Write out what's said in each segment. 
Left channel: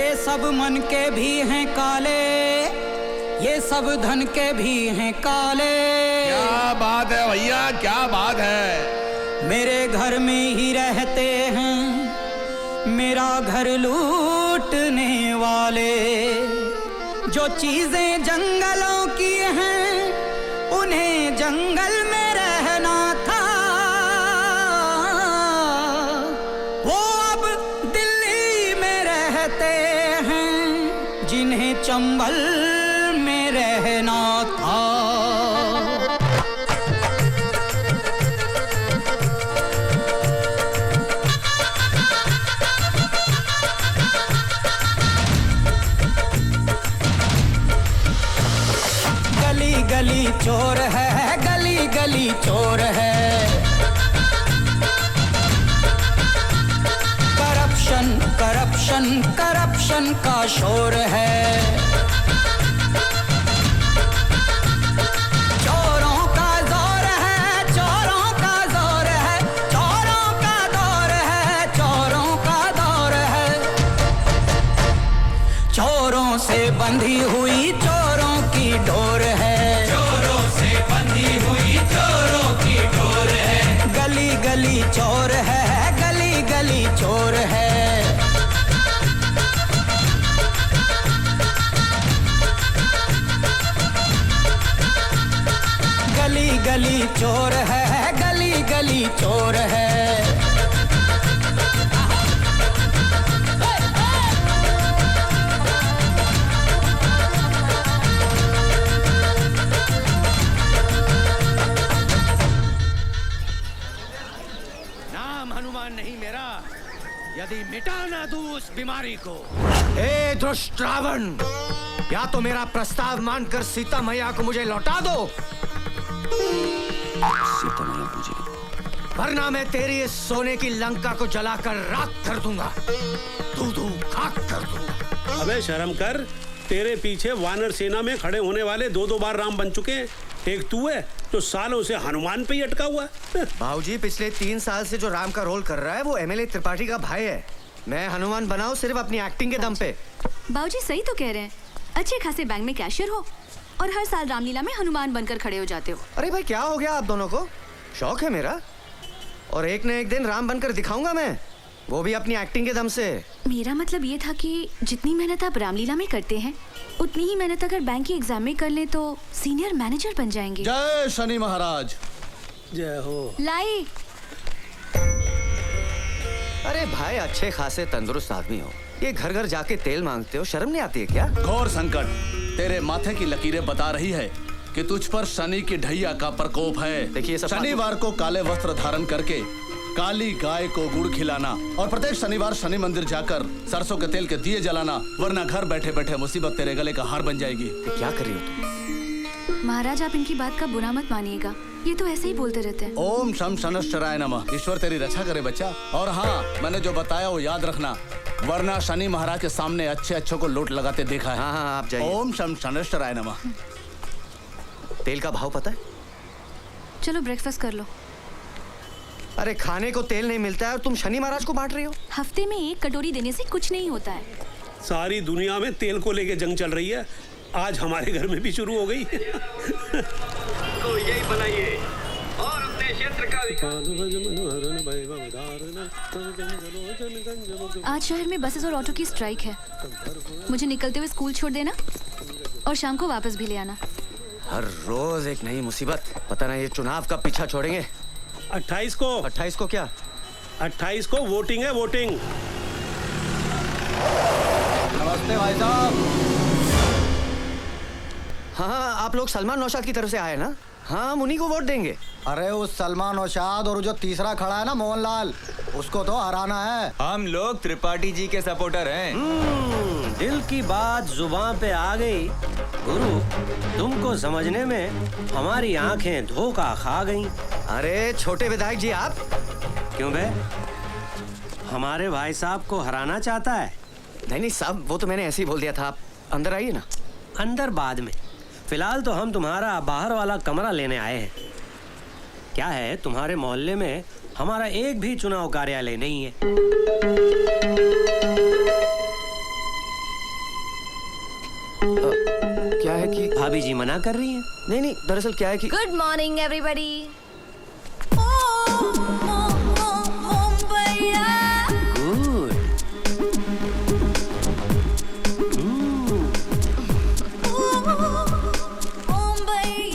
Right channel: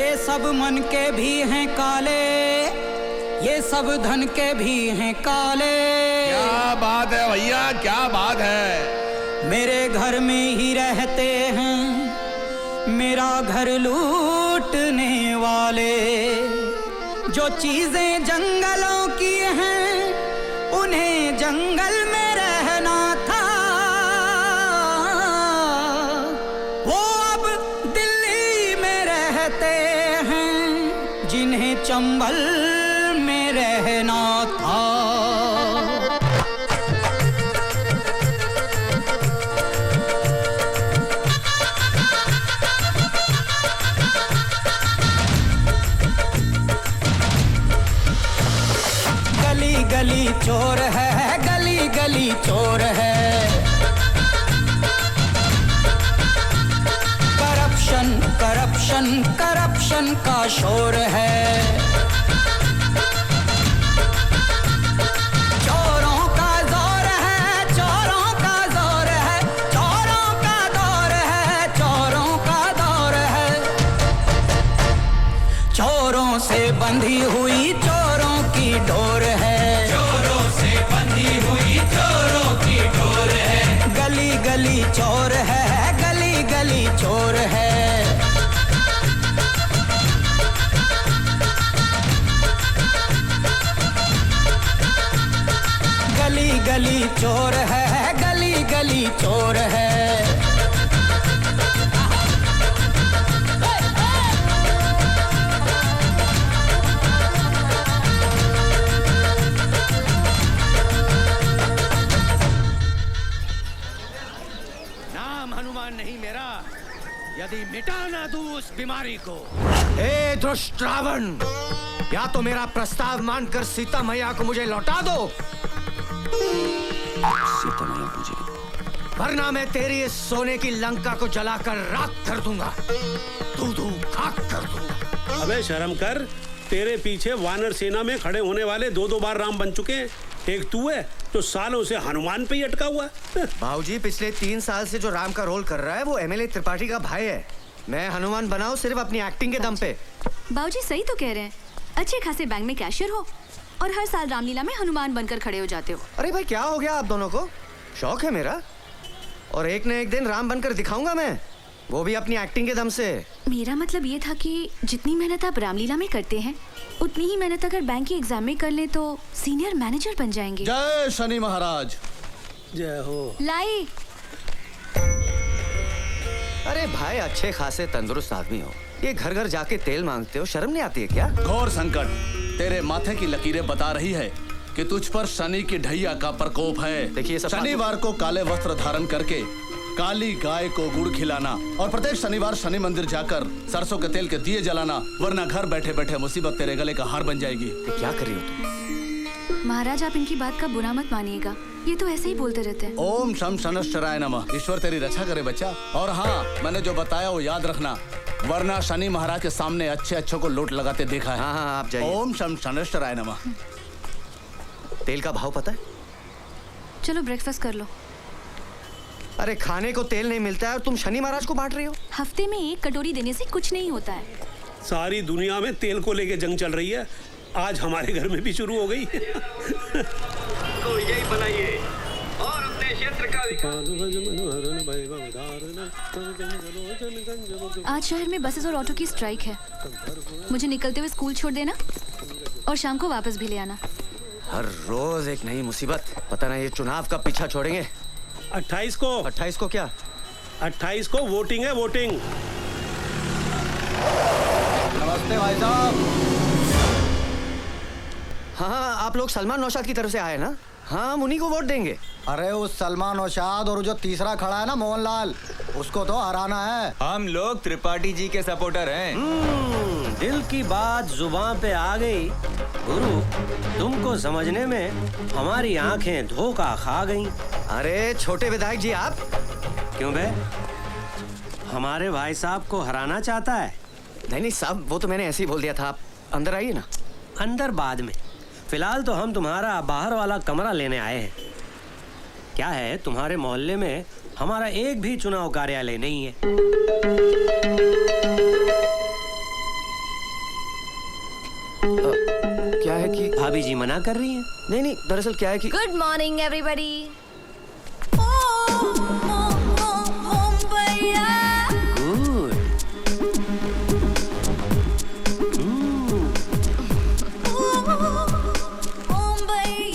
ये सब मन के भी हैं काले, ये सब धन के भी हैं काले। क्या बात है भैया, क्या बात है। मेरे घर में ही रहते हैं मेरा घर लूटने वाले। जो चीजें जंगलों की हैं उन्हें जंगल में रहना था। वो अब दिल्ली में रहते हैं जिन्हें चंबल में रहना था। गली गली चोर है, गली गली चोर है। करप्शन करप्शन करप्शन का शोर है। चोरों का दौर है, चोरों का दौर है, चोरों का दौर है, चोरों का दौर है। चोरों से बंधी हुई चोरों की डोर है। चोरों से बंधी हुई चोरों की डोर है। गली गली चोर है, गली गली चोर है। गली गली चोर है, गली गली चोर है। यदि मिटा ना दूं उस बीमारी को। हे दुष्ट रावण, या तो मेरा प्रस्ताव मानकर सीता मैया को मुझे लौटा दो, सीता मैया मुझे, वरना मैं तेरी इस सोने की लंका को जलाकर राख कर दूंगा, दूधू खाक कर दूंगा। अबे शर्म कर, तेरे पीछे वानर सेना में खड़े होने वाले दो बार राम बन चुके हैं। एक तू है तो सालों से हनुमान पे ही अटका हुआ है। बाबूजी, पिछले 3 साल से जो राम का रोल कर रहा है वो एमएलए त्रिपाठी का भाई है। मैं हनुमान बनाऊं सिर्फ अपनी एक्टिंग के दम पे। बाबूजी सही तो कह रहे हैं। अच्छे खासे बैंक में कैशियर हो और हर साल रामलीला में हनुमान बनकर खड़े हो जाते हो। अरे भाई, क्या हो गया आप दोनों को? शौक है मेरा, और एक न एक दिन राम बनकर दिखाऊंगा मैं, वो भी अपनी एक्टिंग के दम से। मेरा मतलब ये था कि जितनी मेहनत आप रामलीला में करते हैं उतनी ही मेहनत अगर बैंक की एग्जाम में कर ले तो सीनियर मैनेजर बन जाएंगे। जय शनि महाराज। जय हो। लाई। अरे भाई, अच्छे खासे तंदुरुस्त आदमी हो, ये घर घर जाके तेल मांगते हो, शर्म नहीं आती है क्या? घोर संकट तेरे माथे की लकीरें बता रही है कि तुझ पर शनि की ढैया का प्रकोप है। देखिए, शनिवार को काले वस्त्र धारण करके काली गाय को गुड़ खिलाना और प्रत्येक शनिवार शनि मंदिर जाकर सरसों के तेल के दिए जलाना, वरना घर बैठे बैठे मुसीबत तेरे गले का हार बन जाएगी। क्या कर रही हो तुम? महाराज, आप इनकी बात का बुरा मत मानिएगा, ये तो ऐसे ही बोलते रहते हैं। ओम शम शनश्चराय नमः। ईश्वर तेरी रक्षा करे बच्चा। और हाँ, मैंने जो बताया वो याद रखना, वरना शनि महाराज के सामने अच्छे अच्छों को लूट लगाते देखा है। हाँ, आप जाइए। ओम शम शनश्चराय नमः। तेल का भाव पता है? चलो ब्रेकफास्ट कर लो। अरे खाने को तेल नहीं मिलता है और तुम शनि महाराज को बांट रही हो? हफ्ते में 1 कटोरी देने से कुछ नहीं होता है। सारी दुनिया में तेल को लेके जंग चल रही है, आज हमारे घर में भी शुरू हो गई। तो यही बनाइए और अपने क्षेत्र का आज शहर में बसेस और ऑटो की स्ट्राइक है। मुझे निकलते हुए स्कूल छोड़ देना और शाम को वापस भी ले आना। हर रोज एक नई मुसीबत। पता नहीं ये चुनाव का पीछा छोड़ेंगे। 28 को। 28 को क्या? 28 को वोटिंग है, वोटिंग। नमस्ते भाई साहब। हाँ, आप लोग सलमान नौशाद की तरफ से आए ना? हाँ, हम उन्हीं को वोट देंगे। अरे उस सलमान नौशाद और जो तीसरा खड़ा है ना मोहनलाल, उसको तो हराना है। हम लोग त्रिपाठी जी के सपोर्टर हैं। दिल की बात जुबान पे आ गई। गुरु, तुमको समझने में हमारी आंखें धोखा खा गईं। अरे छोटे विधायक जी, आप क्यों बे? हमारे भाई साहब को हराना चाहता है? नहीं साहब, वो तो मैंने ऐसे ही बोल दिया था। आप अंदर आइए ना। अंदर बाद में, फिलहाल तो हम तुम्हारा बाहर वाला कमरा लेने आए हैं। क्या है, तुम्हारे मोहल्ले में हमारा एक भी चुनाव कार्यालय नहीं है। कि भाभी जी मना कर रही है। नहीं नहीं, दरअसल क्या है कि गुड मॉर्निंग एवरीबॉडी। गुड।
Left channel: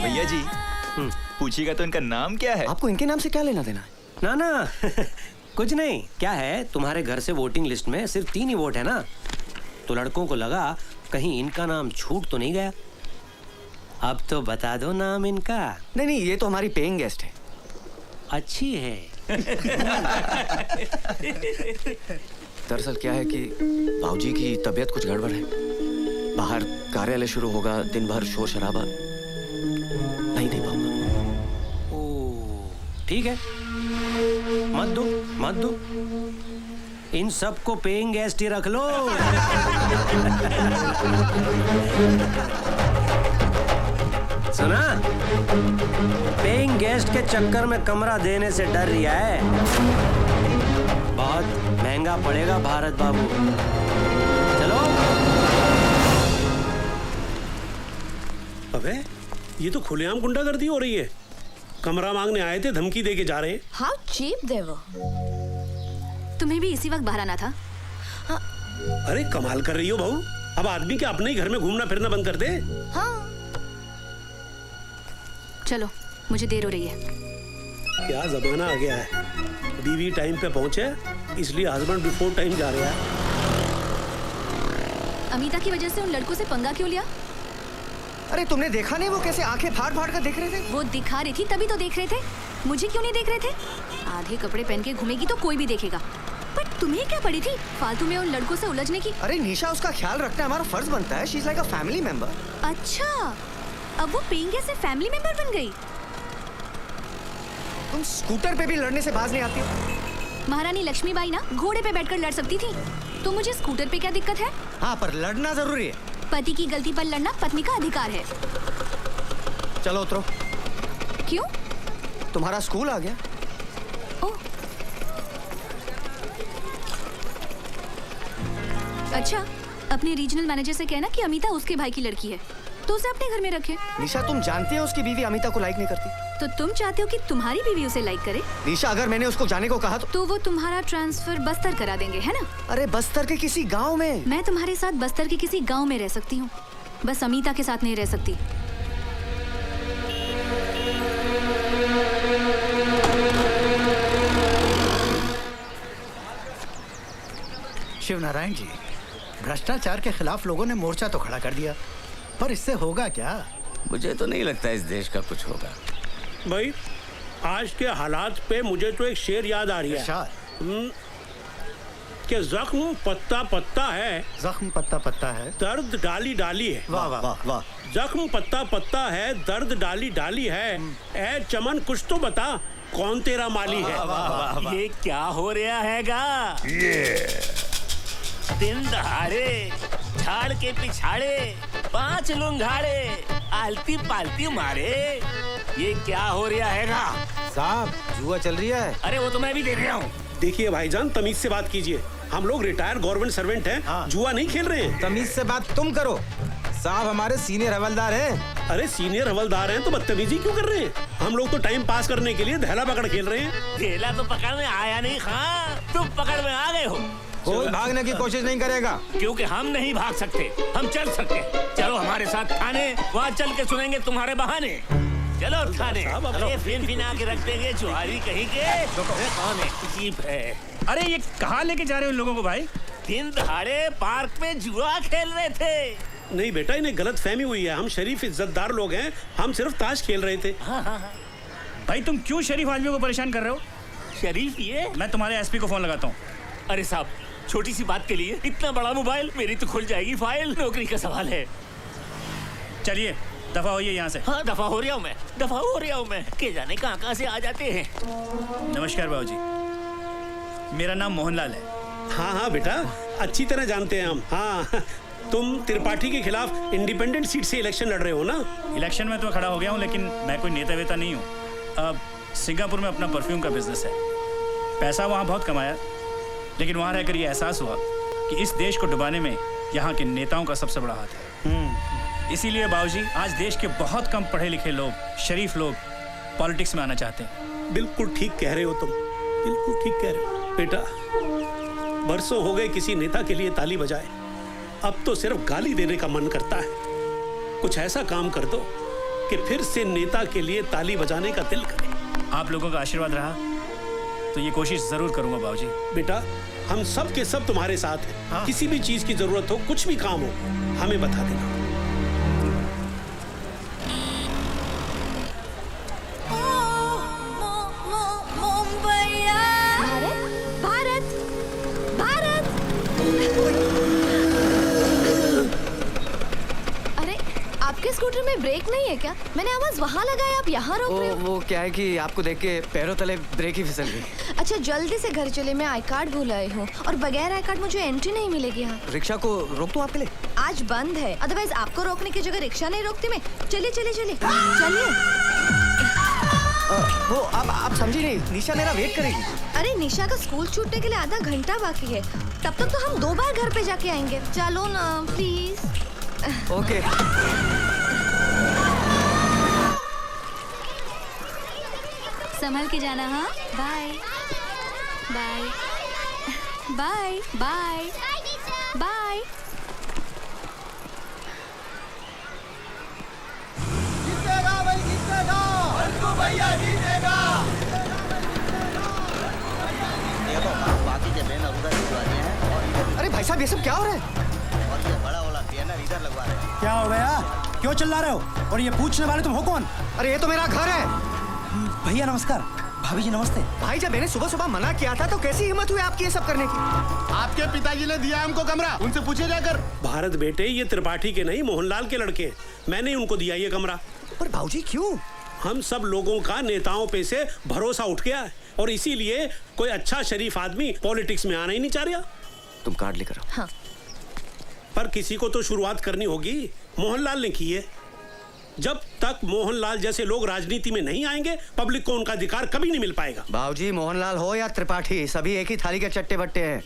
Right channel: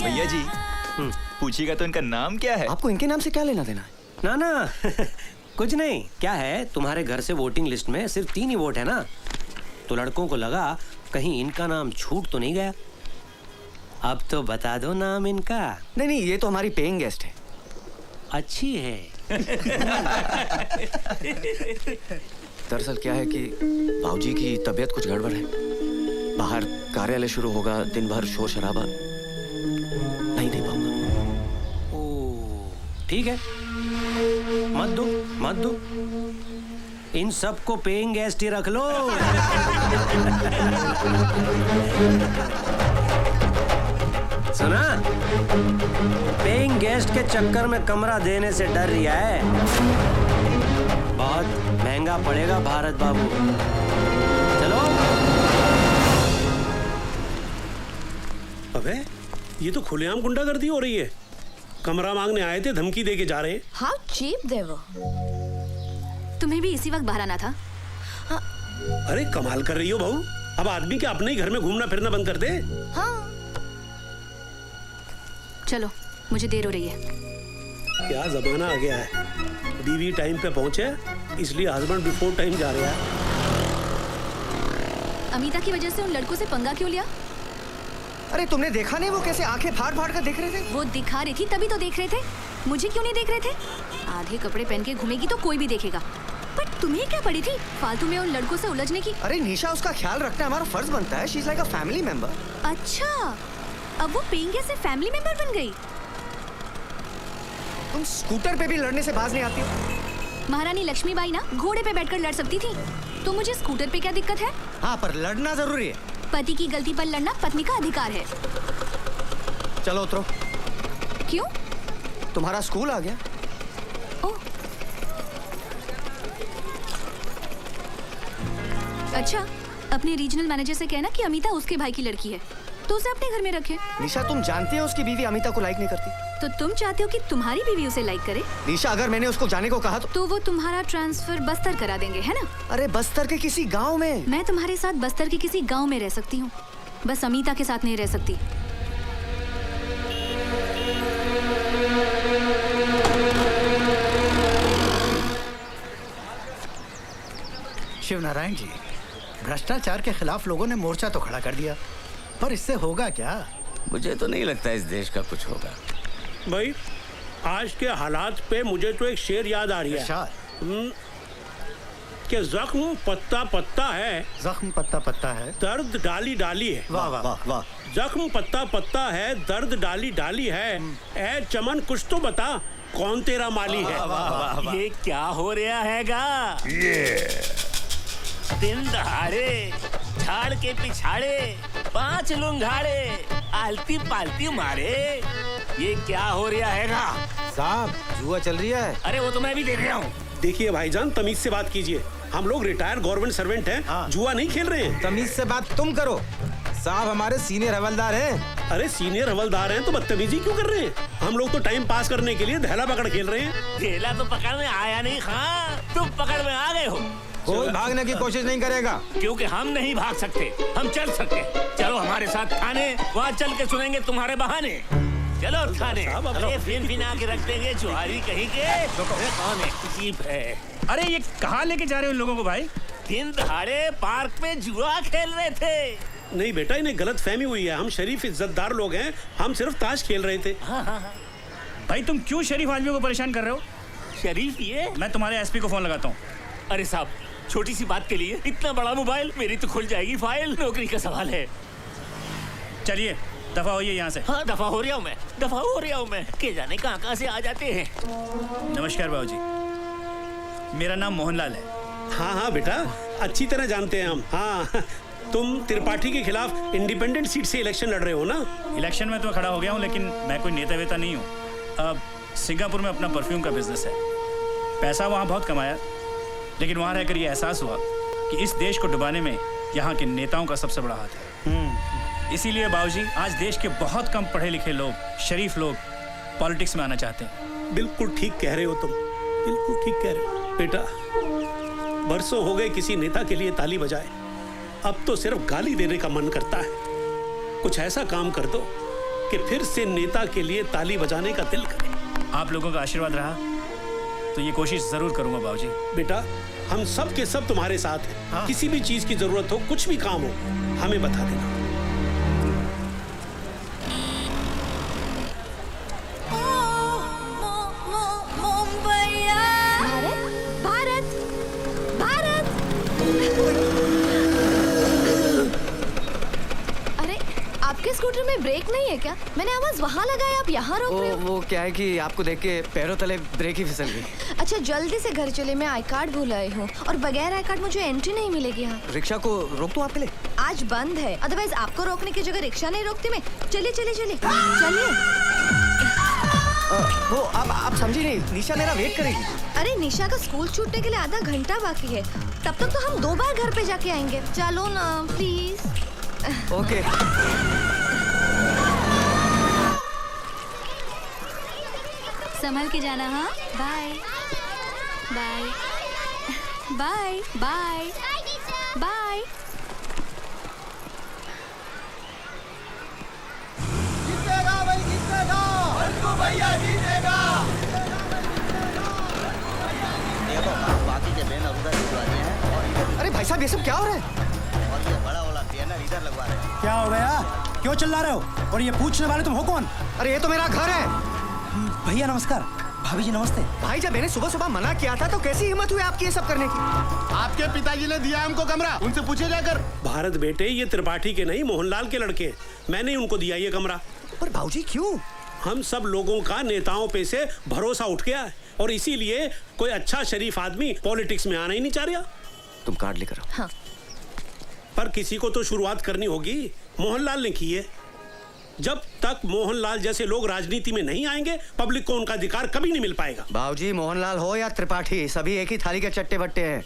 भैया जी पूछिएगा तो इनका नाम क्या है? आपको इनके नाम से क्या लेना देना है? ना ना कुछ नहीं। क्या है, तुम्हारे घर से वोटिंग लिस्ट में सिर्फ 3 ही वोट है ना, तो लड़कों को लगा कहीं इनका नाम छूट तो नहीं गया। अब तो बता दो नाम इनका। नहीं नहीं, ये तो हमारी पेइंग गेस्ट है। अच्छी है। दरअसल क्या है कि भाऊजी की तबीयत कुछ गड़बड़ है। बाहर कार्यालय शुरू होगा, दिन भर शोर शराबा, नहीं दे पाऊंगा। ओ, ठीक है, मत दो मत दो। इन सबको पेइंग गेस्ट ही रख लो। सुना, पेइंग गेस्ट के चक्कर में कमरा देने से डर रहा है। बहुत महंगा पड़ेगा भारत बाबू। चलो। अबे ये तो खुलेआम गुंडागर्दी हो रही है। कमरा मांगने आए थे, धमकी दे के जा रहे हैं। हाउ चीप दे वो। तुम्हें भी इसी वक्त बाहर आना था। अरे कमाल कर रही हो बहू। अब आदमी क्या अपने ही घर में घूमना फिरना बंद कर दे? हाँ। चलो, मुझे देर हो रही है। क्या जमाना आ गया है। बीवी टाइम पे पहुंचे इसलिए हस्बैंड बिफोर टाइम जा रहा है। अमिता की वजह से उन लड़कों से पंगा क्यों लिया? अरे तुमने देखा नहीं वो कैसे आंखें फाड़ फाड़ कर देख रहे थे? वो दिखा रही थी तभी तो देख रहे थे। मुझे क्यों नहीं देख रहे थे? आधे कपड़े पहन के घूमेगी तो कोई भी देखेगा। पर तुम्हें क्या पड़ी थी फालतू में उन लड़कों से उलझने की? अरे निशा, उसका ख्याल रखना हमारा फर्ज बनता है। She is like a family member. अच्छा, अब वो पेइंग गेस्ट से फैमिली मेंबर बन गई। तुम स्कूटर पे भी लड़ने से बाज नहीं आती। महारानी लक्ष्मीबाई ना घोड़े पे बैठकर लड़ सकती थी, तो मुझे स्कूटर पे क्या दिक्कत है? हाँ, पर लड़ना जरूरी है। पति की गलती पर लड़ना पत्नी का अधिकार है। चलो उतरो। क्यों? तुम्हारा स्कूल आ गया। ओह, अच्छा, अपने रीजनल मैनेजर से कहना कि अमिता उसके भाई की लड़की है, तो उसे अपने घर में रखे। निशा, तुम जानती हो उसकी बीवी अमिता को लाइक नहीं करती। तो तुम चाहते हो कि तुम्हारी बीवी उसे लाइक करे? निशा, अगर मैंने उसको जाने को कहा तो वो तुम्हारा ट्रांसफर बस्तर करा देंगे, है ना? अरे बस्तर के किसी गांव में। मैं तुम्हारे साथ बस्तर के किसी गांव में रह सकती हूँ, बस अमिता के साथ नहीं रह सकती। शिवनारायण जी, भ्रष्टाचार के खिलाफ लोगों ने मोर्चा तो खड़ा कर दिया, पर इससे होगा क्या? मुझे तो नहीं लगता इस देश का कुछ होगा। भाई आज के हालात पे मुझे तो एक शेर याद आ रही है कि जख्म पत्ता पत्ता है, जख्म पत्ता पत्ता है, दर्द डाली डाली है। वाह वाह वाह वाह। जख्म पत्ता पत्ता है, दर्द डाली डाली है। ए चमन कुछ तो बता, कौन तेरा माली है? ये क्या हो रहा हैगा? दिन दहाड़े झाड़ के पिछाड़े 5 लुंगाड़े आलती पालती मारे, ये क्या हो रहा हैगा? साहब, जुआ चल रही है। अरे वो तो मैं भी देख रहा हूँ। देखिए भाईजान, तमीज से बात कीजिए। हम लोग रिटायर्ड गवर्नमेंट सर्वेंट हैं। हाँ। जुआ नहीं खेल रहे हैं। तमीज से बात तुम करो, साहब हमारे सीनियर हवलदार हैं। अरे सीनियर हवलदार हैं तो बदतमीजी क्यों कर रहे हैं? हम लोग तो टाइम पास करने के लिए धैला पकड़ खेल रहे हैं। केला तो पकड़ में आया नहीं खां, तुम पकड़ में आ गए हो। कोई भागने की कोशिश नहीं करेगा। क्योंकि हम नहीं भाग सकते, हम चल सकते। चलो हमारे साथ थाने, वहाँ चल के सुनेंगे तुम्हारे बहाने। चलो थाने। अरे फिर बिना के रख देंगे चुहारी कहीं के। अरे कौन है जीप है? अरे ये कहाँ लेके जा रहे हो लोगों को भाई? दिन दहाड़े पार्क में जुआ खेल रहे थे। नहीं बेटा, इन्हें गलत फहमी हुई है। हम शरीफ इज्जतदार लोग हैं, हम सिर्फ ताश खेल रहे थे। भाई तुम क्यों शरीफ आदमियों को परेशान कर रहे हो? शरीफ ये? मैं तुम्हारे एसपी को फोन लगाता हूँ। अरे साहब, छोटी सी बात के लिए इतना बड़ा मोबाइल? मेरी तो खुल जाएगी फाइल, नौकरी का सवाल है। चलिए दफा होइए यहाँ से। हाँ दफा हो रहा हूँ मैं, दफा हो रहा हूँ मैं। के जाने कहाँ से आ जाते हैं। नमस्कार बाबूजी, मेरा नाम मोहनलाल है। हाँ हाँ बेटा, अच्छी तरह जानते हैं हम। हाँ, तुम त्रिपाठी के खिलाफ इंडिपेंडेंट सीट से इलेक्शन लड़ रहे हो ना? इलेक्शन में तो खड़ा हो गया हूँ, लेकिन मैं कोई नेता वेता नहीं हूँ। अब सिंगापुर में अपना परफ्यूम का बिजनेस है। पैसा वहाँ बहुत कमाया, लेकिन वहाँ रहकर ये एहसास हुआ कि इस देश को डुबाने में यहाँ के नेताओं का सबसे बड़ा हाथ है। इसीलिए बाबूजी आज देश के बहुत कम पढ़े लिखे लोग, शरीफ लोग पॉलिटिक्स में आना चाहते हैं। बिल्कुल ठीक कह रहे हो तुम, बिल्कुल ठीक कह रहे हो बेटा। बरसों हो गए किसी नेता के लिए ताली बजाए, अब तो सिर्फ गाली देने का मन करता है। कुछ ऐसा काम कर दो कि फिर से नेता के लिए ताली बजाने का दिल करे। आप लोगों का आशीर्वाद रहा तो ये कोशिश जरूर करूंगा बाबूजी। बेटा हम सब के सब तुम्हारे साथ हैं। हाँ? किसी भी चीज की जरूरत हो, कुछ भी काम हो, हमें बता देना। भारत भारत। अरे आपके स्कूटर में ब्रेक नहीं है क्या? मैंने आवाज वहाँ लगाई, आप यहाँ रोक रहे हो। वो क्या है कि आपको देख के पैरों तले ब्रेक ही फिसल गई। अच्छा जल्दी से घर चले, मैं आई कार्ड भूल आई हूँ और बगैर आई कार्ड मुझे एंट्री नहीं मिलेगी यहाँ। रिक्शा को रोक दूं आपके लिए? आज बंद है, अदरवाइज आपको रोकने की जगह रिक्शा नहीं रोकती मैं। चलिए चलिए चलिए चलिए। वो आप समझी नहीं, निशा मेरा वेट करेगी। अरे निशा का स्कूल छूटने के लिए आधा घंटा बाकी है, तब तक तो हम 2 बार घर पे जाके आएंगे। चलो ना प्लीज। ओके। संभल के जाना। हाँ bye bye bye bye bye. अरे भाई साहब ये सब क्या हो रहा है? क्या हो गया? क्यों चिल्ला रहे हो? और ये पूछने वाले तुम हो कौन? अरे ये तो मेरा घर है। भैया नमस्कार। भाभी जी नमस्ते। भाई जब मैंने सुबह सुबह मना किया था तो कैसी हिम्मत हुई आपकी ये सब करने की? आपके पिताजी ने दिया हमको कमरा, उनसे पूछे जाकर। भारत बेटे, ये त्रिपाठी के नहीं मोहनलाल के लड़के, मैंने उनको दिया ये कमरा। पर भाऊजी क्यों? हम सब लोगों का नेताओं पे से भरोसा उठ गया है और इसीलिए कोई अच्छा शरीफ आदमी पॉलिटिक्स में आना ही नहीं चाह रहा। तुम कार्ड लेकर आओ। हाँ। पर किसी को तो शुरुआत करनी होगी। मोहनलाल ने की है। जब तक मोहनलाल जैसे लोग राजनीति में नहीं आएंगे, पब्लिक को उनका अधिकार कभी नहीं मिल पाएगा। भाऊजी मोहनलाल हो या त्रिपाठी, सभी एक ही थाली के चट्टे बट्टे हैं।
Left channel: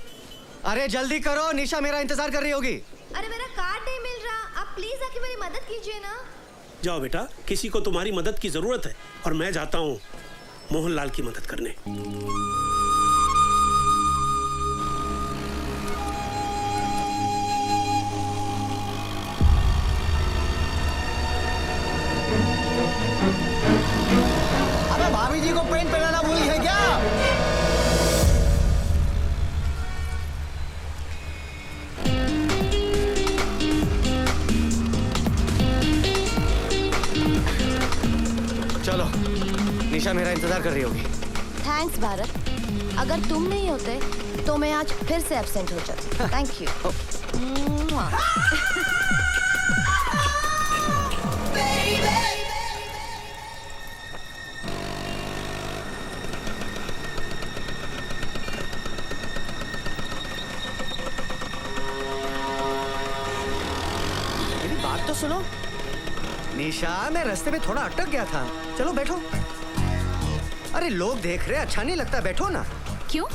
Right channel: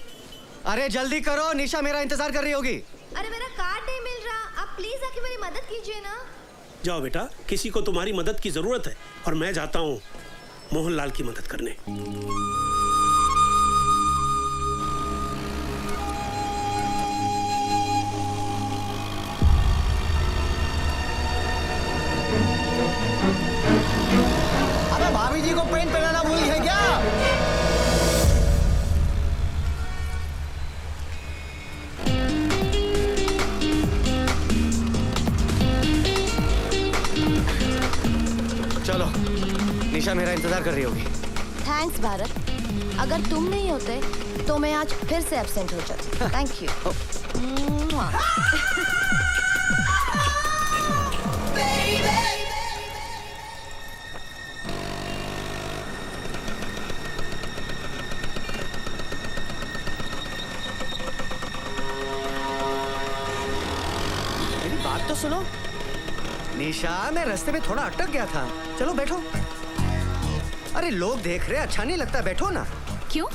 अरे जल्दी करो, निशा मेरा इंतजार कर रही होगी। अरे मेरा कार्ड नहीं मिल रहा, आप प्लीज आके मेरी मदद कीजिए ना। जाओ बेटा, किसी को तुम्हारी मदद की जरूरत है और मैं जाता हूँ मोहनलाल की मदद करने। अबे भाभी जी को पेंट पहनाना भूल है क्या? चलो, निशा मेरा इंतजार कर रही होगी। थैंक्स भारत, अगर तुम नहीं होते तो मैं आज फिर से एब्सेंट हो जाती। Thank you. मेरी बात तो सुनो। निशा, मैं रास्ते में थोड़ा अटक गया था। चलो बैठो। अरे लोग देख रहे, अच्छा नहीं लगता, बैठो ना। क्यों?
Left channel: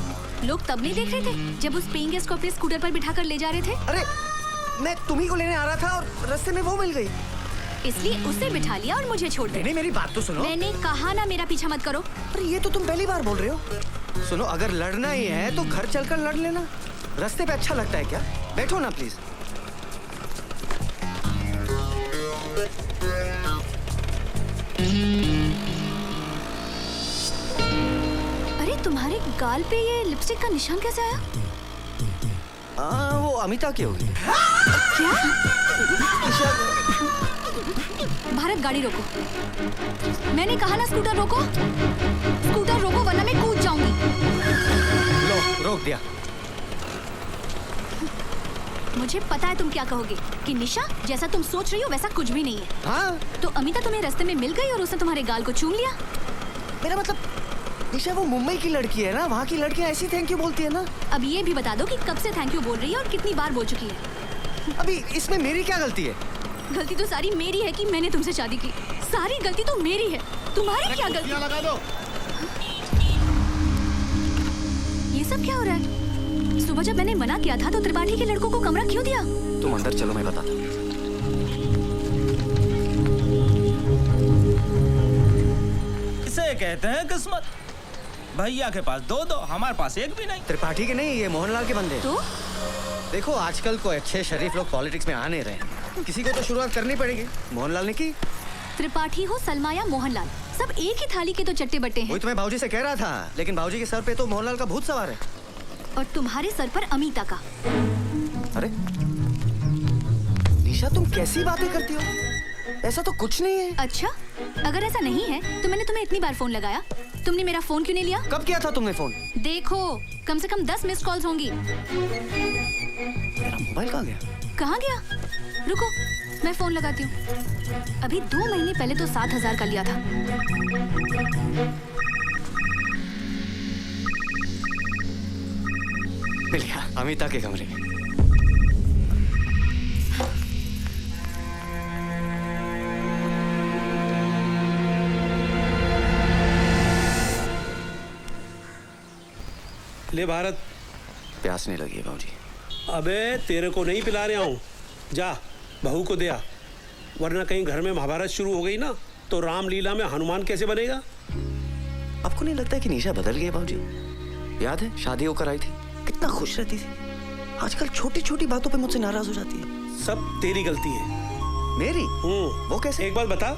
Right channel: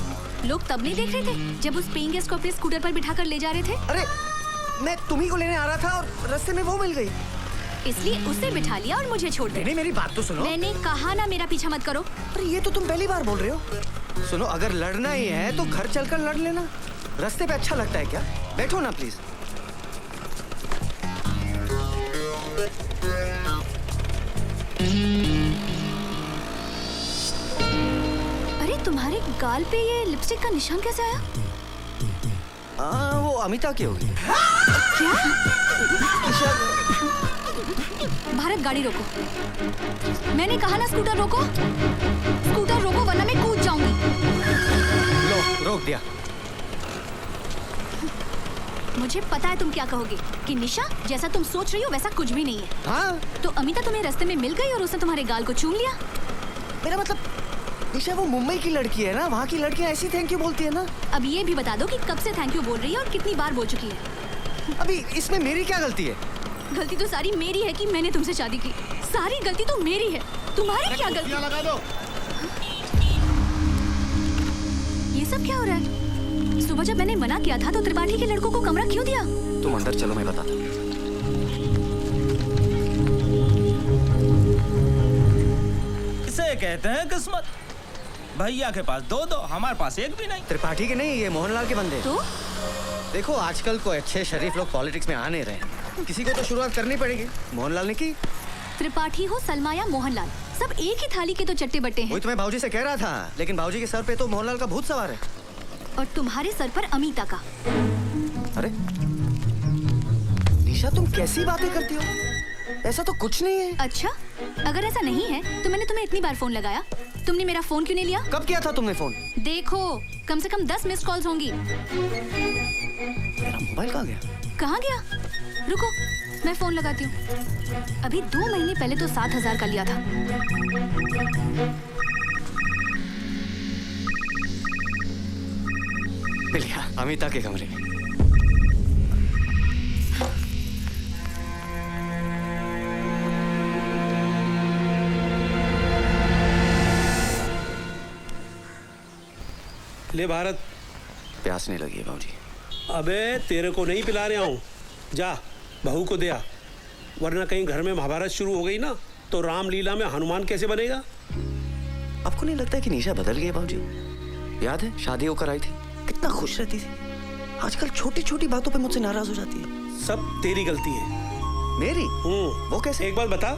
लोग तब नहीं देख रहे थे जब उस पेइंग गेस्ट को अपने स्कूटर पर बिठाकर ले जा रहे थे? अरे मैं तुम्ही को लेने आ रहा था और रास्ते में वो मिल गई। इसलिए उसे बिठा लिया और मुझे छोड़ नहीं, दिया। मेरी बात तो सुनो। मैंने कहा ना मेरा पीछा मत करो। अरे ये तो तुम पहली बार बोल रहे हो। सुनो, अगर लड़ना ही है तो घर चलकर लड़ लेना। रास्ते पे अच्छा लगता है क्या? बैठो ना प्लीज। अरे तुम्हारे गाल पे ये लिपस्टिक का निशान कैसे आया? वो अमिता की होगी। क्या? भारत गाड़ी रोको। मैंने कहा ना स्कूटर रोको। स्कूटर रोको वरना मैं कूद जाऊंगी। लो, रोक दिया। मुझे पता है तुम क्या कहोगे कि निशा जैसा तुम सोच रही हो वैसा कुछ भी नहीं है। हाँ? तो अमिता तुम्हें रास्ते में मिल गई और उसने तुम्हारे गाल को चूम लिया। मेरा मतलब निशा वो मुंबई की लड़की है ना, वहाँ की लड़कियाँ ऐसी थैंक यू बोलती है ना। अब ये भी बता दो कि कब से थैंक यू बोल रही है और कितनी बार बोल चुकी है। अभी इसमें मेरी क्या गलती है? गलती तो सारी मेरी है कि मैंने तुमसे शादी की। सारी गलती तो मेरी है, तुम्हारी क्या गलती? लगा दो। ये सब क्या हो रहा है? सुबह जब मैंने मना किया था तो त्रिपाठी के लड़कों को कमरा क्यों दिया? तुम अंदर चलो, मैं बताता हूँ। कहते हैं किस्मत। भैया के पास दो दो, हमारे पास एक भी नहीं। त्रिपाठी के नहीं, ये मोहनलाल के बंदे। तो देखो आजकल कोई अच्छे शरीफ लोग पॉलिटिक्स में आ नहीं रहे, किसी को तो शुरुआत करनी पड़ेगी। मोहनलाल ने की। त्रिपाठी हो सलमा या मोहनलाल, सब एक ही थाली के तो चट्टे बट्टे हैं। वही तो मैं भाऊजी से कह रहा था, लेकिन भाऊजी के सर पे तो मोहनलाल का भूत सवार है। और तुम्हारे सर पर अमीता का। अरे ईशा, तुम कैसी बातें करती हो? ऐसा तो कुछ नहीं है। अच्छा, अगर ऐसा नहीं है तो मैंने तुम्हें इतनी बार फोन लगाया, तुमने मेरा फोन क्यों नहीं लिया? कब किया था तुमने फोन? देखो, कम से कम 10 मिस कॉल्स होंगी। मेरा मोबाइल कहाँ गया? कहाँ गया? रुको, मैं फोन लगाती हूँ। अभी 2 महीने पहले तो 7,000 का लिया था। मिलिया, अमिता के कमरे में। ले भारत, प्यासने लगी है भाऊजी। अबे तेरे को नहीं पिला रहा हूँ, जा बहू को दे आ, वरना कहीं घर में महाभारत शुरू हो गई ना तो रामलीला में हनुमान कैसे बनेगा? आपको नहीं लगता कि निशा बदल गई है भाऊजी? याद है शादी होकर आई थी, कितना खुश रहती थी। आजकल छोटी छोटी बातों पे मुझसे नाराज हो जाती है। सब तेरी गलती है। मेरी? वो कैसे? एक बार बता,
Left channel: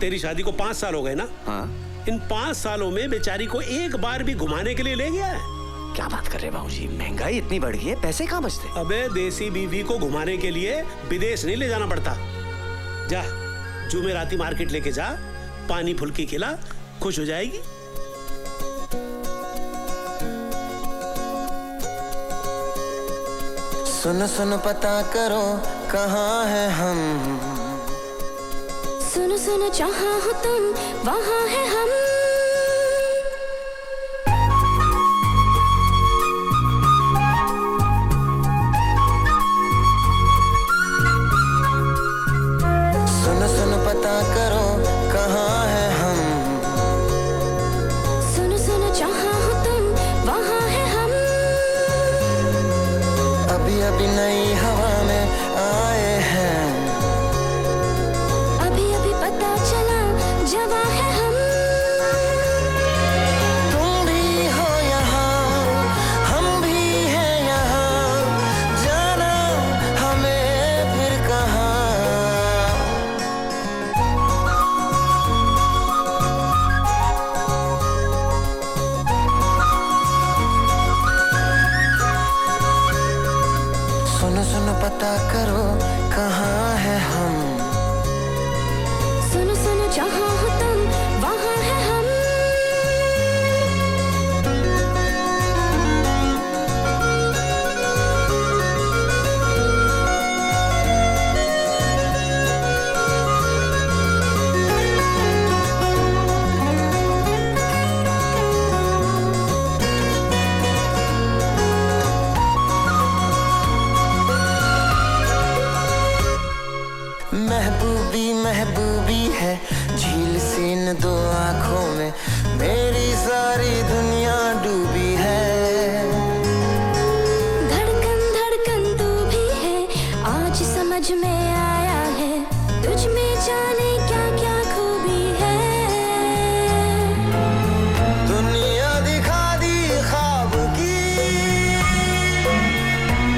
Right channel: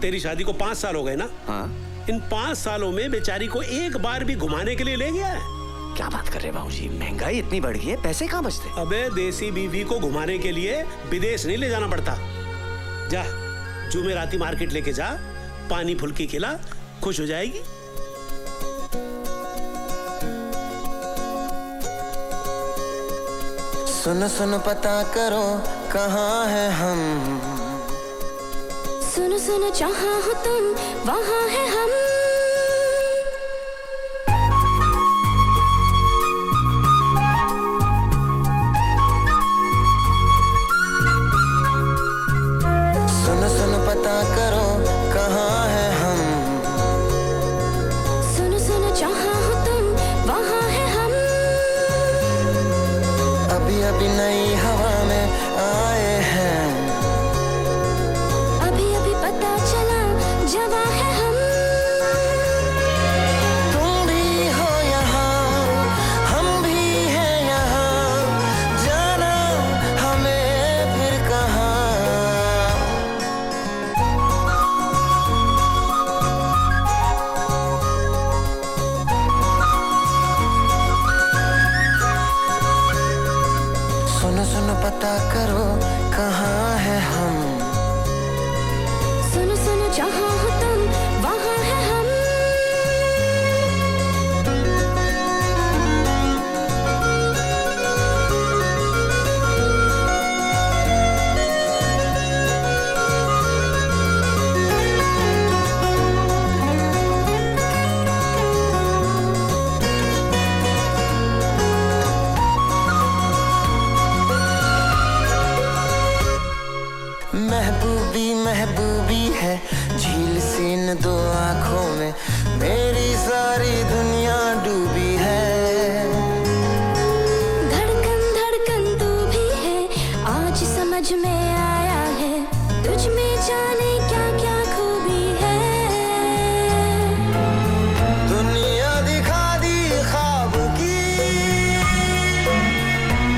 तेरी शादी को 5 साल हो गए ना? हाँ। इन 5 सालों में बेचारी को एक बार भी घुमाने के लिए ले गया है? क्या बात कर रहे हैं भाऊजी, महंगाई इतनी बढ़ गई है, पैसे कहाँ बचते? अबे देसी बीवी को घुमाने के लिए विदेश नहीं ले जाना पड़ता। जा जुमेराती मार्केट लेके जा, पानी फुल्की खिला, खुश हो जाएगी। सुनो सुनो पता करो कहाँ है हम, सुनो सुनो जहाँ हो तुम वहाँ है हम। सुनो सुनो पता करो कहाँ है हम, सुनो सुनो जहाँ हो तुम वहाँ है हम। अभी अभी नई हवा में आए हैं, अभी अभी पता चला जवां है हम। तुम भी हो यहाँ, हम भी हैं यहाँ, जाना हमें फिर कहाँ। सुनो सुनो पता करो कहाँ है हम, सुनो सुनो जहाँ हो तुम वहाँ है हम। महबूबी महबूबी है झील सी न 2 आँखों में, मेरी सारी दुनिया डूबी है। धड़कन धड़कन तू भी है, आज समझ में आया है, तुझ में जाने क्या क्या खूबी है। दुनिया दिखा दी ख्वाब की,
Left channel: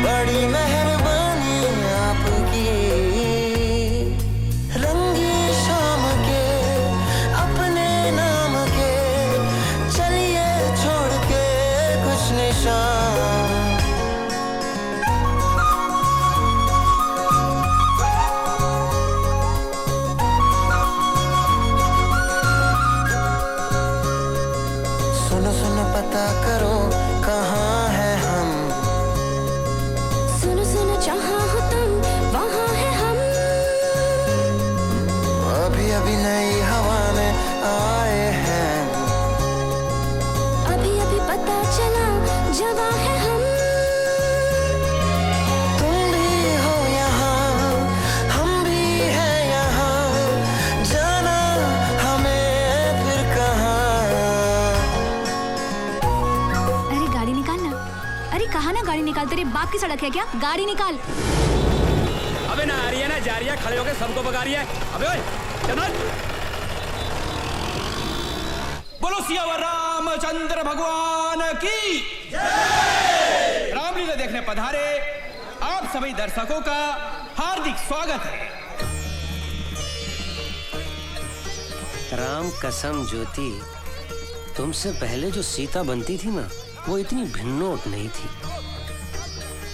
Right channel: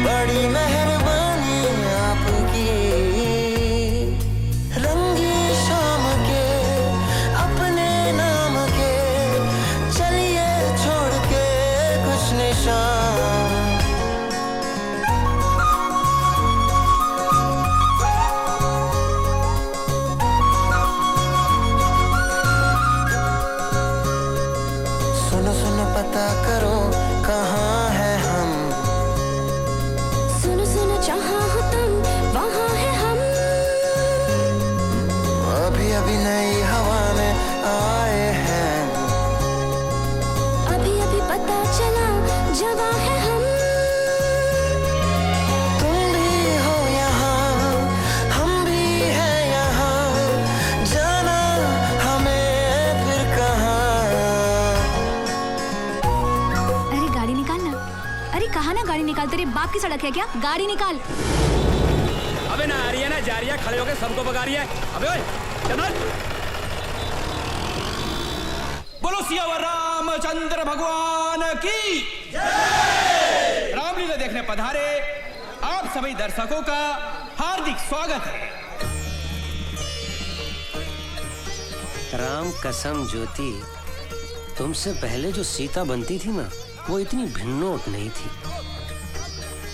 बड़ी मेहरबानी आपकी। रंगी शाम के अपने नाम के, चलिए छोड़ के कुछ निशान। सुनो सुनो पता करो कहाँ है हम, सुनो सुनो जहाँ हो तुम वहाँ है हम। अभी अभी नई हवा में आए हैं, अभी अभी पता चला जवां है हम। तुम भी हो यहाँ, हम भी हैं यहाँ, जाना हमें फिर कहाँ। अरे गाड़ी निकाल ना। अरे कहाँ ना गाड़ी निकाल, तेरे बाप की सड़क है क्या? गाड़ी निकाल। अबे ना आ रही है ना जा रही है, खड़े होकर सबको भगा रही है। अबे चलो। बोलो सियावर रामचंद्र भगवान की रामलीला देखने पधारे आप सभी दर्शकों का हार्दिक स्वागत है। राम कसम ज्योति, तुमसे पहले जो सीता बनती थी ना, वो इतनी भिन्नोट नहीं थी।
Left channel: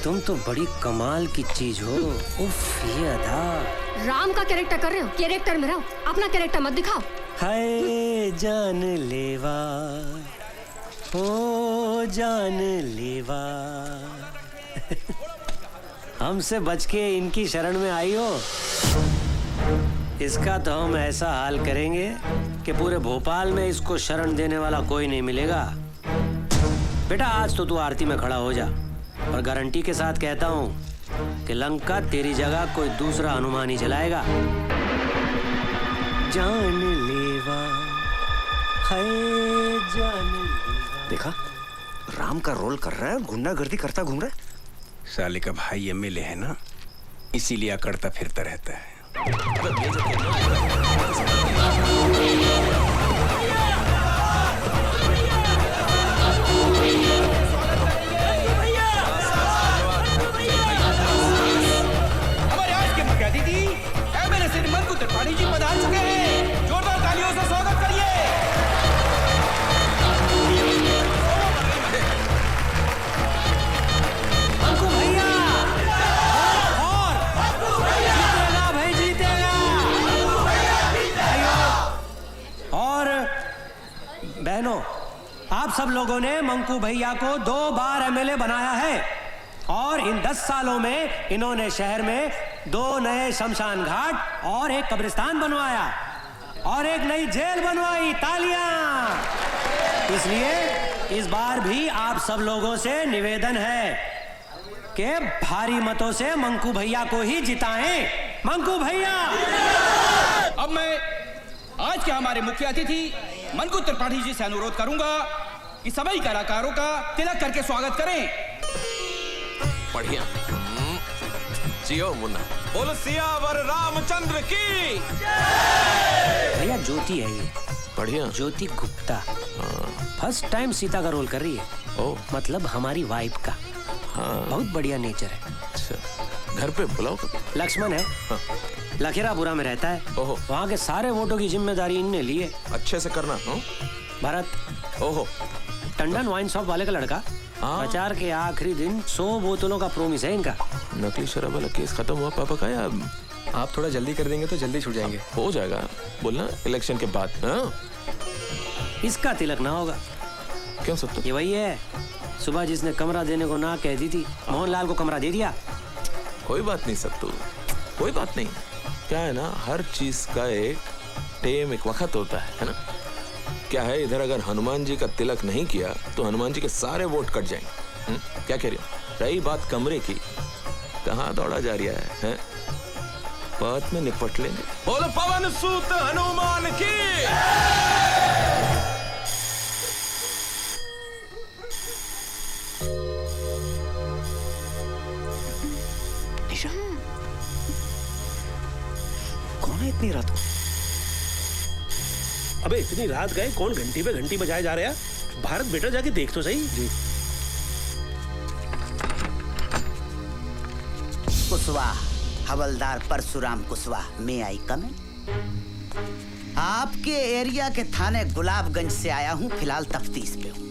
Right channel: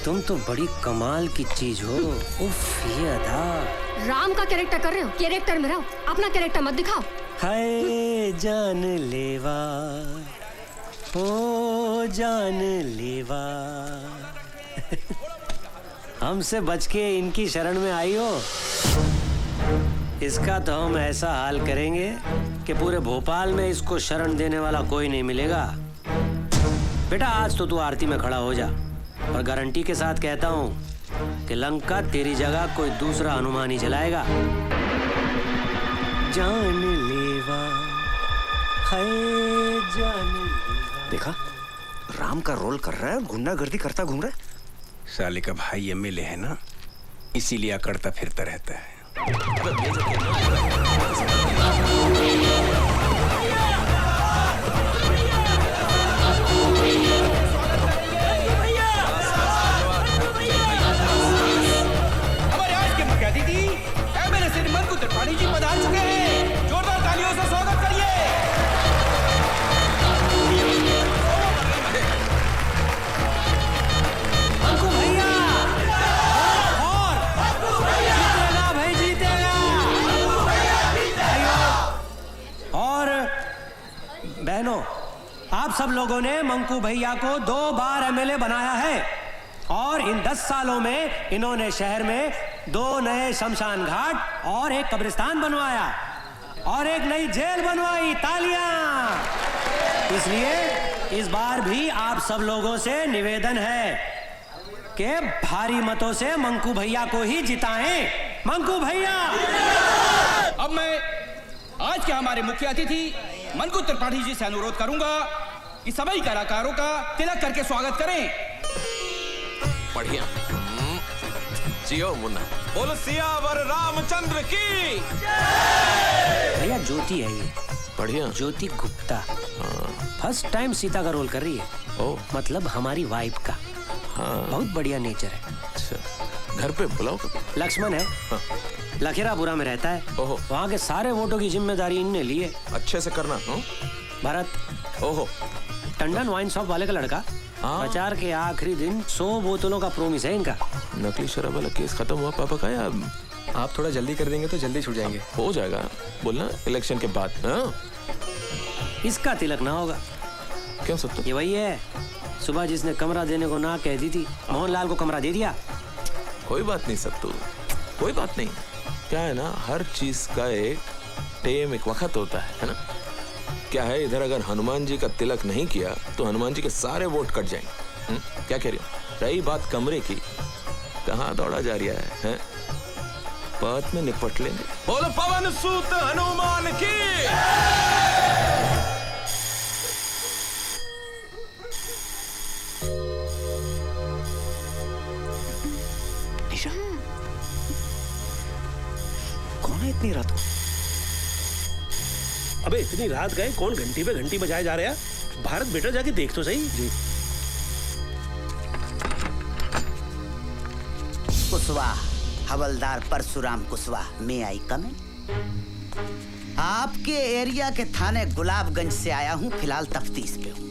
तुम तो बड़ी कमाल की चीज हो। उफ, ये अदा। राम का कैरेक्टर कर रहे हो, कैरेक्टर में रहो, अपना कैरेक्टर मत दिखाओ। हाय जान लेवा, ओ जान लेवा। हमसे बच के इनकी शरण में आई हो। इसका तो हम ऐसा हाल करेंगे कि पूरे भोपाल में इसको शरण देने वाला कोई नहीं मिलेगा। बेटा आज तो तू आरती में खड़ा हो जा, और गारंटी के साथ कहता हूँ कि लंका तेरी जगह कोई दूसरा हनुमान ही चलाएगा। जान लेवा, हाय जान। देखा, राम का रोल कर रहा है, गुंडागर्दी करता घूम रहा है। साले का भाई एमएलए है ना, इसीलिए अकड़ता फिरता रहता है। हमारे आज के मुख्य अतिथि एमएलए श्री मंकु त्रिपाठी जी पधार चुके हैं। जोरदार तालियों से स्वागत करिए। मंकु भैया और बहनों, आप सब लोगों ने मंकू भैया को 2 बार एमएलए बनाया है, और इन 10 सालों में इन्होंने शहर में 2 नए शमशान घाट और एक कब्रिस्तान बनवाया और एक नई जेल बनवाई। तालियां! इसलिए इस बार भी आप सब लोगों से निवेदन है कि भारी मतों से मंकू भैया को ही जिताएं। मंकू भैया! अब मैं आज के हमारे मुख्य अतिथि मंकु त्रिपाठी जी से अनुरोध करूंगा कि सभी कलाकारों का तिलक करके स्वागत करें। बढ़िया। जियो मुन्ना। बोलो सियावर रामचंद्र की। भैया ज्योति है ये, बढ़िया। ज्योति गुप्ता फर्स्ट टाइम सीता का रोल कर रही है। ओ, मतलब हमारी वाइफ का। बहुत बढ़िया नेचर है। अच्छा, घर पे बुलाओ। लक्ष्मण है, लखेरापुरा में रहता है। ओहो। वहाँ के सारे वोटों की जिम्मेदारी इनने ली है। अच्छे से करना। भरत, ओहो, टंडन वाइन शॉप वाले का लड़का। प्रचार के आखिरी दिन 100 बोतलों का प्रोमिस है इनका। नकली शराब वाला केस खत्म हुआ पापा का? या आप थोड़ा जल्दी कर देंगे तो जल्दी छूट जाएंगे। हो जाएगा, बोलना इलेक्शन के बाद। हाँ? इसका तिलक ना होगा। क्यों सब तो? ये वही है, सुबह जिसने कमरा देने को ना कह दी थी, मोहनलाल को कमरा दे दिया। कोई बात नहीं सब तो, कोई बात नहीं। क्या है ना, हर चीज का एक टाइम, एक वक्त होता है ना? क्या है, इधर अगर हनुमान जी का तिलक नहीं किया तो हनुमान जी के सारे वोट कट जाएंगे। क्या कह रहे हो? रही बात कमरे की, कहाँ दौड़ा जा रहा है? बात में निपट लेंगे। बोलो पवन सूत हनुमान की। निशा, कौन है इतनी रात को? अबे इतनी रात गए, कौन घंटी पे घंटी बजाए जा रहे हैं? भारत बेटा जाके देख तो सही। कुशवाहा, हवलदार परशुराम कुशवाहा, मैं आई कम। आपके एरिया के थाने गुलाबगंज से आया हूँ, फिलहाल तफ्तीश पे हूँ।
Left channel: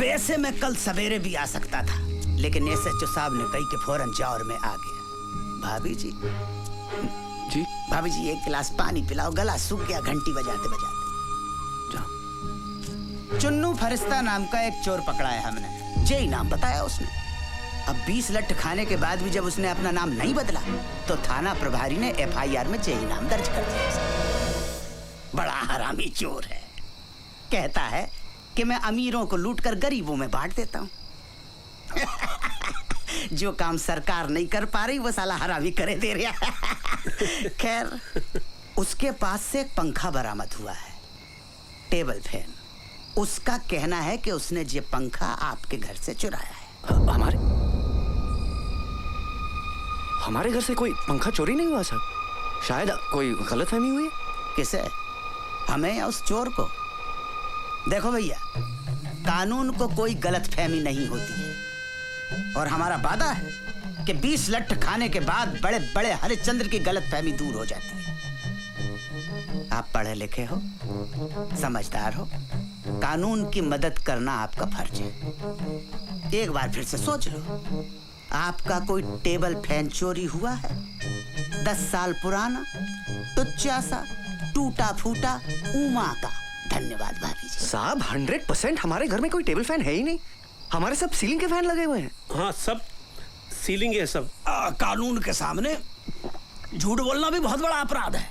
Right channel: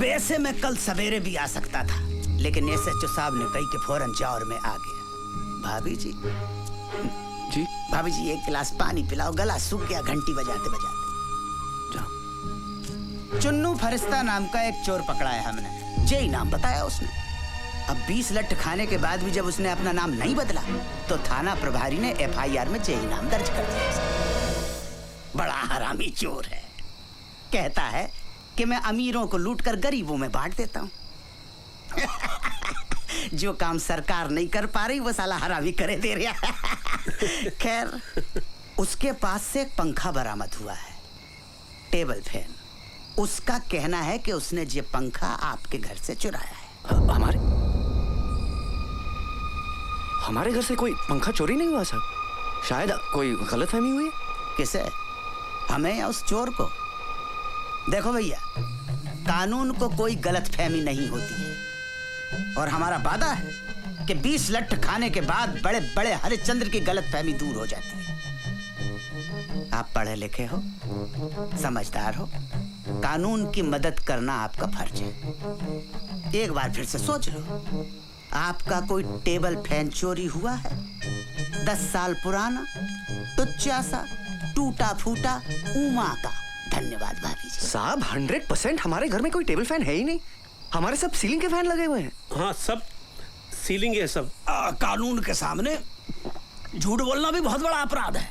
वैसे मैं कल सवेरे भी आ सकता था, लेकिन एसएचओ साहब ने कही कि फौरन जाओ और मैं आ गया। भाभी जी, जी भाभी जी, एक गिलास पानी पिलाओ, गला सूख गया घंटी बजाते बजाते। चुन्नू फरिश्ता नाम का एक चोर पकड़ा है हमने, जे नाम बताया उसने। अब 20 लठ खाने के बाद भी जब उसने अपना नाम नहीं बदला तो थाना प्रभारी ने एफआईआर में जे नाम दर्ज कर दिया। बड़ा हरामी चोर है। कहता है कि मैं अमीरों को लूटकर गरीबों में बांट देता हूँ। जो काम सरकार नहीं कर पा रही वो साला हरामी करे दे रहा। खैर, उसके पास से एक पंखा बरामद हुआ है, टेबल फैन। उसका कहना है कि उसने ये पंखा आपके घर से चुराया है। हमारे घर से कोई पंखा चोरी नहीं हुआ साहब। शायद कोई गलतफहमी हुई। किसे? हमें या उस चोर को? देखो भैया, कानून को कोई गलतफहमी नहीं होती है और हमारा वादा है कि 20 लट्ठ खाने के बाद बड़े बड़े हरिश्चंद्र की गलतफहमी दूर हो जाती है। आप पढ़े लिखे हो, समझदार हो, कानून की मदद करना आपका फर्ज है। एक बार फिर से सोच लो, आपका कोई टेबल फैन चोरी हुआ है? 10 साल पुराना, टुच्चा सा, टूटा फूटा, उमा का। धन्यवाद भाभी जी। साहब 100% हमारे घर में कोई टेबल फैन है ही नहीं। हमारे सब सीलिंग के फैन लगे हुए हैं। हाँ, सब सीलिंग है सब। कानून के सामने झूठ बोलना भी बहुत बड़ा अपराध है।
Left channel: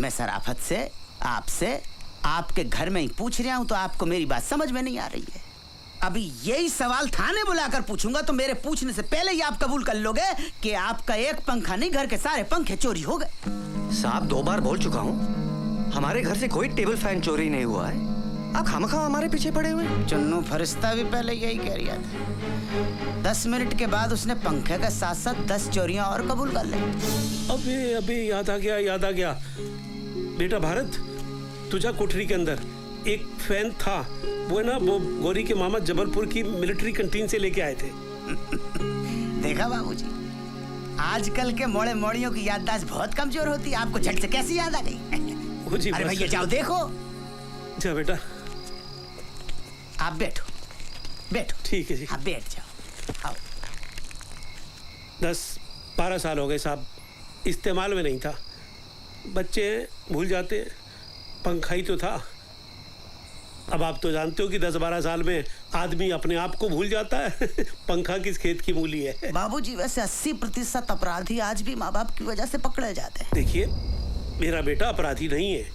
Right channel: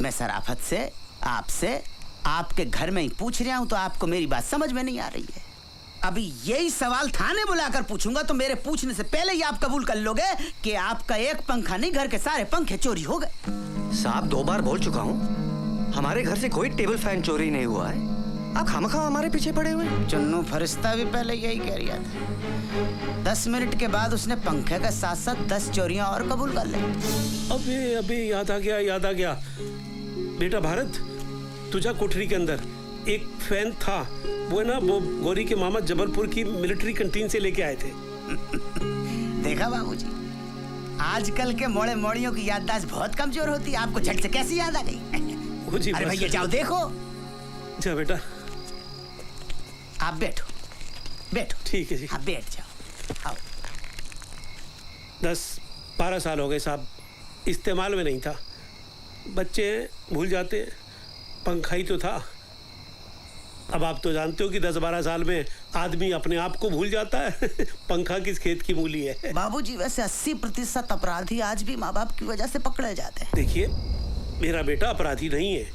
मैं शराफत से आपसे आपके घर में ही पूछ रहा हूँ, तो आपको मेरी बात समझ में नहीं आ रही है। अभी यही सवाल थाने बुलाकर पूछूंगा तो मेरे पूछने से पहले ही आप कबूल कर लोगे कि आपका एक पंखा नहीं, घर के सारे पंखे चोरी हो गए। साहब 2 बार बोल चुका हूँ, हमारे घर से कोई टेबल फैन चोरी नहीं हुआ है। आप खामखा हमारे पीछे पड़े हुए हैं। चुन्नू फरिश्ता भी पहले यही कह रहा था। 10 मिनट के बाद उसने पंखे के साथ साथ 10 चोरियां और कबूल कर ली। अबे याद आ गया। बेटा भारत, तुझा कोठरी के अंदर एक फैन था, वो ना वो गौरी के मामा जबलपुर की मिलिट्री कैंटीन से लेके आए थे। देखा बाबूजी, आजकल के मोड़े मोड़ियों की याददाश्त बहुत कमजोर होती है। आपको झट से कैसी याद आ गई? अरे भैया जाओ देखो। जा बेटा, आप बैठो। ठीक है जी। हाँ बैठ जाओ। आओ। 10-12 साल हो गए साहब, इस्तेमाल में नहीं था। बच्चे भूल जाते, पंखा ही तो था। अब आप तो जानते हो कि 10-12 साल में आदमी अपने आप को भूल जाता है। पंखा किस खेत की मूली है। बाबूजी वैसे 80% अपराधी आज भी माँ बाप की वजह से पकड़े जाते हैं। देखिए, मेरा बेटा अपराधी नहीं है,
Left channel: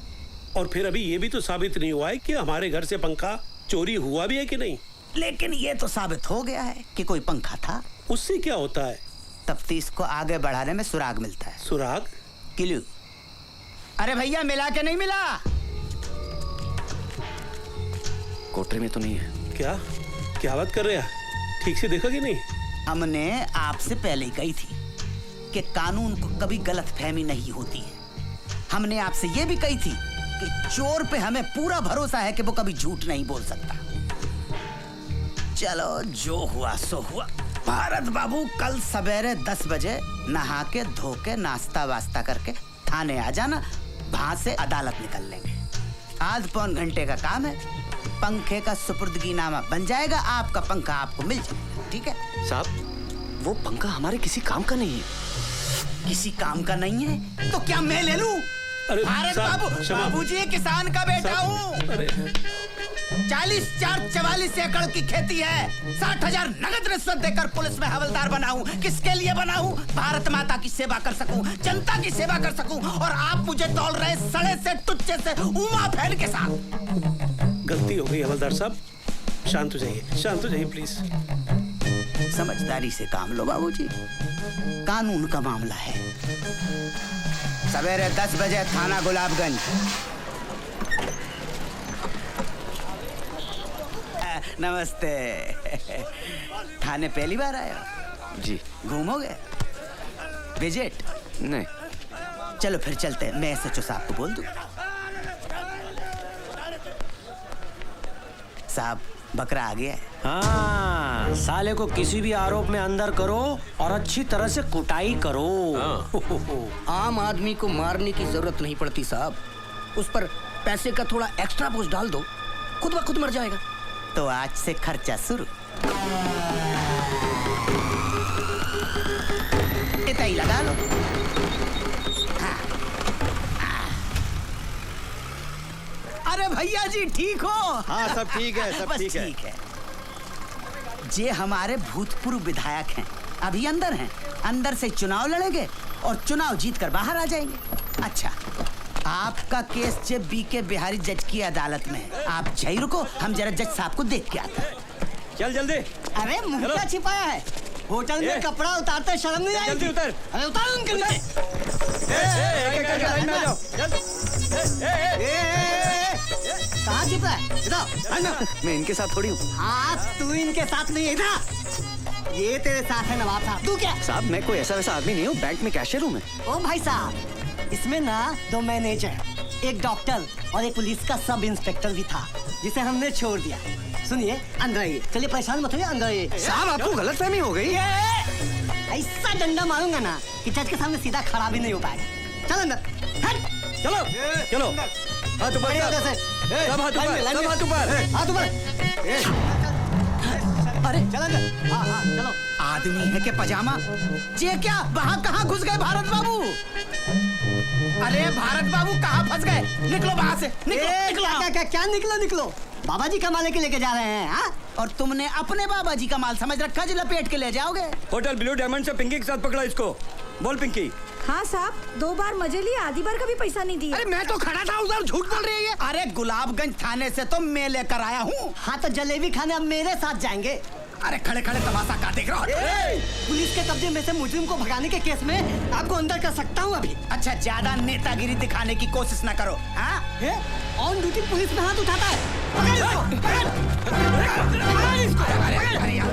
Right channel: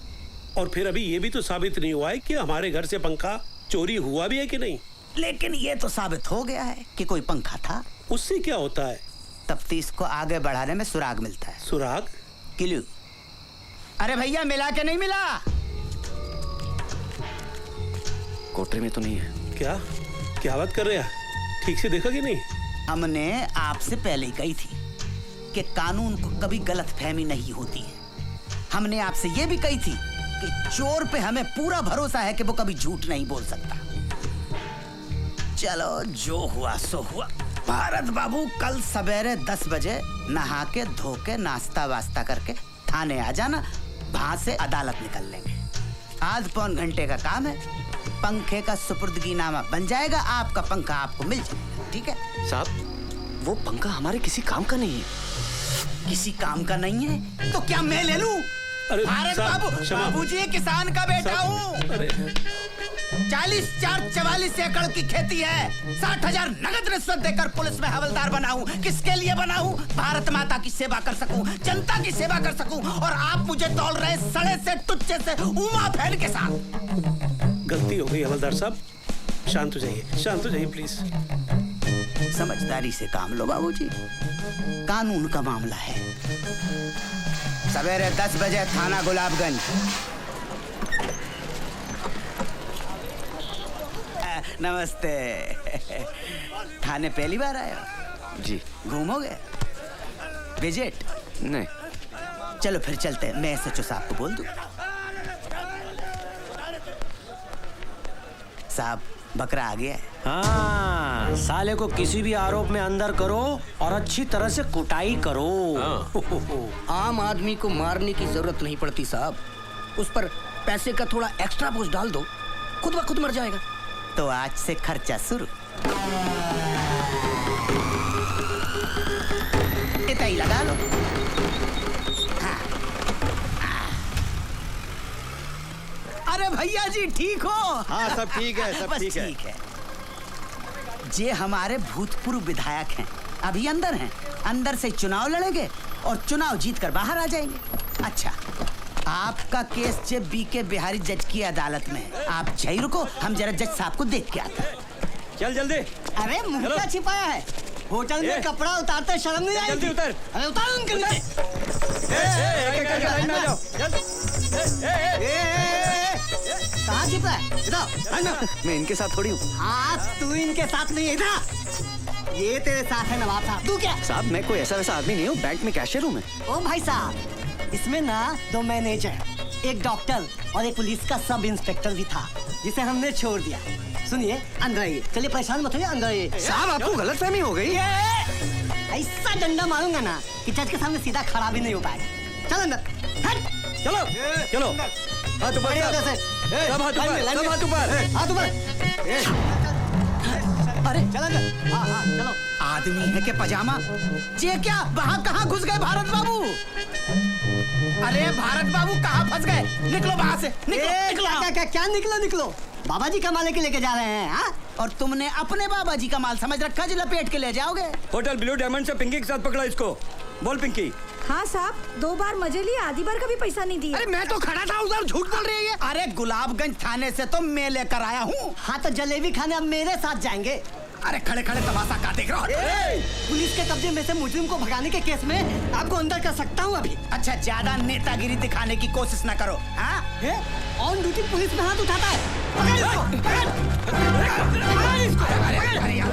और फिर अभी ये भी तो साबित नहीं हुआ है कि हमारे घर से पंखा चोरी हुआ भी है कि नहीं। लेकिन ये तो साबित हो गया है कि कोई पंखा था। उससे क्या होता है? तफ्तीश को आगे बढ़ाने में सुराग मिलता है। सुराग? क्लू। अरे भैया मिला के नहीं मिला? कोठरी में तो नहीं है। क्या बात कर रहे हैं? ठीक से देखा कि नहीं? हमने आपसे पहले ही कही थी कि कानून को कभी गलतफहमी नहीं होती है। हमने आपसे ये भी कही थी कि चोर पे हमें पूरा भरोसा है कि वो कभी झूठ नहीं बोल सकता। चलो जो हुआ सो हुआ। भारत बाबू कल सवेरे 10 बजे नहा के धो के नाश्ता वास्ता करके थाने आ जाना, वहां से अदालत निकल लेंगे। आध पौन घंटे का काम है, पंखे का सुपुर्दगीनामा बन जाएगा, आपका पंखा आपको मिल जाएगा। ठीक है साहब, वो पंखा हमारे किसी काम का नहीं है। किसी काम का नहीं है तो क्या मैं ले लूं? अरे भारत बाबूजी किसान का बेटा हूँ। 44 एकड़ की खेती है। 60,000 नगद रिश्वत देकर पुलिस में हवलदार बनाऊं। किसके लिए बनाऊं? भारत माता की सेवा कर सकूं, जनता की सेवा कर सकूं, और आप मुझे तौल रहे सड़े से टुच्चे से उमा फैन के साथ। गलती हो गई हवलदार साहब, शांत हो जाइए प्लीज। समझदारी से काम लो बाबूजी, कानून का मामला है। सवेरे 10 बजे थाना गुलाबगंज। नमस्ते। थाने पहली बार आए हो? जी। घूमोगे? विजिट? नहीं। चलो फिर चलते हैं, मैं SHO साहब को बोल दूं। साहब बकरा आ गया है। हाँ, साले को किसी भी आरोप में अंदर करो और अच्छी तरह से कुटाई करो। आम आदमी को मारने की जरूरत नहीं पड़ती साहब, उस पर पैसे का थोड़ा एक्स्ट्रा बोझ डाल दो, खुद ब खुद मर जाएगा। तो आज से खर्चा शुरू। इतना ही लगा लो। अरे भैया जी ठीक हो? हाँ सब ठीक है, सब बस ठीक है। जे हमारे भूतपूर्व विधायक हैं, अभी अंदर हैं। अंदर से चुनाव लड़ेंगे और चुनाव जीतकर बाहर आ जाएंगे। अच्छा, आपका केस जे BK बिहारी जज की अदालत में है। आप जय रुको, हम जरा जज साहब को देख के आते हैं। चल जल्दी। अरे मुर्गा छिपाया है होटल में, कपड़ा उतारते शर्म नहीं आएगी? उतर। अरे उतारो उनके लिए। कहाँ छिपा है? इधर। मैं इनके साथ थोड़ी हूँ। हाँ तू इनके साथ नहीं है, इधर। ये तेरे साथ है नवाब साहब। तू क्या? साहब मैं कोई ऐसा आदमी नहीं हूँ, बैंक में कैशियर हूँ मैं। ओ भाई साहब, इसमें ना 2 मैनेजर, एक डॉक्टर और एक पुलिस का सब इंस्पेक्टर भी था जिसे हमने छोड़ दिया। सुनिए अंदर आइए। चलिए परेशान मत होइए, अंदर आइए। साहब आपको गलतफहमी हो गई। ऐसा डंडा मारूंगा ना कि जज के सामने सीधा खड़ा भी नहीं हो पाए। चलो अंदर। हट। चलो चलो। हाथ ऊपर। हाथ ऊपर। हाथ ऊपर। अरे चलो अंदर। हाँ चलो। आदमी है के पजामा ये क्या वहाँ कहाँ घुस गए भारत बाबू? अरे भारत बाबू कहाँ फंस गए? निकलो वहाँ से, निकलो। क्या निकलो? बाबा जी का माल लेके लेके जा रहे हैं। हाँ? और तुमने अपने बाबा जी का माल समझ रखा जो लपेट के ले जाओगे? होटल ब्लू डायमंड से पिंकी के साथ पकड़ा इसको। बोल पिंकी। हाँ साहब, 2 बार मजे लिए, आधी बार का भी पैसा नहीं दिया। अरे मैं तो खड़ा था उधर, झूठ बोल रही है। अरे गुलाबगंज थाने से तो मैं लेकर आया हूँ। हाँ तो जलेबी खाने अब मेरे साथ जाएंगे। अरे खड़े खड़े तमाशा का देख रहा हो? पुलिस के कब्जे में से मुजरिम को भगाने के केस में आपको अंदर कर सकता हूँ अभी। अच्छा ज्यादा नेतागिरी दिखाने की कोशिश न करो। ऑन ड्यूटी पुलिस में हाथ उठाता है।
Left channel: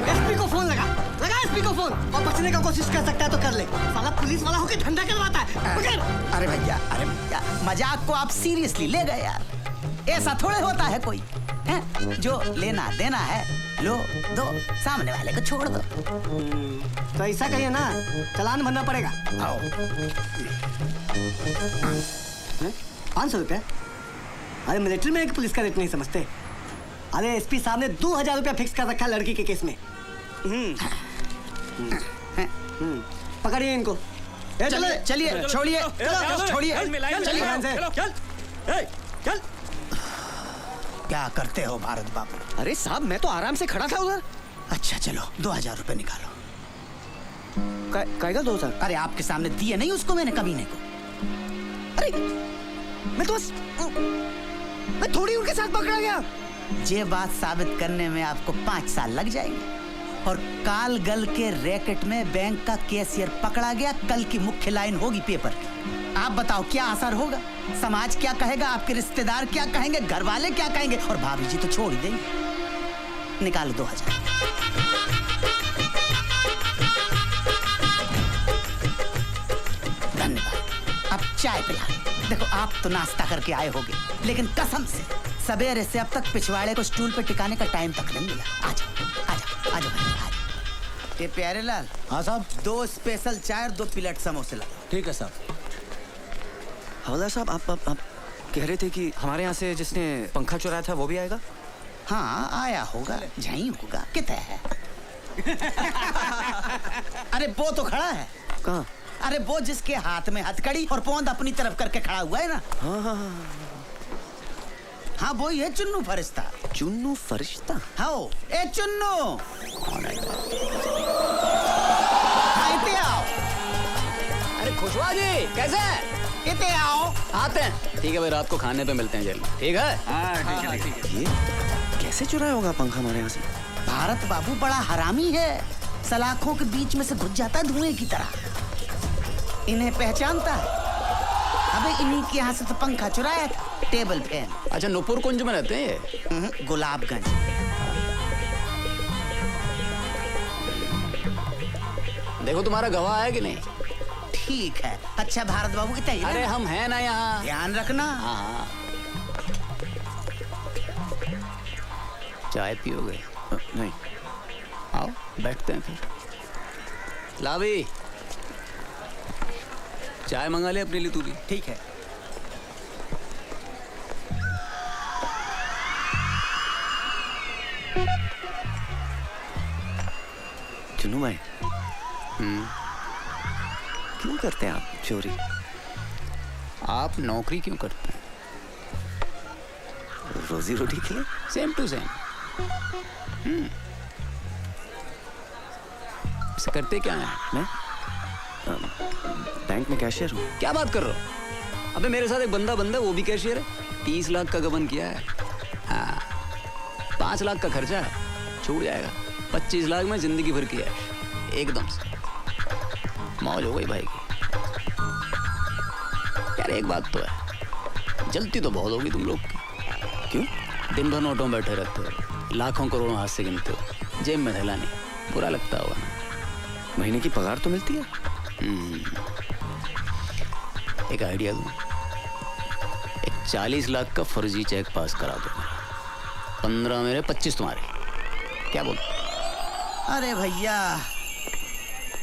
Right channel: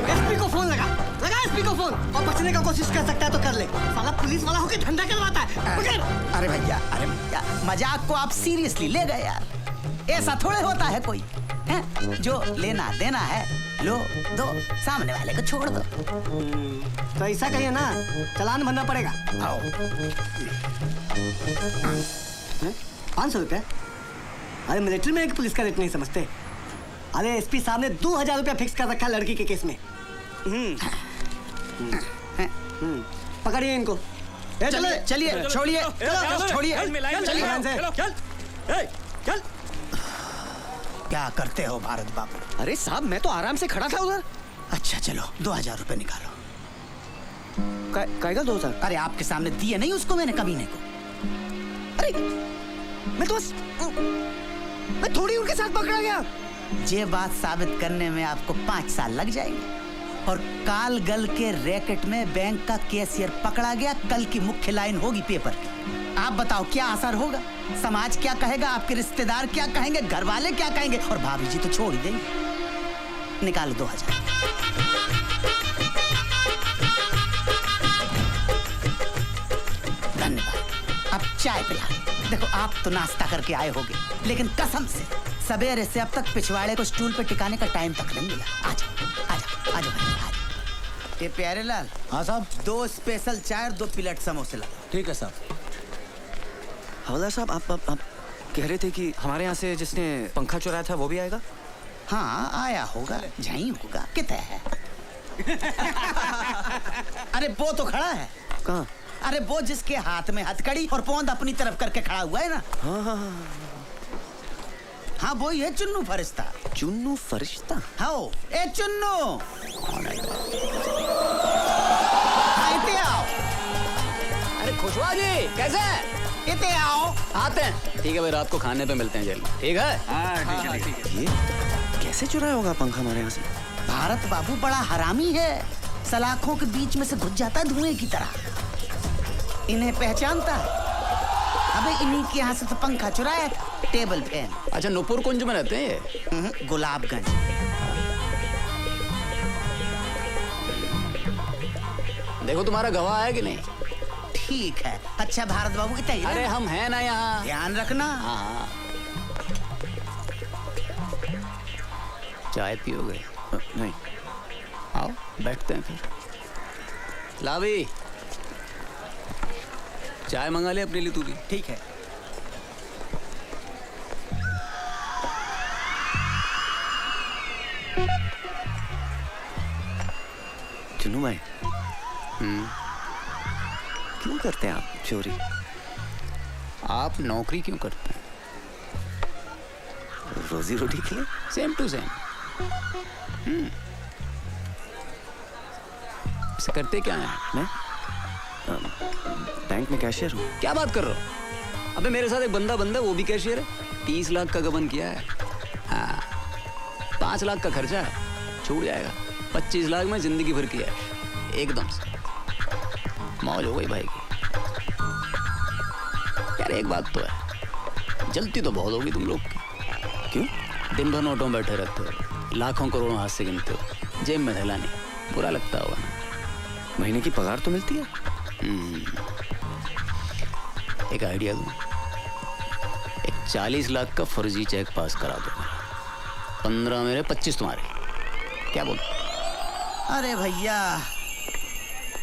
एसपी को फोन लगा एसपी को फोन। और बचने का कोशिश कर सकता है तो कर ले। साला पुलिस वाला होकर धंधा करवाता है। अरे भैया मजाक को आप सीरियसली ले गए यार। ऐसा थोड़े होता है कोई है? जो लेना देना है लो दो, सामने वाले को छोड़ दो। तो ऐसा कहिए ना, चालान भरना पड़ेगा। 500 रुपया? अरे मिलिट्री में एक पुलिस का रेट नहीं समझते। अरे एसपी साहब ने 2000 रुपया फिक्स कर रखा लड़की के केस में। पकड़िए इनको। चलिए छोड़िए चल। क्या करते हो भारत बाबू? अरे साहब मैं तो आराम से खड़ा था उधर। अच्छा चलो 2000 रुपए निकालो। कहेगा 2000? अरे आपके सामने दिए नहीं उसको मैंने कमीने को। अरे मैं तो बस मैं थोड़ी उनके साथ पकड़ा गया। ये बात साबित करने में आपको 5 साल लग जाएंगे। और काल गल के रैकेट में बैंक का कैशियर पकड़ा गया। कल की मुख्य लाइन होगी पेपर की। आप बताओ क्या असर होगा? समाज क्या कहेगा? आपके रिश्तेदार क्या कहेंगे? घर वाले क्या कहेंगे? और भाभी जी तो छोड़ देंगे। निकालो 2000। धन्यवाद। अब चाय पिला। देखो आप तो नाश्ता करके आए होगे, लेकिन कसम से सवेरे से अब तक पिछवाड़े को स्टूल पे टिकाने का टाइम तक नहीं मिला। आजा। ये प्यारे लाल। हाँ साहब। 2 स्पेशल चाय, 2 प्लेट समोसे लो। ठीक है साहब। हवलदार साहब आप कह रहे थे कि हमारे यहाँ से जिसने पंखा चुराया था वो भी आएगा? हाँ आया होगा, यहीं होगा। कितना है? अरे वो तो खड़ा है। कहाँ? अरे वो जिसके हाथ में हथकड़ी और पोंद अपनी तरफ करके खड़ा हुआ है ना। हाँ वही है चुन्नू फरिश्ता। चुन्नू फरिश्ता? हाँ ए चुन्नू। अरे खुशवा जी कैसे है? कितने आओ? आते हैं। ठीक है भाई, रात को खाने पे मिलते हैं जेल में। ठीक है? ये कैसे चुराया होगा पंखा हमारे यहाँ से? भारत बाबू बड़ा हरामी है। सलाखों के बीच में से घुस जाता है धुएं की तरह। इन्हें पहचानता है। अबे इन्हीं के यहाँ से तो पंखा चुराया, टेबल फैन। अच्छा नूपुर कुंज में रहते हैं? गुलाबगंज। देखो तुम्हारा गवाह है कि नहीं? ठीक है। अच्छा भारत बाबू कितना? अरे हम हैं ना यहाँ। ध्यान रखना। हाँ। चाय पियोगे? नहीं। आओ बैठते हैं फिर। लावी चाय मंगा ले अपने लिए तू भी। ठीक है। चुन्नू भाई क्यों करते हैं आप चोरी? आप नौकरी क्यों करते हैं? रोजी रोटी के लिए। Same to same. इसे करते क्या है? मैं बैंक में कैशियर हूँ। क्या बात कर रहे हो? अबे मेरे साथ एक बंदा वो भी कैशियर है। 30 लाख का गबन किया है। हाँ 5 लाख का खर्चा छूट जाएगा। 25 लाख में जिंदगी भर किया है एकदम से। मौज हो गई भाई की। यार एक बात तो है, जलती तो बहुत होगी तुम लोग की। क्यों? दिन भर नोटों में बैठे रहते हो, लाखों करोड़ों हाथ से गिनते हो, जेब में थैला नहीं। बुरा लगता होगा ना? महीने की पगार तो मिलती है। एक आइडिया दूं, एक 40 लाख का फर्जी चेक पास करा दूंगा। 15 मेरे 25 तुम्हारे। क्या बोल? अरे भैया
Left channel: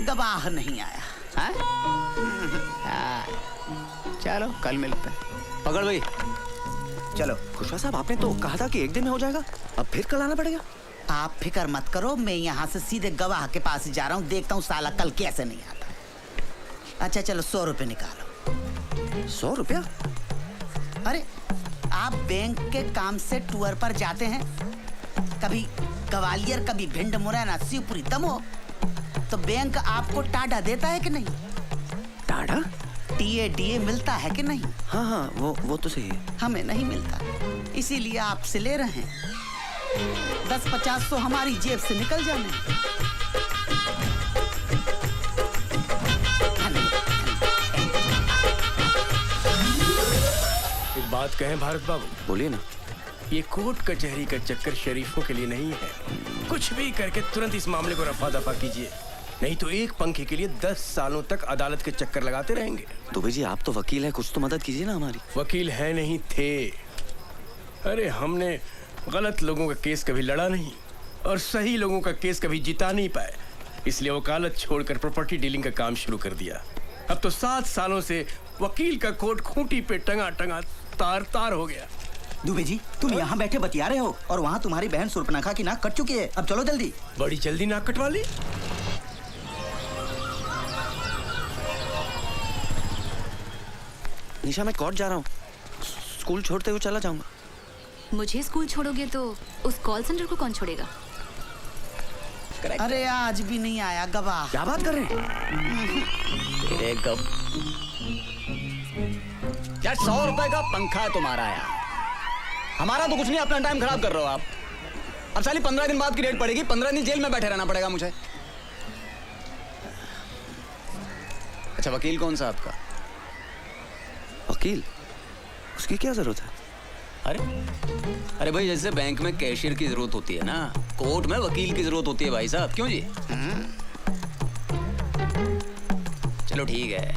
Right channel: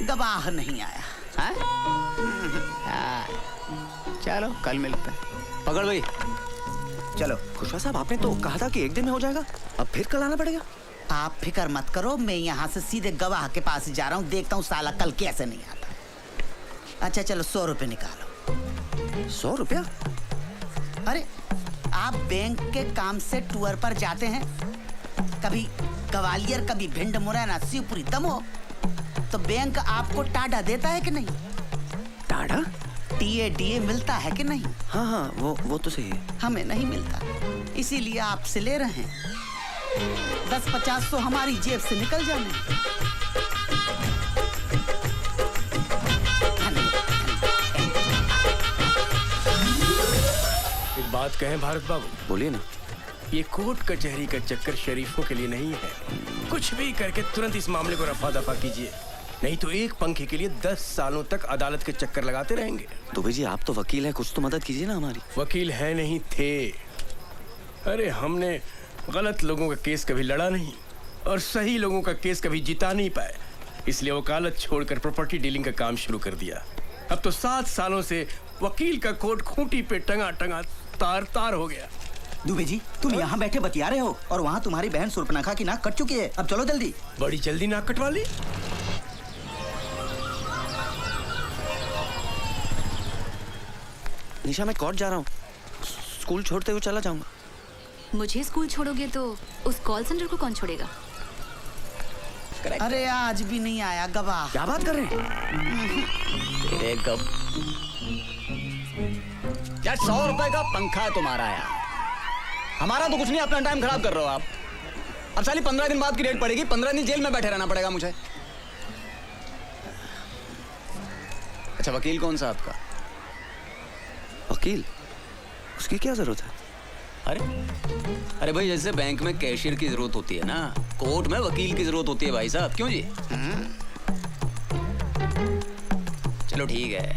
गवाह नहीं आया। चलो कल मिलते हैं। पकड़ भाई। चलो खुशवा साहब, आपने तो कहा था कि एक दिन में हो जाएगा, अब फिर कल आना पड़ेगा। आप फिक्र मत करो, मैं यहाँ से सीधे गवाह के पास ही जा रहा हूँ, देखता हूँ साला कल कैसे नहीं आता। अच्छा चलो 100 रुपए निकालो। 100 रुपया? अरे आप बैंक के काम से टूर पर जाते हैं, कभी ग्वालियर कभी भिंड मुरैना शिवपुरी दमोह, तो बैंक आपको टाडा देता है कि नहीं? टाडा? टीए मिलता है कि नहीं? हाँ हाँ वो तो सही है। हमें नहीं मिलता, इसीलिए आपसे ले रहे हैं। 10-50 तो हमारी जेब से निकल जाएंगे। एक बात कहें भारत बाबू? बोलिए ना। ये कोर्ट कचहरी का चक्कर शरीफों के लिए नहीं है। कुछ भी करके तुरंत इस मामले को रफा दफा कीजिए, नहीं तो एक पंखे के लिए 10 सालों तक अदालत के चक्कर लगाते रहेंगे। दुबे जी आप तो वकील हैं, कुछ तो मदद कीजिए ना हमारी। वकील है नहीं थे। अरे हमने गलत लोगों का केस कभी लड़ा नहीं और सही लोगों का केस कभी जिता नहीं पाए, इसलिए वकालत छोड़कर प्रॉपर्टी डीलिंग का काम शुरू कर दिया। अब तो 7 सालों से वकील का कोट खूंटी पे टंगा टंगा तार तार हो गया। दुबे जी तुम यहाँ बैठे बतिया रहे हो और वहाँ तुम्हारी बहन सुर्पनखा की नाक कट चुकी है। अब चलो जल्दी। बड़ी जल्दी नाक कटवा ली। निशा मैं कोर्ट जा रहा हूँ, स्कूल छोड़ते हुए चला जाऊंगा। मुझे स्कूल छोड़ोगे तो उस कॉल सेंटर को कौन छोड़ेगा? अरे आज भी नहीं आया गवाह। क्या बात कर रहे हैं? क्या 100 रुपए का पंखा तुम्हारा है? हमारा तो कुछ नहीं, अपना टाइम खराब कर रहे हो आप। अब साली 15 दिन बाद की रेट पड़ेगी, 15 दिन जेल में बैठे रहना पड़ेगा मुझे। अच्छा वकील कौन सा आपका? वकील? उसकी क्या जरूरत है? अरे भाई जैसे बैंक में कैशियर की जरूरत होती है ना, कोर्ट में वकील की जरूरत होती है भाई साहब। क्यों जी? चलो ठीक है,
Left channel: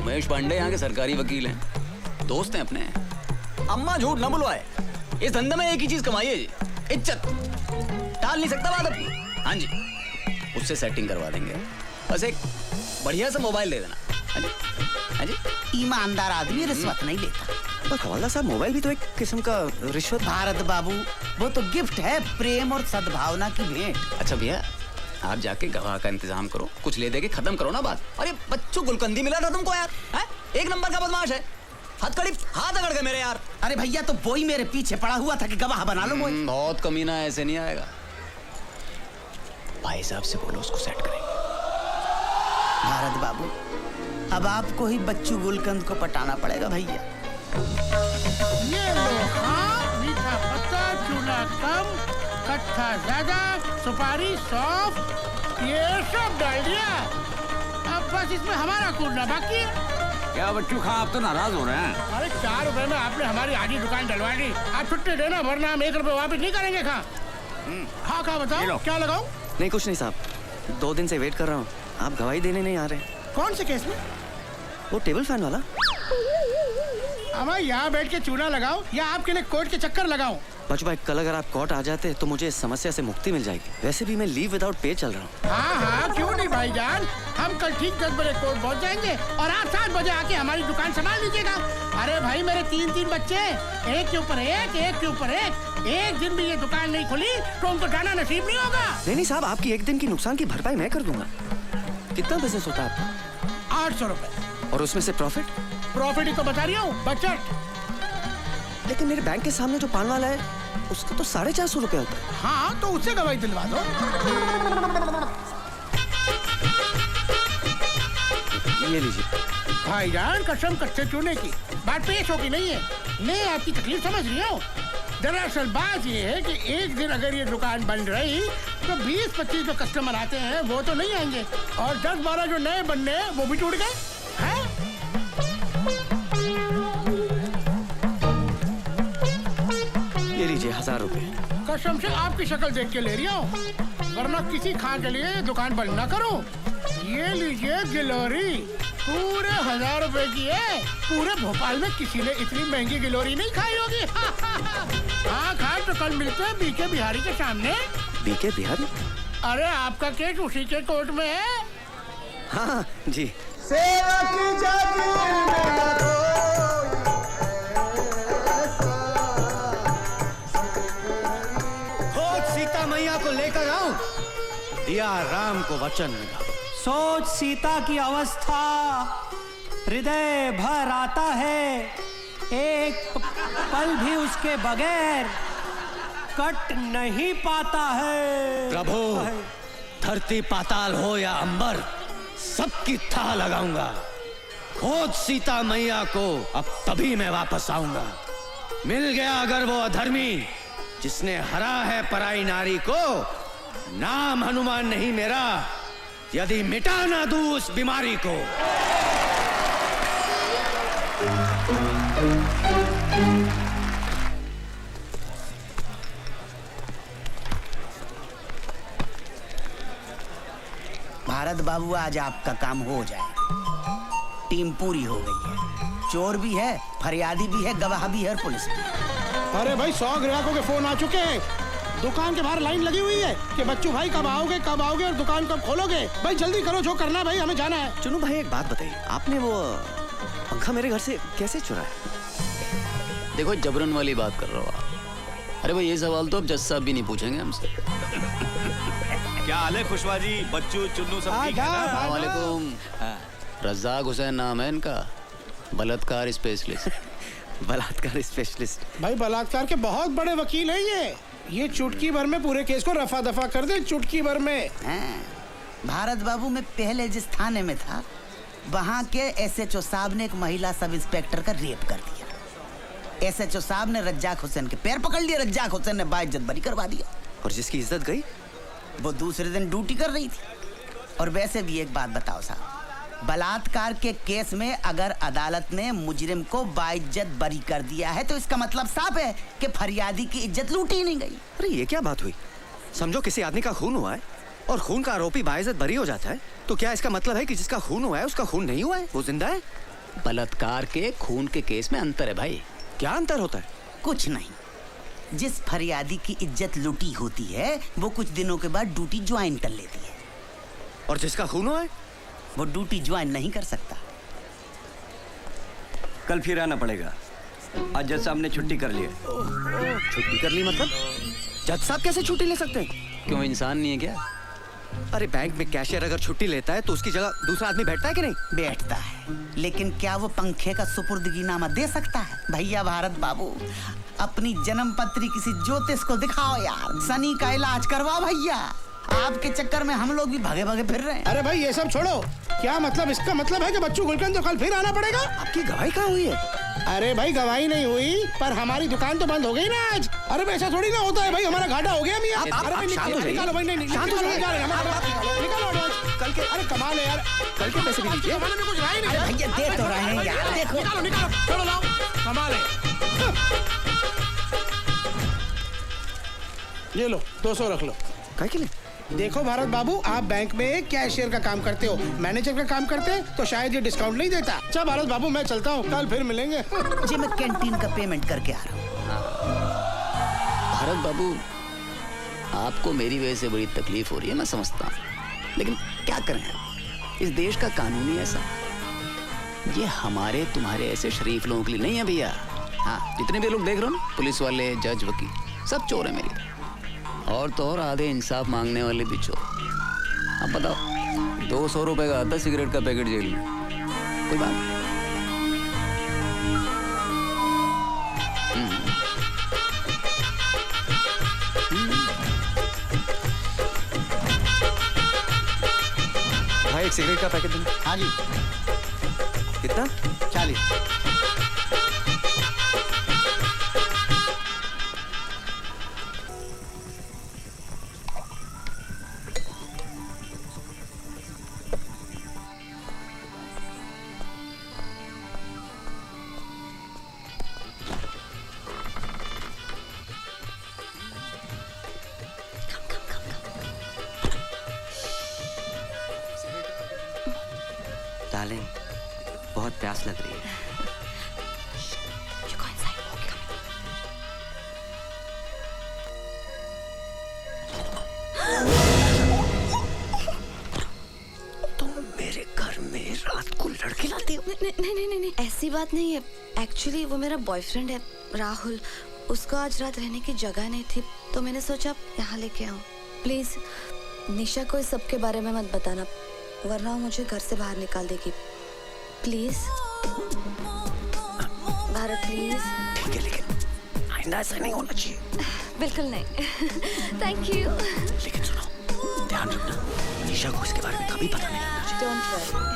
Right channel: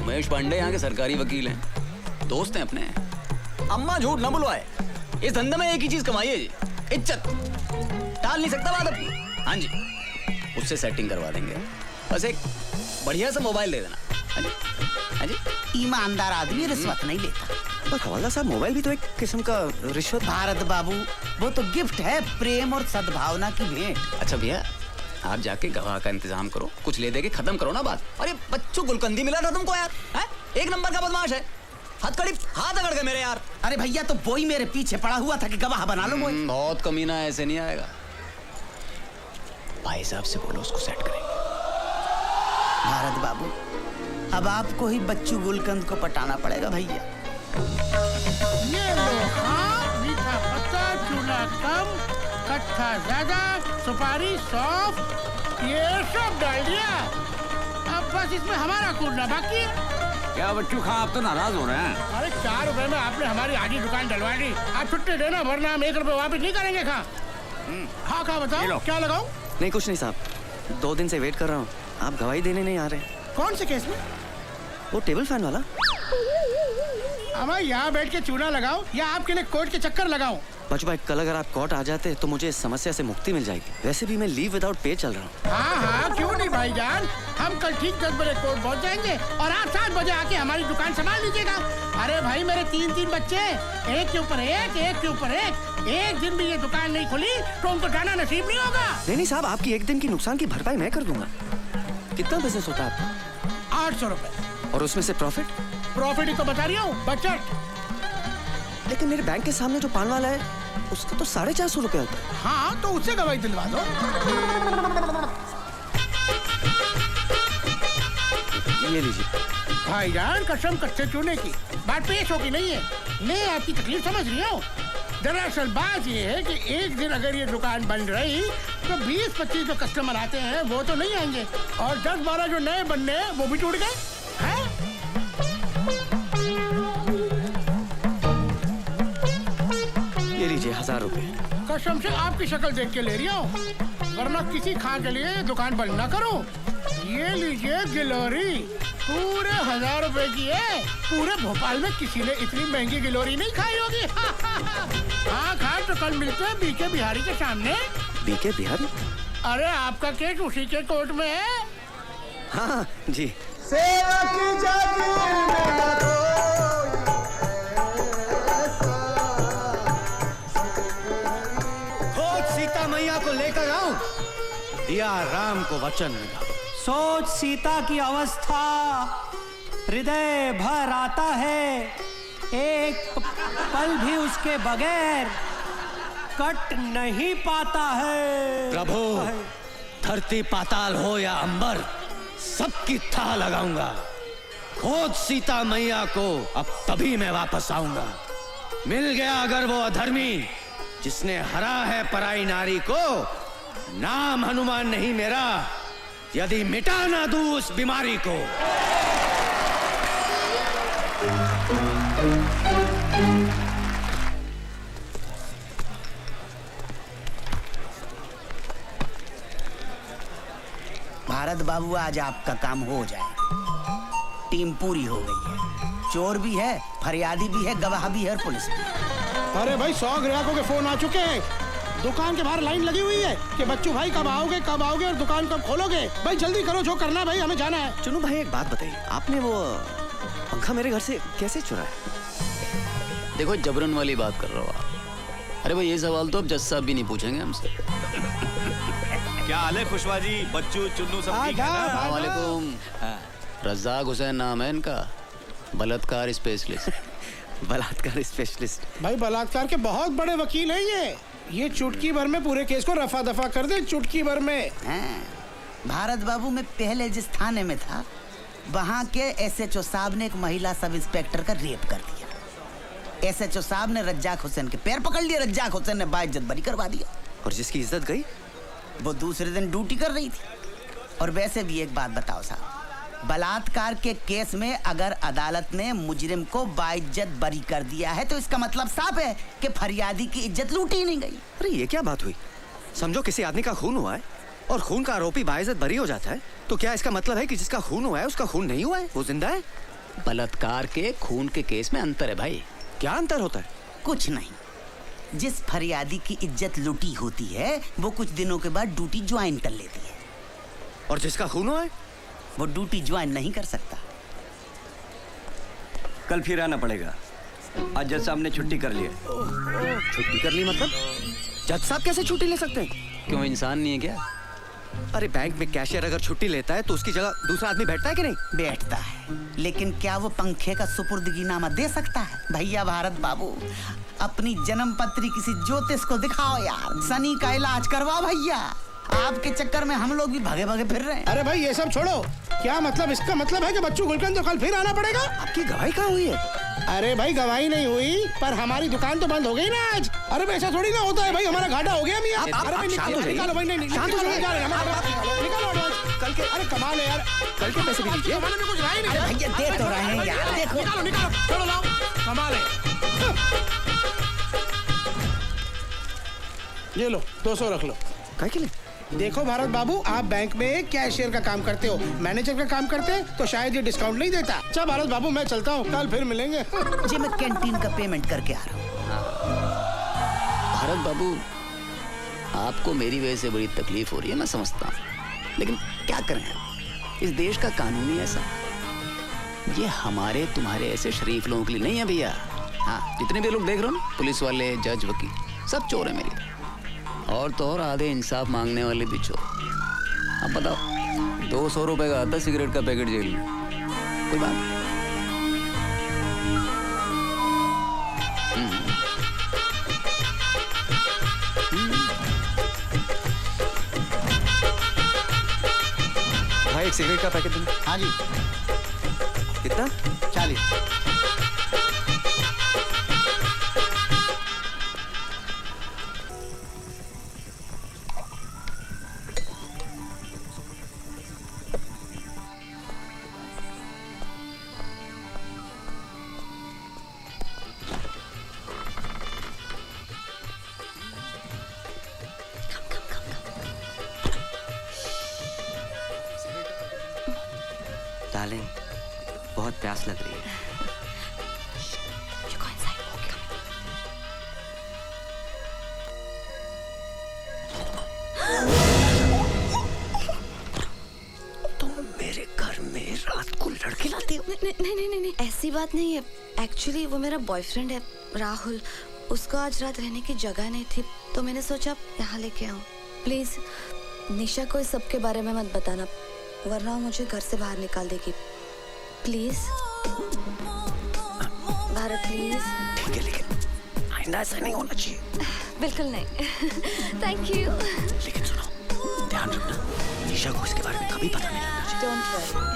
उमेश पांडे यहाँ के सरकारी वकील हैं, दोस्त हैं अपने। अम्मा झूठ ना बुलवाए, इस धंधे में एक ही चीज कमाई है जी, इज्जत। टाल नहीं सकता बात अपनी। हाँ जी, उससे सेटिंग करवा देंगे, बस एक बढ़िया सा मोबाइल दे देना। हाँ जी, हाँ जी। ईमानदार आदमी रिश्वत नहीं लेता। पर खवाजा साहब मोबाइल भी तो एक किस्म का रिश्वत। भारत बाबू वो तो गिफ्ट है, प्रेम और सद्भावना की भेंट। अच्छा भैया आप जाके गवाह का इंतजाम करो, कुछ ले दे के खत्म करो ना बात। अरे बच्चों गुलकंदी मिला था तुमको यार, है? एक नंबर का बदमाश है, हथकड़ी हाथ अकड़ गए मेरे यार। अरे भैया तो वही मेरे पीछे पड़ा हुआ था कि गवाह बना लो मुझे। बहुत कमीना है, ऐसे नहीं आएगा। भाई साहब से बोलो उसको सेट करेंगे। भारत बाबू अब आपको ही बच्चू गुलकंद को पटाना पड़ेगा भैया। ये मीठा पत्ता, चूड़ा कम, कट्ठा ज्यादा, सुपारी सौंफ, ये सब डाल दिया। अब बस इसमें हमारा कूटना बाकी है। क्या बच्चू खां आप तो नाराज हो रहे हैं? अरे 4 रुपए में आपने हमारी आधी दुकान डलवा दी, आप छुट्टी देना वरना हम 1 रुपए वापस नहीं करेंगे। हाँ खा बताओ क्या लगाओ? नहीं कुछ नहीं साहब, 2 दिन से वेट कर रहा हूँ, आप गवाही देने नहीं आ रहे। कौन से केस में? वो टेबल फैन वाला। अब यहाँ बैठ के चूड़ा लगाओ या आपके लिए कोर्ट के चक्कर लगाओ? बच्चू भाई कल अगर आप कोर्ट आ जाते तो मुझे इस समस्या से मुक्ति मिल जाएगी। वैसे भी मैं लीव विदाउट पे चल रहा हूँ। हाँ क्यों नहीं भाईजान, हम कल ठीक 10 बजे कोर्ट पहुँचाएंगे और आप 7 बजे आके हमारी दुकान संभाल लीजिएगा। अरे भाई मेरे 3 बच्चे, एक के ऊपर एक के ऊपर एक दिन भी ये दुकान नहीं खुली तो उनको खाना नसीब नहीं होगा। नहीं साहब, आपकी एक दिन की नुकसान की भरपाई मैं कर दूंगा। कितना बिजनेस होता है? 800 रुपए। और उसमें से प्रॉफिट ही तो बता रही हूँ, बजट। लेकिन मेरे बैंक के सामने जो पान वाला है उसका तो 450 रुपए होता है। हाँ तो उससे गवाही दिलवा दो। ये लीजिए भाईजान, कसम कच्चे चूने की बात पेश होगी नहीं है, मैं आपकी तकलीफ समझ रही हूँ। दरअसल बात ये है कि एक दिन अगर ये दुकान बंद रही तो 20-25 जो कस्टमर आते हैं वो तो नहीं आएंगे और 10-12 जो नए बनने हैं वो भी टूट गए। ये लीजिए 1000 रुपए। कसम से आपकी शक्ल देख के ले रही हूँ, वरना किसी खा के लिए दुकान बंद ना करो। ये लीजिए गिलोरी, पूरे 1000 रुपए की है। पूरे भोपाल में किसी ने इतनी महंगी गिलोरी नहीं खाई होगी। हाँ खा तो कल मिलते हैं बीके बिहारी के सामने। बीके बिहारी? अरे आपका केस उसी के कोर्ट में है। हाँ जी। सेवा की जाती खोज सीता मैया को लेकर आओ, दिया राम को वचन मिला। सोच सीता की अवस्था, हृदय भर आता है, एक पल भी उसके बगैर कट नहीं पाता है। प्रभु, धरती पाताल हो या अंबर, सबकी थाह लगाऊंगा। खोज सीता मैया को, अब तभी मैं वापस आऊंगा। मिल गया अगर वो अधर्मी जिसने हरा है पराई नारी को, नाम हनुमान नहीं मेरा, यदि मिटा ना दूं उस बीमारी को। भारत बाबू आज आपका काम हो जाए। टीम पूरी हो गई है, चोर भी है, फरियादी भी है, गवाह भी है, पुलिस भी। अरे भाई 100 ग्राहकों के फोन आ चुके हैं। दुकान के बाहर लाइन लगी हुई है कि बच्चों भाई कब आओगे और दुकान कब खोलोगे। भाई जल्दी करो, जो करना भाई, हमें जाना है। चलो भाई एक बात बताइए, आपने वो पंखा मेरे घर से कैसे चुराया? देखो जबरन वाली बात कर रहा हो आप। अरे भाई ये सवाल तो अब जज साहब भी नहीं पूछेंगे हमसे। क्या हाल है खुशवा जी, बच्चू चुन्नू सब ठीक है? वालेकुम। रज़ाक हुसैन नाम है इनका, बलात्कार स्पेशलिस्ट। बलात्कार स्पेशलिस्ट? भाई बलात्कार के बहुत बड़े वकील हैं ये चुटकी भर में पूरे केस को रफा दफा कर दे, चुटकी भर में। भारत बाबू में पहले जिस थाने में था, वहाँ के SHO साहब ने एक महिला सब इंस्पेक्टर का रेप कर दिया। SHO साहब ने रज्जाक हुसैन के पैर पकड़ लिए, रज्जाक हुसैन ने बाइज्जत बरी करवा दिया। और जिसकी इज्जत गई, वो दूसरे दिन ड्यूटी कर रही थी। और वैसे भी एक बात बताओ साहब, बलात्कार के केस में अगर अदालत ने मुजरिम को बाइज्जत बरी कर दिया है, तो इसका मतलब साफ है कि फरियादी की इज्जत लूटी ही नहीं गई। अरे ये क्या बात हुई? समझो किसी आदमी का खून हुआ है और खून का आरोपी बाइज्जत बरी हो जाता है, तो क्या इसका मतलब है कि जिसका खून हुआ है उसका खून नहीं हुआ है, वो जिंदा है? बलात्कार के खून के केस में अंतर है भाई। क्या अंतर होता है? कुछ नहीं। जिस फरियादी की इज्जत लूटी होती है, वो कुछ दिनों के बाद ड्यूटी ज्वाइन कर लेती है। और जिसका खून हुआ है, वो ड्यूटी ज्वाइन नहीं कर सकता। कल फिर आना पड़ेगा। आज जज साहब ने छुट्टी कर ली है। छुट्टी कर ली मतलब? जज साहब कैसे छुट्टी ले सकते हैं? क्यों, इंसान नहीं है क्या? अरे बैंक में कैशियर अगर छुट्टी लेता है तो उसकी जगह दूसरा आदमी बैठता है कि नहीं? बैठता है, लेकिन क्या वो पंखे का सुपुर्दगीनामा दे सकता है? भैया भारत बाबू, अपनी जन्म पत्री किसी ज्योतिष को दिखाओ यार, शनि का इलाज करवाओ भैया। आपके चक्कर में हम लोग भी भागे भागे फिर रहे हैं। अरे भाई ये सब छोड़ो, क्या मतलब? इसका मतलब है कि बच्चू गुलकंद तो कल फिर आना पड़ेगा। आपकी गवाही कहाँ हुई है? अरे भाई गवाही नहीं हुई, पर हमारी दुकान तो बंद हो गई ना आज। अरे भाई ऐसा थोड़ी ना होता है भाई, हमारा घाटा हो गया भी। शांत हो जाइए। अरे कमाल है यार, कल के पैसे भी दीजिए। भैया दे तो रहे हैं यार, देखो। ये लो 200 रख लो। क्या के लिए? देखो भारत बाबू, आप बैंक में कैशियर का काम करते हो, मैनेजर का काम करते हैं तो शायद ये डिस्काउंट नहीं देता। अच्छा भारत बाबू मैं चलता हूँ, कल फिर मिलेंगे। जी मैं कैंटीन का पेमेंट करके आ रहा हूँ। भारत बाबू, आपको मेरी वजह से बड़ी तकलीफ हो रही है, मैं समझता हूँ, लेकिन क्या करें, इस देश का कानून ही ऐसा। ये हमारे तुम्हारे ऐसे शरीफ लोगों के लिए नहीं है भैया। हाँ, जितने भी लोग देख रहे हो, पुलिस वाले, जज, वकील, सब चोर है मेरी तरह। और तो और आधे इंसाफ मांगने वाले भी चोर। अब बताओ, 200 रुपए का आता सिगरेट का पैकेट जेल में, कोई बात नहीं। भाई एक सिगरेट का पैकेट दो। हाँ जी। कितना? 40। डार्लिंग, बहुत प्यास लग रही है। तुम मेरे घर में रात को लड़के लाते हो? नहीं, ऐसी बात नहीं है। एक्चुअली वो मेरा बॉयफ्रेंड है राहुल। उसको आज रात रहने की जगह नहीं थी तो मैंने सोचा यहाँ लेके आऊँ। प्लीज निशा को इस सब के बारे में मत बताना, वरना वो मुझे घर से बाहर निकाल देगी। Please Bharat please. ठीक है, लेकिन आइंदा ऐसा नहीं होना चाहिए। बिल्कुल नहीं। Thank you. लेकिन सुनो, ध्यान रखना, निशा को इसके बारे में कभी पता नहीं लगना चाहिए। Don't worry.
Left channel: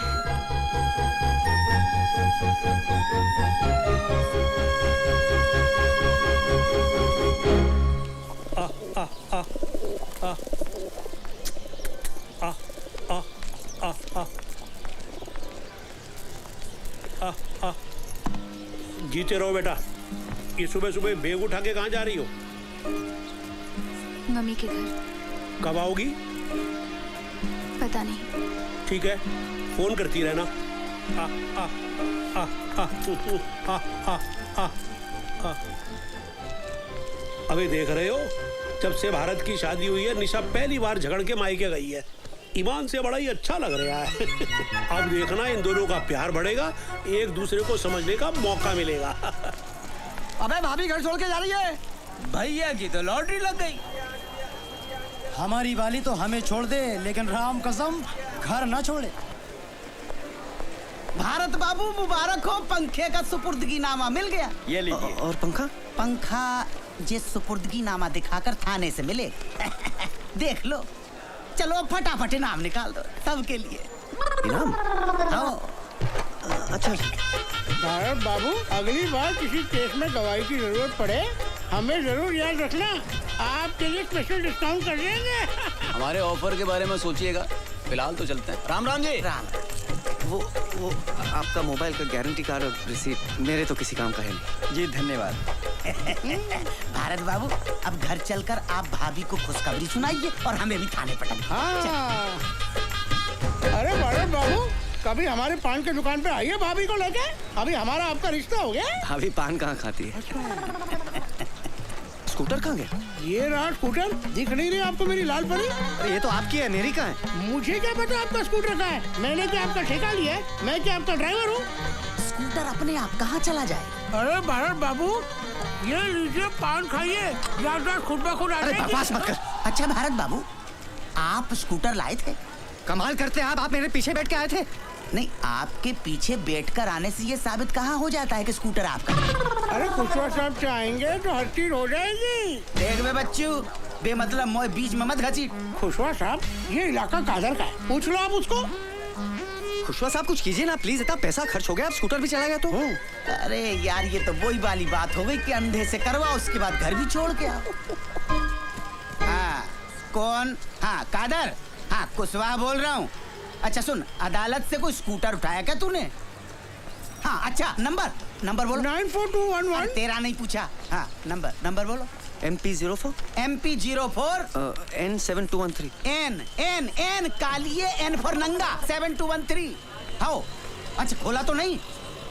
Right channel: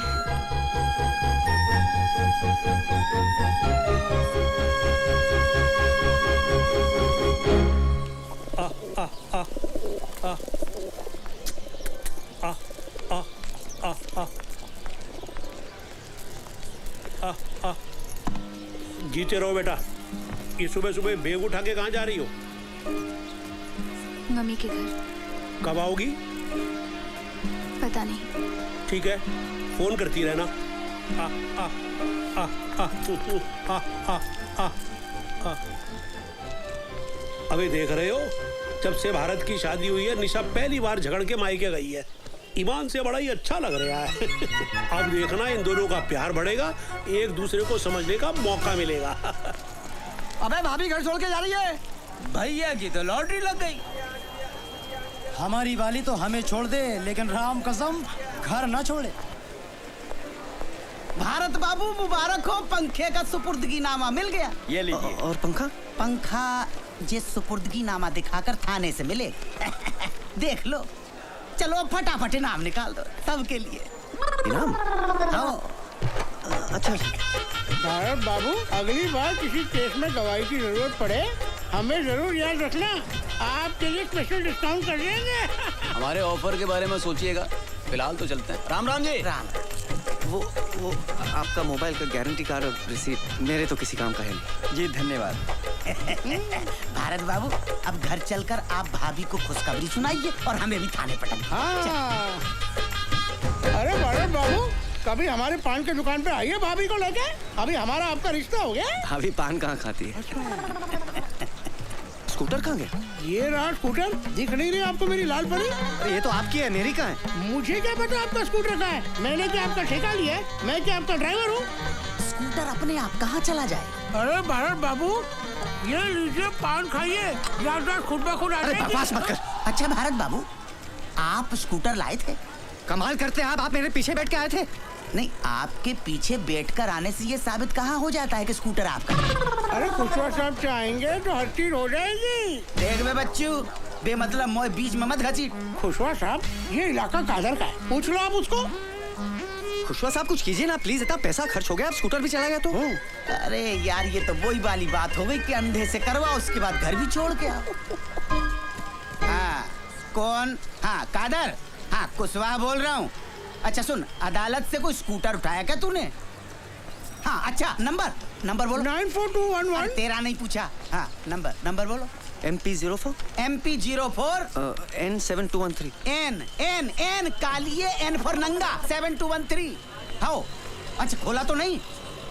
जीते रहो बेटा। ये सुबह सुबह बैग उठा के कहाँ जा रही हो? मम्मी के घर। कब आओगी? पता नहीं। ठीक है, फोन करती रहना। अभी देख रहे हो, जब से भारत की शादी हुई है निशा पहली बार झगड़ के मायके गई है। ईमान से बड़ा ही अच्छा लग रहा है। अब देखना इन दोनों का प्यार बढ़ेगा, एक दूसरे को समझने का मौका मिलेगा। अबे भाभी घर छोड़ के जा रही है। भैया की तो लॉटरी लग गई। हमारी वाली तो हमें छोड़ दे, लेकिन राम कसम घर न छोड़े। भारत बाबू मुबारक हो, पंखे का सुपुर्दगी नामा मिल गया। ये लीजिए। और पंखा? पंखा जिस सुपुर्दगी नामा दिखाकर थाने से मिले। देख लो, चलो फटाफट इनाम निकाल दो सबके लिए। इनाम? अच्छा। भारत बाबू, अगली बार किसी केस में गवाही की जरूरत पड़े हमें जरूर याद रखना। आपके लिए स्पेशल डिस्काउंट कर देंगे। हमारे ऑफर के बारे में सोचिएगा, फिलहाल तो चलते हैं। राम राम जी। राम। वो आपका मोबाइल का गारंटी कार्ड और रिसीट मेरे तो किसी काम का है नहीं। जी धन्यवाद। भारत बाबू, अब घर चलकर आप भाभी को खुशखबरी सुनाइए और हमें भी खाने पटाइए। अरे भारत बाबू, कभी हमारे पान की दुकान पे आइए भाभी को लेके। अभी हमारा आपका रिश्ता हो गया। भाभी पान कहाँ खाती है? स्कूटर कहाँ गया? ये रहा स्कूटर, दिख नहीं रही आपको मेरी लाल परी? ये तो आपकी है, मेरी कहाँ है? मुझे क्या पता आपका स्कूटर का है? मैंने क्या आपका ठेका लिया है? मैं क्या आपका ड्राइवर हूँ? स्कूटर अपने आप कहाँ चला जाए? अरे भारत बाबू, ये लीजिए पान खाइए, ज्यादा खुद ब खुद आ जाएगी। बकवास मत कर। अच्छा भारत बाबू, आप स्कूटर लाए थे? कमाल करते आप मेरे पीछे बैठ के आए थे। नहीं, आपके पीछे बैठकर आने से ये साबित कहाँ हो जाता है कि स्कूटर आपका है? अरे खुशवा साहब चाहेंगे तो हर चीज हो जाएगी। देख में बच्चू, बेमतलब मोए बीच में मत घसीट। खुशवा साहब, ये इलाका कादर का है, पूछ लो आप उसको। खुशवा साहब कुछ कीजिए ना प्लीज, इतना पैसा खर्च हो गया, आप स्कूटर भी चलाएगा तो। अरे यार, ये तो वही वाली बात हो गई कि अंधे से करवा, उसके बाद घर भी छोड़ के आओ। हाँ, कौन? हाँ कादर। हाँ कुशवाहा बोल रहा हूँ। अच्छा सुन, अदालत से कोई स्कूटर उठाया क्या तूने? हाँ अच्छा, नंबर बोलो। 94211। तेरा नहीं पूछा। हाँ नंबर बोलो। MP04 N7213 N कालिए N फॉर नंगा 7213। हाँ अच्छा, खोला तो नहीं?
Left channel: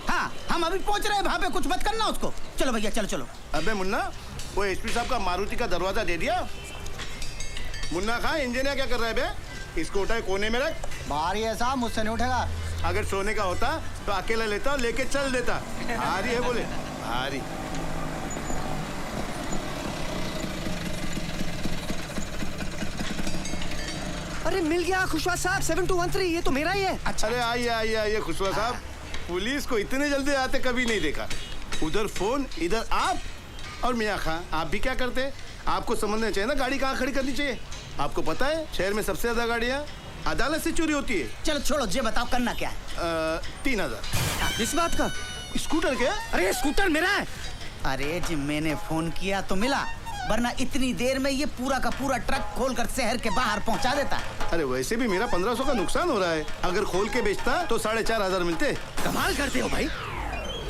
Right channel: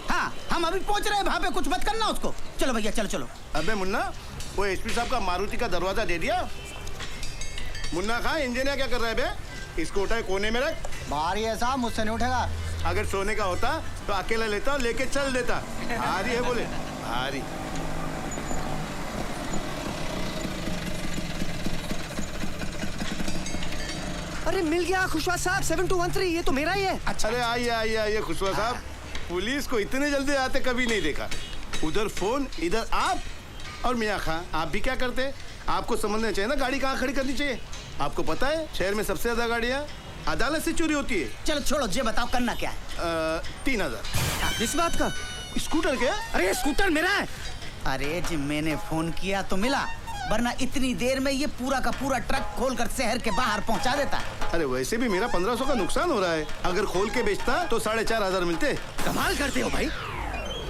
हाँ हम अभी पहुंच रहे हैं, वहाँ पे कुछ मत करना उसको। चलो भैया चलो। अबे मुन्ना, वो एसपी साहब का मारुति का दरवाजा दे दिया? मुन्ना खां, इंजीनियर क्या कर रहा है बे? इसको उठा कोने में रख। भारी है साहब, मुझसे नहीं उठेगा। अगर सोने का होता तो अकेला लेता और लेके चल देता। भारी है बोले, भारी। अरे मिल गया खुशवा साहब, 7213, ये तो मेरा ही है। अच्छा। अरे आइए खुशवा साहब, पुलिस को इतने जल्दी आते कभी नहीं देखा। उधर फोन, इधर आप। और मियाँ खां, आप भी क्या करते? आपको समझना चाहिए ना, गाड़ी कहाँ खड़ी करनी चाहिए। आपको पता है शहर में सबसे ज्यादा गाड़ियाँ अदालत से चोरी होती है। चलो छोड़ो, ये बताओ करना क्या है? 3000। इस बात का? स्कूटर क्या? अरे स्कूटर मेरा है। अरे जी मैंने फोन किया तो मिला, वरना इतनी देर में ये पूरा का पूरा ट्रक खोलकर शहर के बाहर पहुंचा देता। अरे वैसे भी मेरा 1500 का नुकसान हो रहा है। अगर खोल के बेचता तो 4500 मिलते। कमाल करते हो भाई,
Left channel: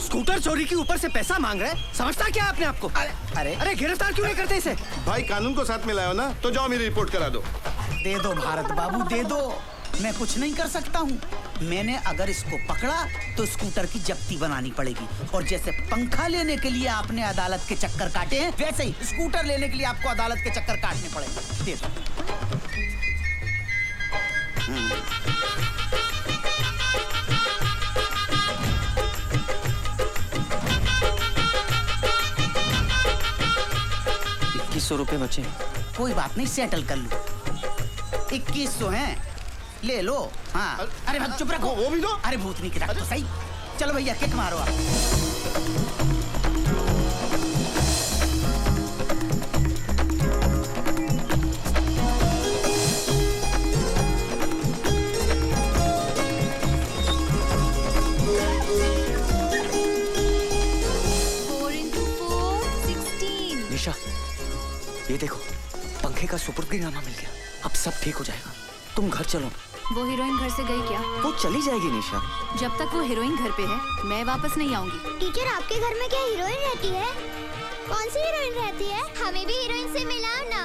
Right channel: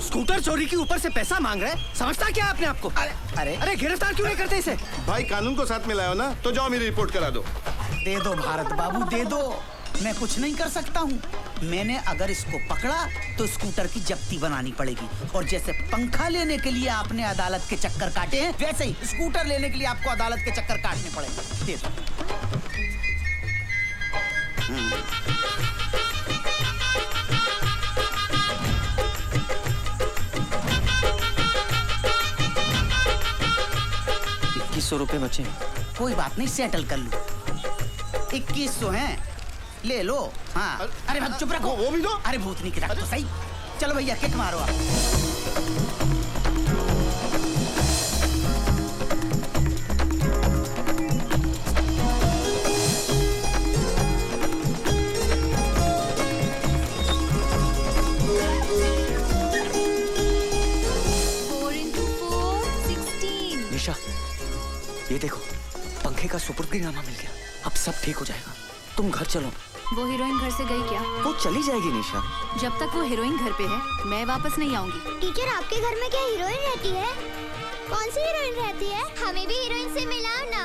स्कूटर चोरी के ऊपर से पैसा मांग रहे हैं। समझता क्या आपने आपको? अरे गिरफ्तार क्यों नहीं करते इसे? भाई कानून को साथ में लाओ ना, तो जाओ मेरी रिपोर्ट करा दो। दे दो भारत बाबू, दे दो, मैं कुछ नहीं कर सकता हूँ। मैंने अगर इसको पकड़ा तो स्कूटर की जब्ती बनानी पड़ेगी, और जैसे पंखा लेने के लिए आपने अदालत के चक्कर काटे हैं, वैसे ही स्कूटर लेने के लिए आपको अदालत के चक्कर काटने पड़ेंगे। दे दो। ₹2100 बचे। कोई बात नहीं, सेटल कर लो। 2100 हैं, ले लो। हाँ, अरे भाई चुप रखो। वो भी दो। अरे भूतनी की रख दो सही। चलो भैया किक मारो आप। निशा, ये देखो, पंखे का सुपुर्दीनामा मिल गया। अब सब ठीक हो जाएगा। तुम घर चलो। वो हीरोइन घर से गई क्या? वो चली जाएगी निशा। जब तक वो हीरोइन घर पे है मैं वापस नहीं आऊंगी। टीचर, आपके घर में क्या हीरोइन रहती है? कौन सी हीरोइन रहती है? हमें भी हीरोइन से मिलाओ ना।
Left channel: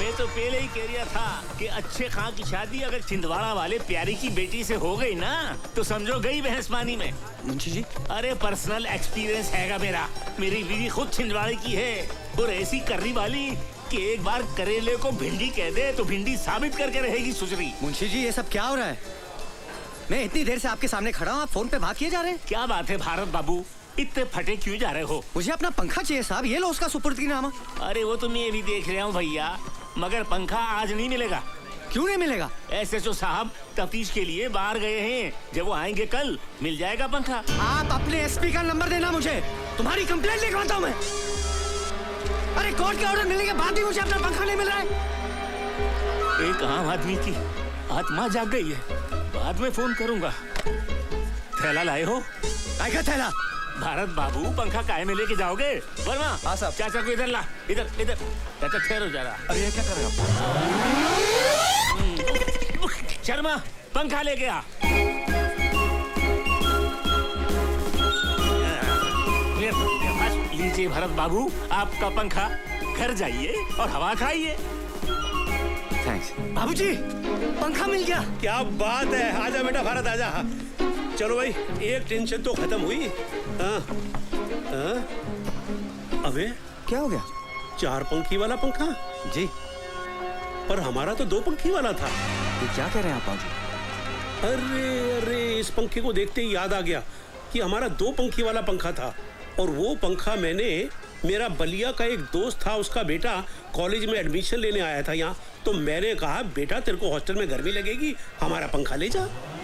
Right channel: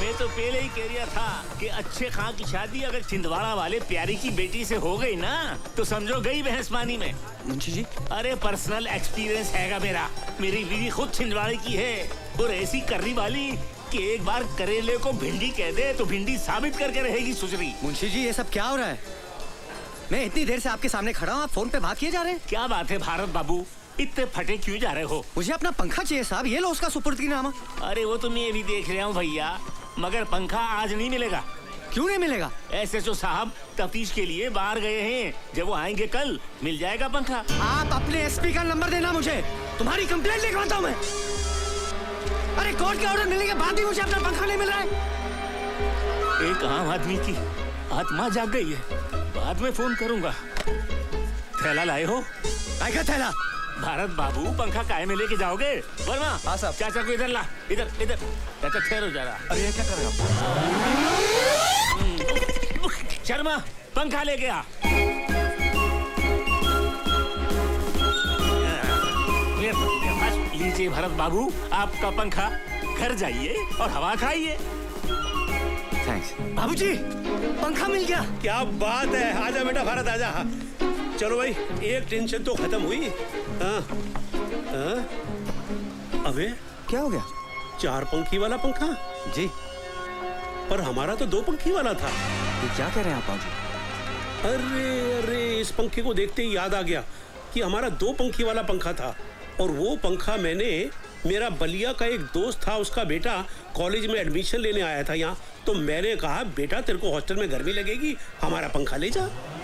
मैं तो पहले ही कह रहा था कि अच्छे खां की शादी अगर छिंदवाड़ा वाले प्यारी की बेटी से हो गई ना तो समझो गई भैंसमानी में। मुंशी जी, अरे पर्सनल एक्सपीरियंस हैगा मेरा। मेरी बीवी खुद छिंदवाड़े की है और ऐसी कर्री वाली कि एक बार करेले को भिंडी कह दे तो भिंडी साबित करके रहेगी सुसरी। मुंशी जी, ये सब क्या हो रहा है? मैं इतनी देर से आपके सामने खड़ा हूँ, आप फोन पे बात किए जा रहे हैं। क्या बात है भारत बाबू, इतने फटे क्यों जा रहे हो? मुझे अपना पंखा चाहिए साहब, ये लो उसका सुपुर्दीनामा। अरे वो तो मैं ये भी देख रहा हूँ भैया, मगर पंखा आज नहीं मिलेगा। क्यों नहीं मिलेगा? SHO साहब तफ्तीश के लिए बाहर गए हैं, जब वो आएंगे कल मिल जाएगा पंखा। आप अपने SP का नंबर देना मुझे, तुम्हारी कंप्लेंट लिख रहा था मैं। अरे कोर्ट के ऑर्डर मिलने के बाद भी मुझे अपना पंखा नहीं मिल रहा है। एक आम आदमी की आत्मा जाग गई है, बाद में फोन करूंगा। थैला लाए हो? क्या थैला? भारत बाबू, पंखा काहे में लेके जाओगे? वर्मा, हाँ साहब। चाचा को इधर ला, इधर इधर। चाचा ठहरो जरा। अरे क्या कर रहे हो? शर्मा, पंखा लेके आ। लीजिए भरत बाबू, आपका पंखा। घर जाइए और हवा खाइए। बाबूजी, पंखा मिल गया। क्या बात है, आजा बेटा भारत आजा। चलो भाई, एक टेंशन तो खत्म हुई। हाँ, हाँ? अबे क्या हो गया? 4 पंखी वाला पंखा जी, पर हमारा तो 2 पंखी वाला था। क्या कह रहे हैं आप बाबू? अरे अरे, इस पंखे को देखते ही याद आ गया कि हमारा 2 पंखी वाला पंखा था, और वो पंखा मैंने, मेरा बलिया का एक दोस्त था, उसका बेटा कॉलेज में एडमिशन लेने आया था यहाँ, तो मैंने कहा बेटा तेरे को हॉस्टल में गर्मी लगेगी, हमारा पंखा ले जा।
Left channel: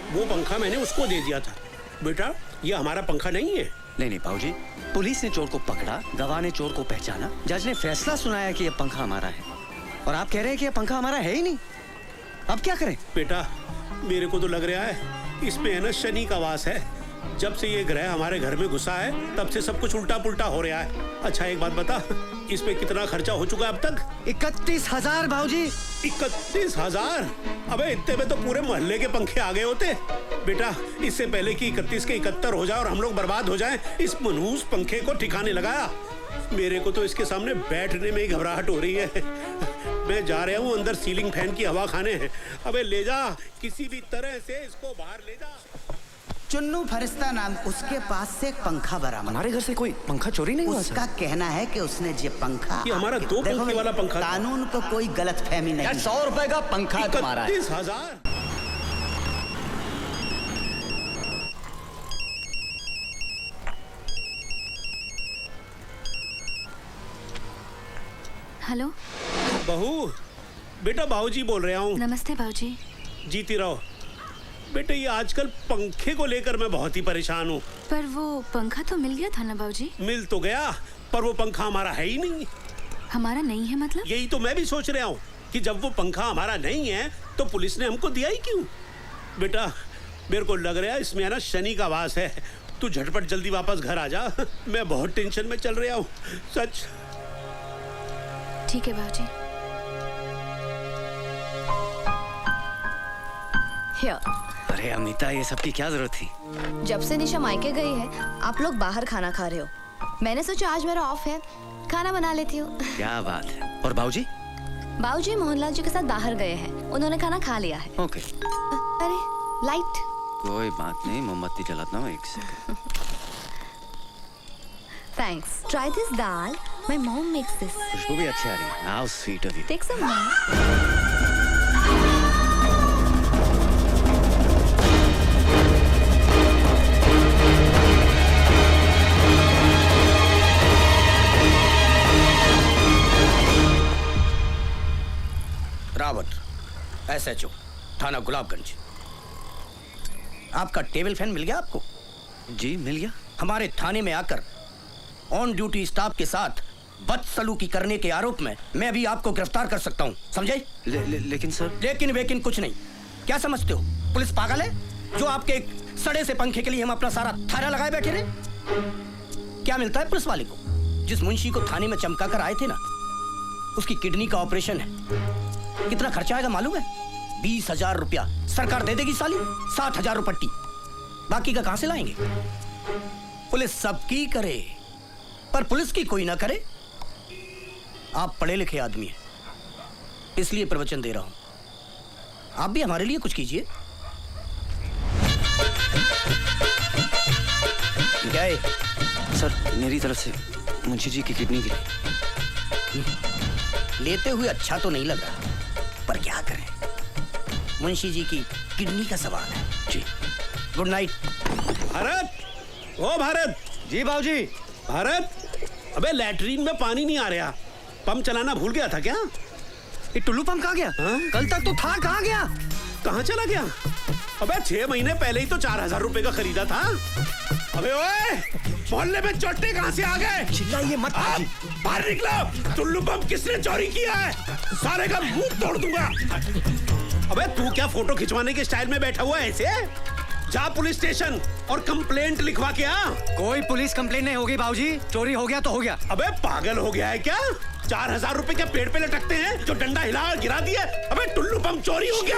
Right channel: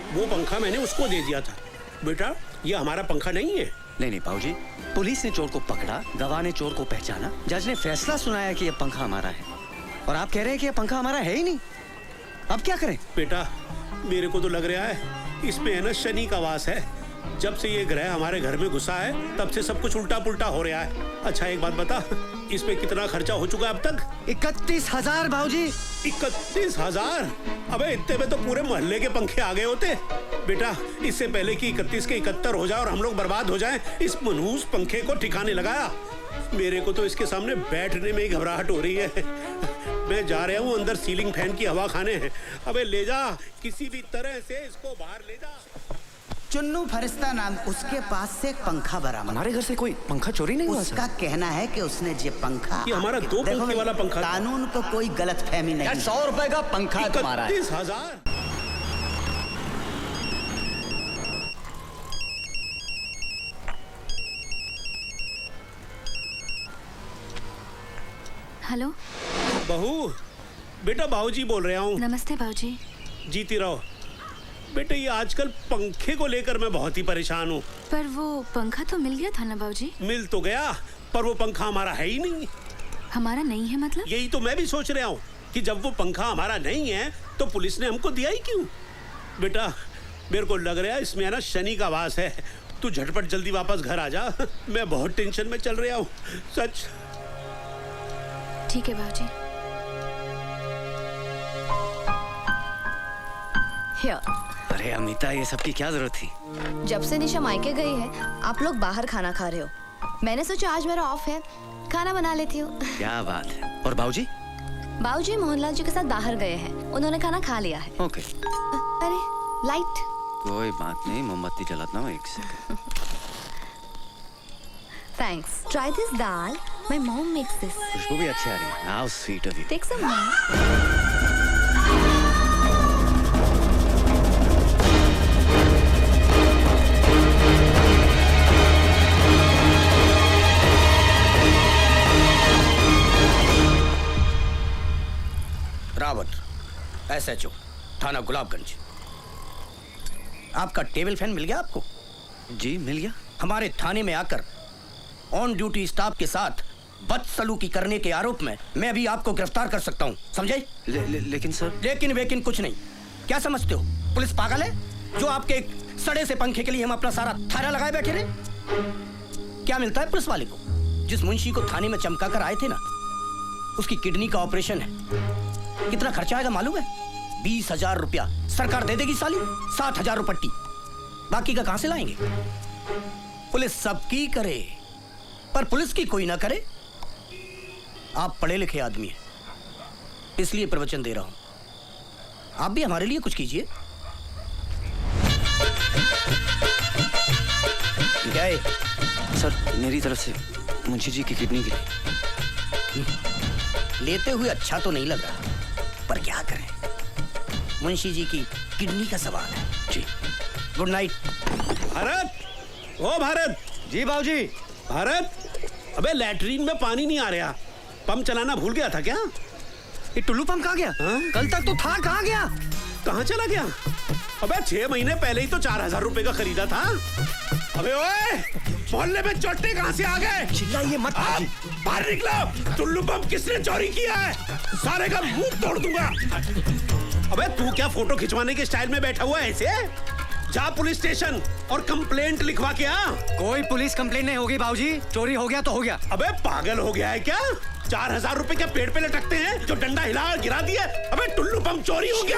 वो पंखा मैंने उसको दे दिया था। बेटा ये हमारा पंखा नहीं है। नहीं नहीं बाबूजी, पुलिस ने चोर को पकड़ा, गवाह ने चोर को पहचाना, जज ने फैसला सुनाया कि ये पंखा हमारा है, और आप कह रहे हैं कि ये पंखा हमारा है ही नहीं। अब क्या करें? बेटा मेरे को तो लग रहा है इस पे है ना शनि का वास है। जब से ये ग्रह हमारे घर में घुसा है तब से सब कुछ उल्टा पुल्टा हो रहा है। अच्छा एक बात बता, इस पे कितना खर्चा हो चुका अब तक? 31,000 भाऊजी। 31,000? अबे इतने में तो पूरे मोहल्ले के पंखे आ गए होते। बेटा इससे पहले कि 31 के 71 हो जाए और हम लोग बर्बाद हो जाएं, इस मनहूस पंखे को ठिकाने लगाया। मेरे को तो इसके सामने बैठने में ही घबराहट हो रही है। मैं जा रहा हूँ अंदर सीलिंग फैन की हवा खाने हैं। अबे ले जा, किसी भी तरह से इसको बाहर ले जा। चुन्नू फरिश्ता नाम, उसके पास से एक पंखा बरामद। हमारे घर से कोई पंखा चोरी नहीं हुआ? उसका कहना है कि उसने जो पंखा, ये हमारा 2 पंखे वाला पंखा। कानून को कोई गलत फहमी नहीं। 100 रुपए का पंखा तुम्हारा है। 31,000? हेलो बहू, बेटा बाबूजी बोल रहा हूँ। नमस्ते बाबूजी। जीती रहो। बेटे ये आजकल पंखे को लेकर मैं बहुत ही परेशान हूँ। पर वो पंखा तो मिल गया था ना बाबूजी? मिल तो गया, पर वो पंखा हमारा है ही नहीं। हमारा नहीं है मतलब? यही तो मैं भी सोच रहा हूँ कि जब वो पंखा हमारा नहीं है तो पुलिस ने हमको दिया ही क्यों? बेटा मेरे को लग रहा है इसमें है ना शनि का वास है। तू झटपट जल्दी वापस घर आ जा, मैं बहुत टेंशन में चल रहा हूँ सच। ठीक है बाबूजी। अरे अमिता, ये सब की क्या जरूरत थी? जब से निशा मायके गई है आप लोग बाहर खाना खा रहे हो। मैंने सोचा आज मेरा ऑफ है खाना बना लेती हूँ। क्या बात है। और बाबूजी? बाबूजी मोहनलाल जी के साथ बाहर गए हैं, उन्होंने खाना खा लिया है। ओके। अरे लाइट। कोई बात नहीं, मोमबत्ती जलाता हूँ एक second. Thanks. Try this dal. My mom makes this. खुशबू भी अच्छी आ रही है। How sweet of you. Take some. Rawat, SHO, थाना गुलाबगंज। आपका टेबल फैन मिल गया आपको? जी मिल गया। हमारे थाने में आकर ऑन ड्यूटी स्टाफ के साथ बदसलूकी करने के आरोप में मैं भी आपको गिरफ्तार कर सकता हूँ, समझे? लेकिन सर। लेकिन वेकिन कुछ नहीं। क्या समझते हो, पुलिस पागल है जो आपके एक सड़े से पंखे के लिए हम अपना सारा थाना लगाए बैठे रहे? क्या मिलता है पुलिस वाले को? जिस मुंशी को थाने में चमका कर आए थे ना, उसकी किडनी का ऑपरेशन है। कितना खर्चा आएगा मालूम है? 20,000 रुपया सरकार दे देगी साली, 7,000 पट्टी। बाकी का कहां से लाएंगे? पुलिस सबकी करे पर पुलिस की कोई ना करे। आप पढ़े लिखे आदमी हैं, इसलिए प्रवचन दे रहा हूं। आप भी हमारे लिए कुछ कीजिए। गए सर, मेरी तरफ से मुंशी जी की किडनी भी लेते हुए अच्छा तो नहीं लगा, पर क्या करें, मुंशी जी की किडनी का सवाल है। जी गुड नाइट। भारत, ओ भारत। जी बाबूजी। भारत, अबे लैट्रीन में पानी नहीं आ रहा, पंप चलाना भूल गया था क्या? ये टुल्लू पंप कहाँ गया? कल तक तो था, कहाँ गया? कहाँ चला गया? अबे 6 महीने पहले ही तो 4,000 रुपए का खरीदा था। अबे ओए, मोहल्ले में चोटे कहाँ से आ गए? चिल्लाइए मत। बाहर निकलो, टुल्लू पंप किसने चोरी किया है? सारे का मुंह तोड़ दूंगा। अबे तू क्या फोटो खिंचवाने के स्टाइल में बैठा हुआ है ऐसे? जा पुलिस स्टेशन और कंप्लेंट लिखवा के आ। कोई पुलिस कंप्लेंट नहीं होगी बाबूजी, चोरी हो गया तो हो गया। अबे पागल हो गया है क्या? 4,000 रुपए क्या पेड़ पे लटकते हैं जो डंडा हिला और गिरा दिया? अबे टुल्लू पंप चोरी हो गया।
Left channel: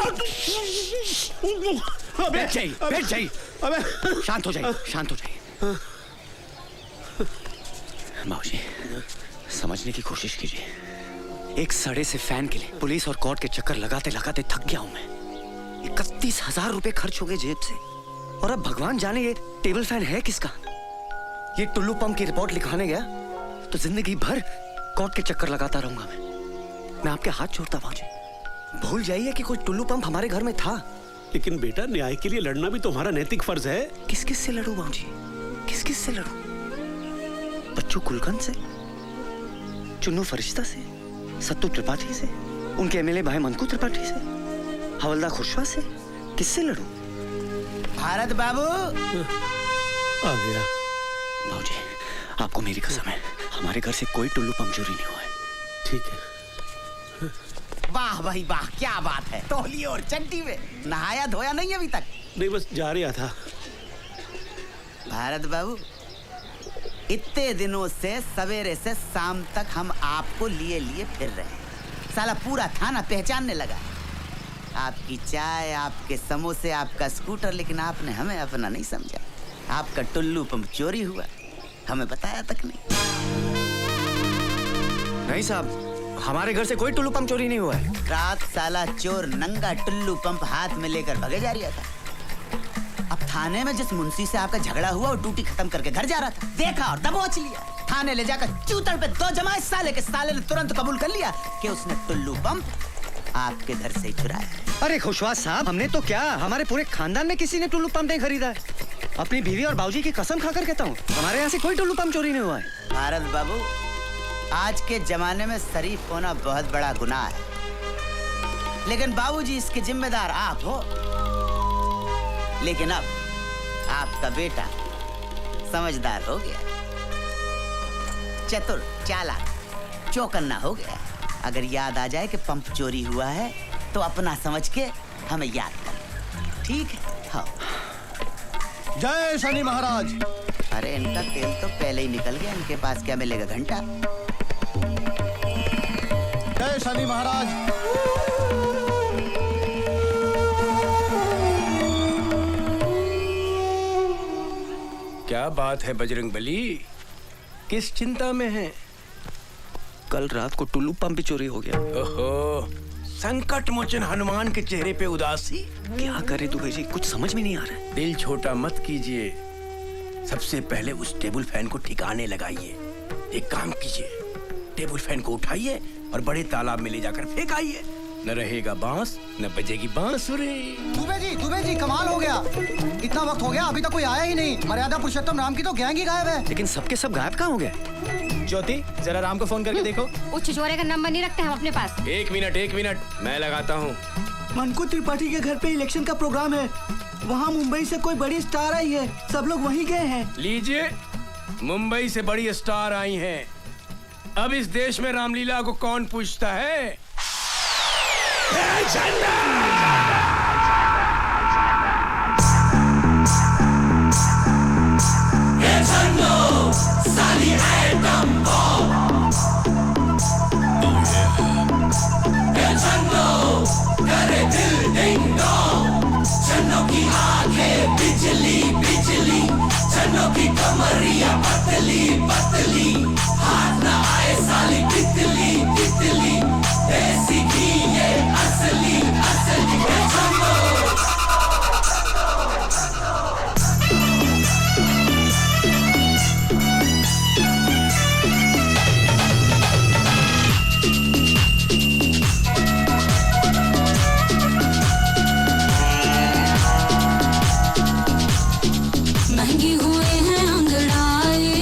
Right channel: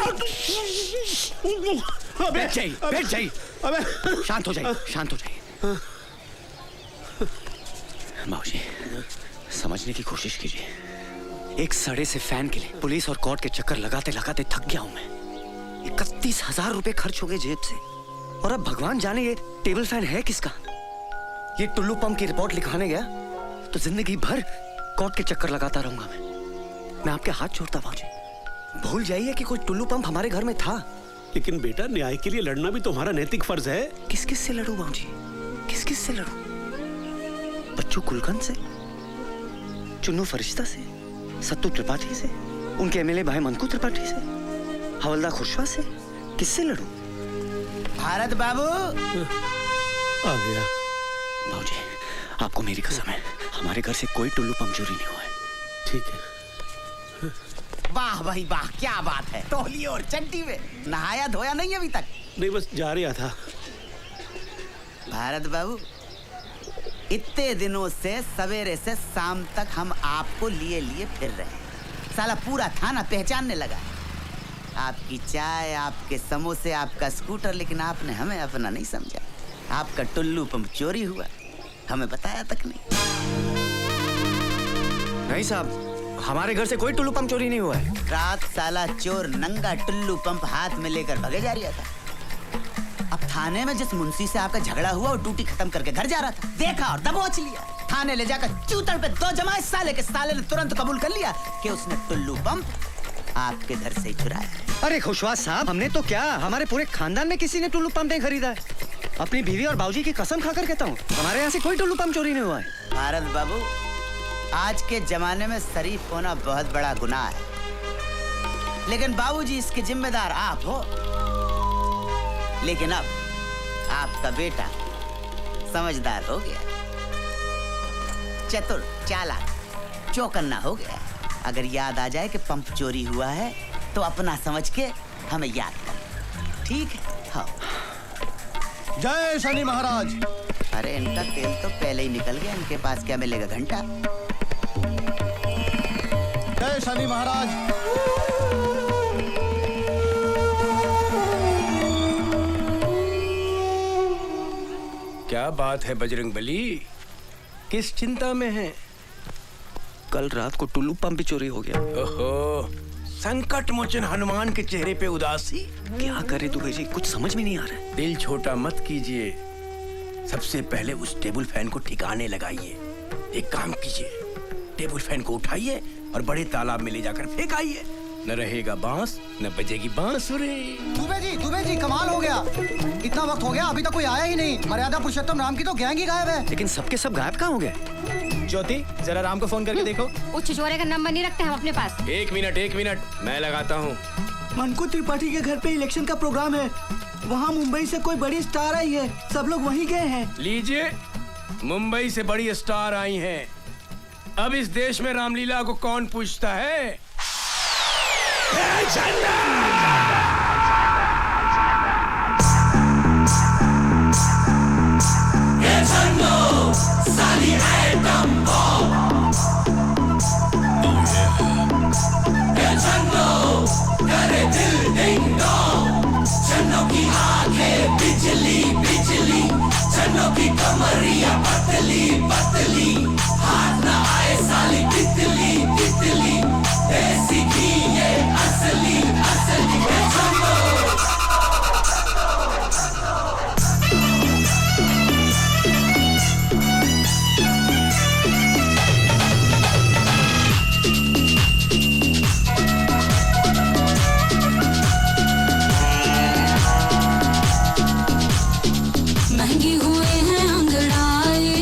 अबे बैठ जाइए। अबे शांत हो जाइए, शांत हो जाइए। बाबूजी, समझने की कोशिश कीजिए। एक सड़े से फैन के लिए पुलिस और कोर्ट के चक्कर लगाते लगाते थक गया हूं मैं। 31,000 रुपए खर्च हो गए जेब से, और अब भगवान जाने ये टेबल फैन है किसका। ये टुल्लू पंप की रिपोर्ट लिखवाने गया तो जिंदगी भर कोर्ट के चक्कर लगाता रहूंगा मैं आपके हाथ जोड़ता बाबूजी, भूल जाइए कि कोई टुल्लू पंप हमारे घर में था। लेकिन बेटा, न्याय के लिए लड़ना भी तुम्हारा नैतिक फर्ज है। किस किस से लड़ूं बाबूजी, किस किस से लड़ूं? बच्चू गुलकंद से, चुन्नू फरिश्ता से, सत्तू त्रिपाठी से, उनके एमएलए भाई मनकू त्रिपाठी से, हवलदार खुशवा से, किससे लड़ूं? भारत बाबू आ गया। बाबूजी, आपको मेरी कसम है, हमारे घर से कोई टुल्लू पंप चोरी नहीं हुआ है। ठीक है। वाह भाई वाह, क्या बात है। तौलिए और चड्डी में नहाया धोया नहीं अभी तक? नहीं, बस जा रहा था। भारत बाबू, इतने दिनों से सवेरे से शाम तक हम आपको लिए लिए फिर रहे हैं। साला पूरा थाना पहचानने लगा। आपकी चाय, आपके समोसे, आपका स्कूटर, लेकिन आपने हमें अपना नहीं समझा। आपका टुल्लू पंप चोरी हुआ, हमें बताया तक नहीं। नहीं साहब, हमारे घर से कोई टुल्लू पंप चोरी नहीं हुआ है। रात साला चोर नंगा टुल्लू पंप हाथ में लेकर भगे जा रहा था। अब थाने में जिस मुंशी से आपका झगड़ा हुआ और ड्यूटी खत्म करके घर जा रहा था, देखा और दबोच लिया। थाने ले जाकर चूतड़ पे 2 जमाए साले के। साले ने तुरंत कबूल कर लिया कि उसने टुल्लू पंप आपके घर से ही चुराया। अरे खुशवा साहब, हमने तो क्या, हमारे पूरे खानदान में किसी ने टुल्लू पंप नहीं खरीदा है। अपनी बीवी और बाबूजी की कसम खाकर कहता हूँ, हमारे यहाँ से कोई टुल्लू पंप चोरी नहीं हुआ है। भारत बाबू, आज के जमाने में शरीफ होना बहुत बड़ा गुनाह है, लेकिन बाबूजी इसके जिम्मेदार आप हो। लेकिन अब आपका बेटा समझदार हो गया, चतुर, चालाक, चौकन्ना हो गया। अगर याद आ जाए कि पंप चोरी हुआ है तो अपना समझ के हमें याद कर, ठीक है? हाँ। जय शनि महाराज। अरे इनका तेल तो पहले ही निकल गया, इनके पास क्या मिलेगा घंटा? जय शनि महाराज। क्या बात है बजरंगबली, किस चिंता में है? कल रात को टुल्लू पंप भी चोरी हो गया। ओहो, संकट मोचन हनुमान के चेहरे पे उदासी। क्या करे दुबे जी, कुछ समझ में नहीं आ रहा है। दिल छोटा मत कीजिए, सबसे पहले उस टेबल फैन को ठिकाने लगाइए। एक काम कीजिए, टेबल फैन को उठाइए और बड़े तालाब में ले जाकर फेंकाइए। न रहेगा बांस, न बजेगी बांसुरी। दुबे जी कमाल हो गया। इतना वक्त हो गया अभी तक कोई आया ही नहीं। मर्यादा पुरुषोत्तम राम की तो गैंग ही गायब है। लेकिन सबके सब गायब कहाँ हो गए? ज्योति जरा राम को फोन करके देखो। वो छिछोरे का नंबर नहीं रखते हम अपने पास। एक मिनट, मैं लगाता हूँ। मनकू त्रिपाठी के घर पे इलेक्शन का प्रोग्राम है। वहाँ मुंबई से कोई बड़ी स्टार आई है, सब लोग वहीं गए हैं। लीजिए, मुंबई से बड़ी स्टार आई हैं। अब इस देश में रामलीला को कौन पूछता है? चन्नों की आंखें बिजली बिजली, चन्नों की कमरिया पतली पतली, हाथ न आए साली तितली तितली, ऐसी की ये असली असली महंगी हुए हैं अंगड़ाई,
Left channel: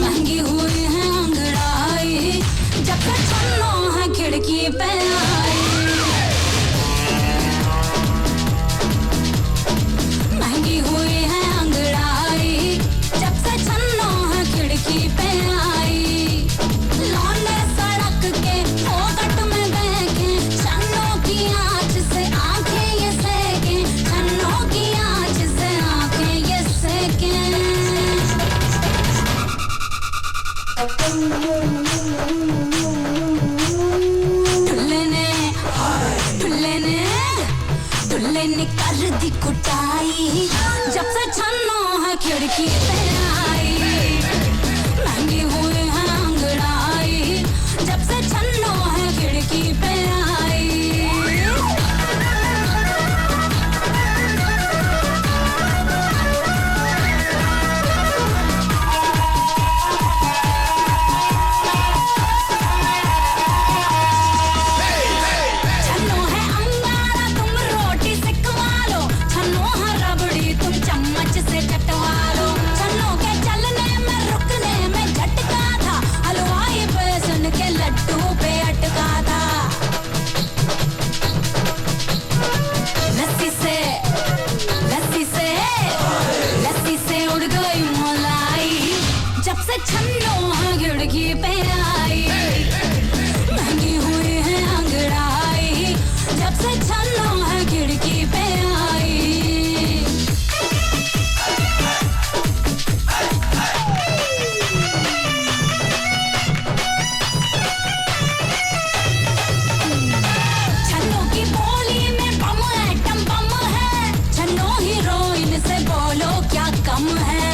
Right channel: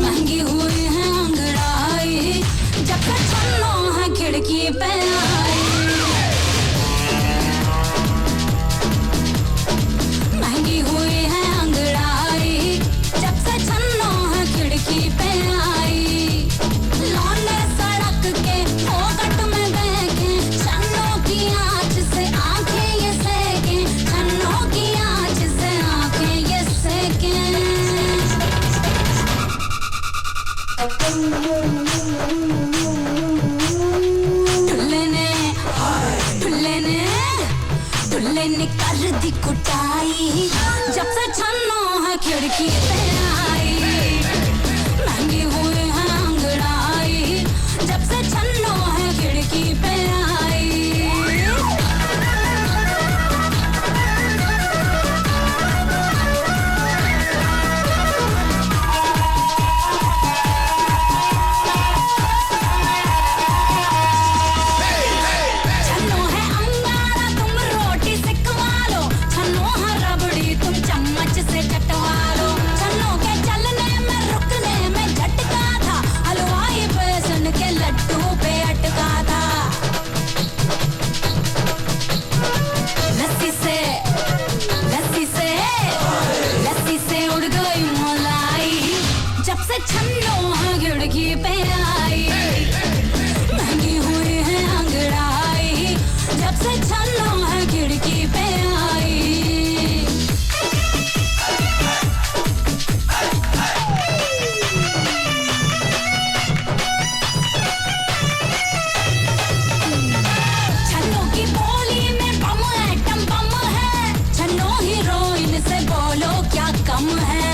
महंगी हुए हैं अंगड़ाई, जब तक चलो है खिड़की पे आई। महंगी हुए हैं अंगड़ाई, जब से चलो है खिड़की पे आई। लौंडे सड़क के फोकट में देखे, चन्नों की आँच से आंखें ये सेके, चन्नों की आँच से आंखें ये सेके। दुल्ले ने कर दी कुटाई, जब से चन्नों है खिड़की पे आई। महंगी हुए हैं अंगड़ाई, जब से चन्नों है खिड़की पे आई। छन्नो है अंगारा तुम रोटी से खवा लो, छन्नो है रबड़ी तुम चम्मच से चटवा लो। छन्नो के चलने में रुकने में झटका था, हलवाई बेसन के लड्डू पे अटका था। लस्सी से लस्सी से लस्सी से उड़ गई मलाई, जब से छन्नो है खिड़की पे आई। महंगी हुई है अंगड़ाई, जब से चलो है खिड़की पे आई। छन्नो की बोली में बम एटम बम है, छन्नो हीरोइन से बोलो क्या कम है।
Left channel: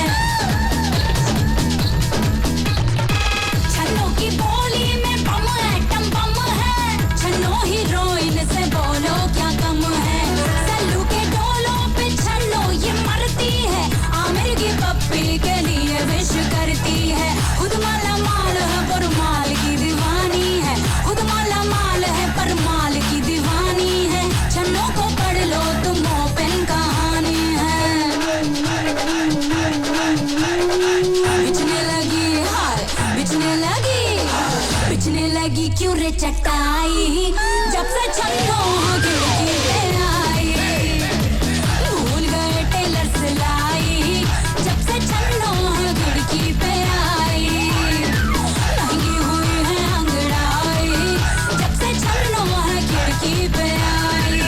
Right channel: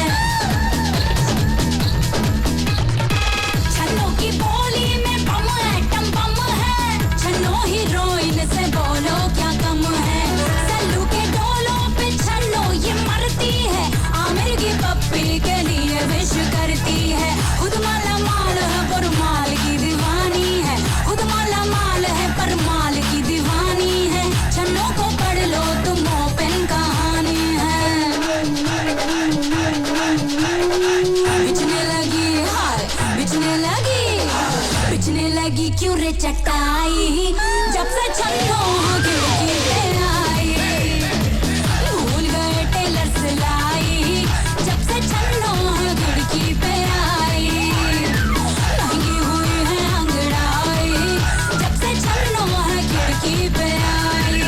छन्नो की बोली में बम एटम बम है, छन्नो हीरोइन से बोलो क्या कम है। सल्लू के डोलों पे छन्नो ये मरती है, आमिर की पप्पी के लिए विश करती है। खुद वाला माल है पर माल की दीवानी है, खुद वाला माल है पर माल की दीवानी है। छन्नो को पढ़ लो तुम ओपन कहानी है। बिछने लगी हार, बिछने लगी क्यों रे चटाई, जब से छन्नो खिड़की पे आई। भूल गए टेलर सिलाई, जब से छन्नो खिड़की पे आई। महंगी हुई है अंगड़ाई, जब से छन्नो खिड़की पे आई।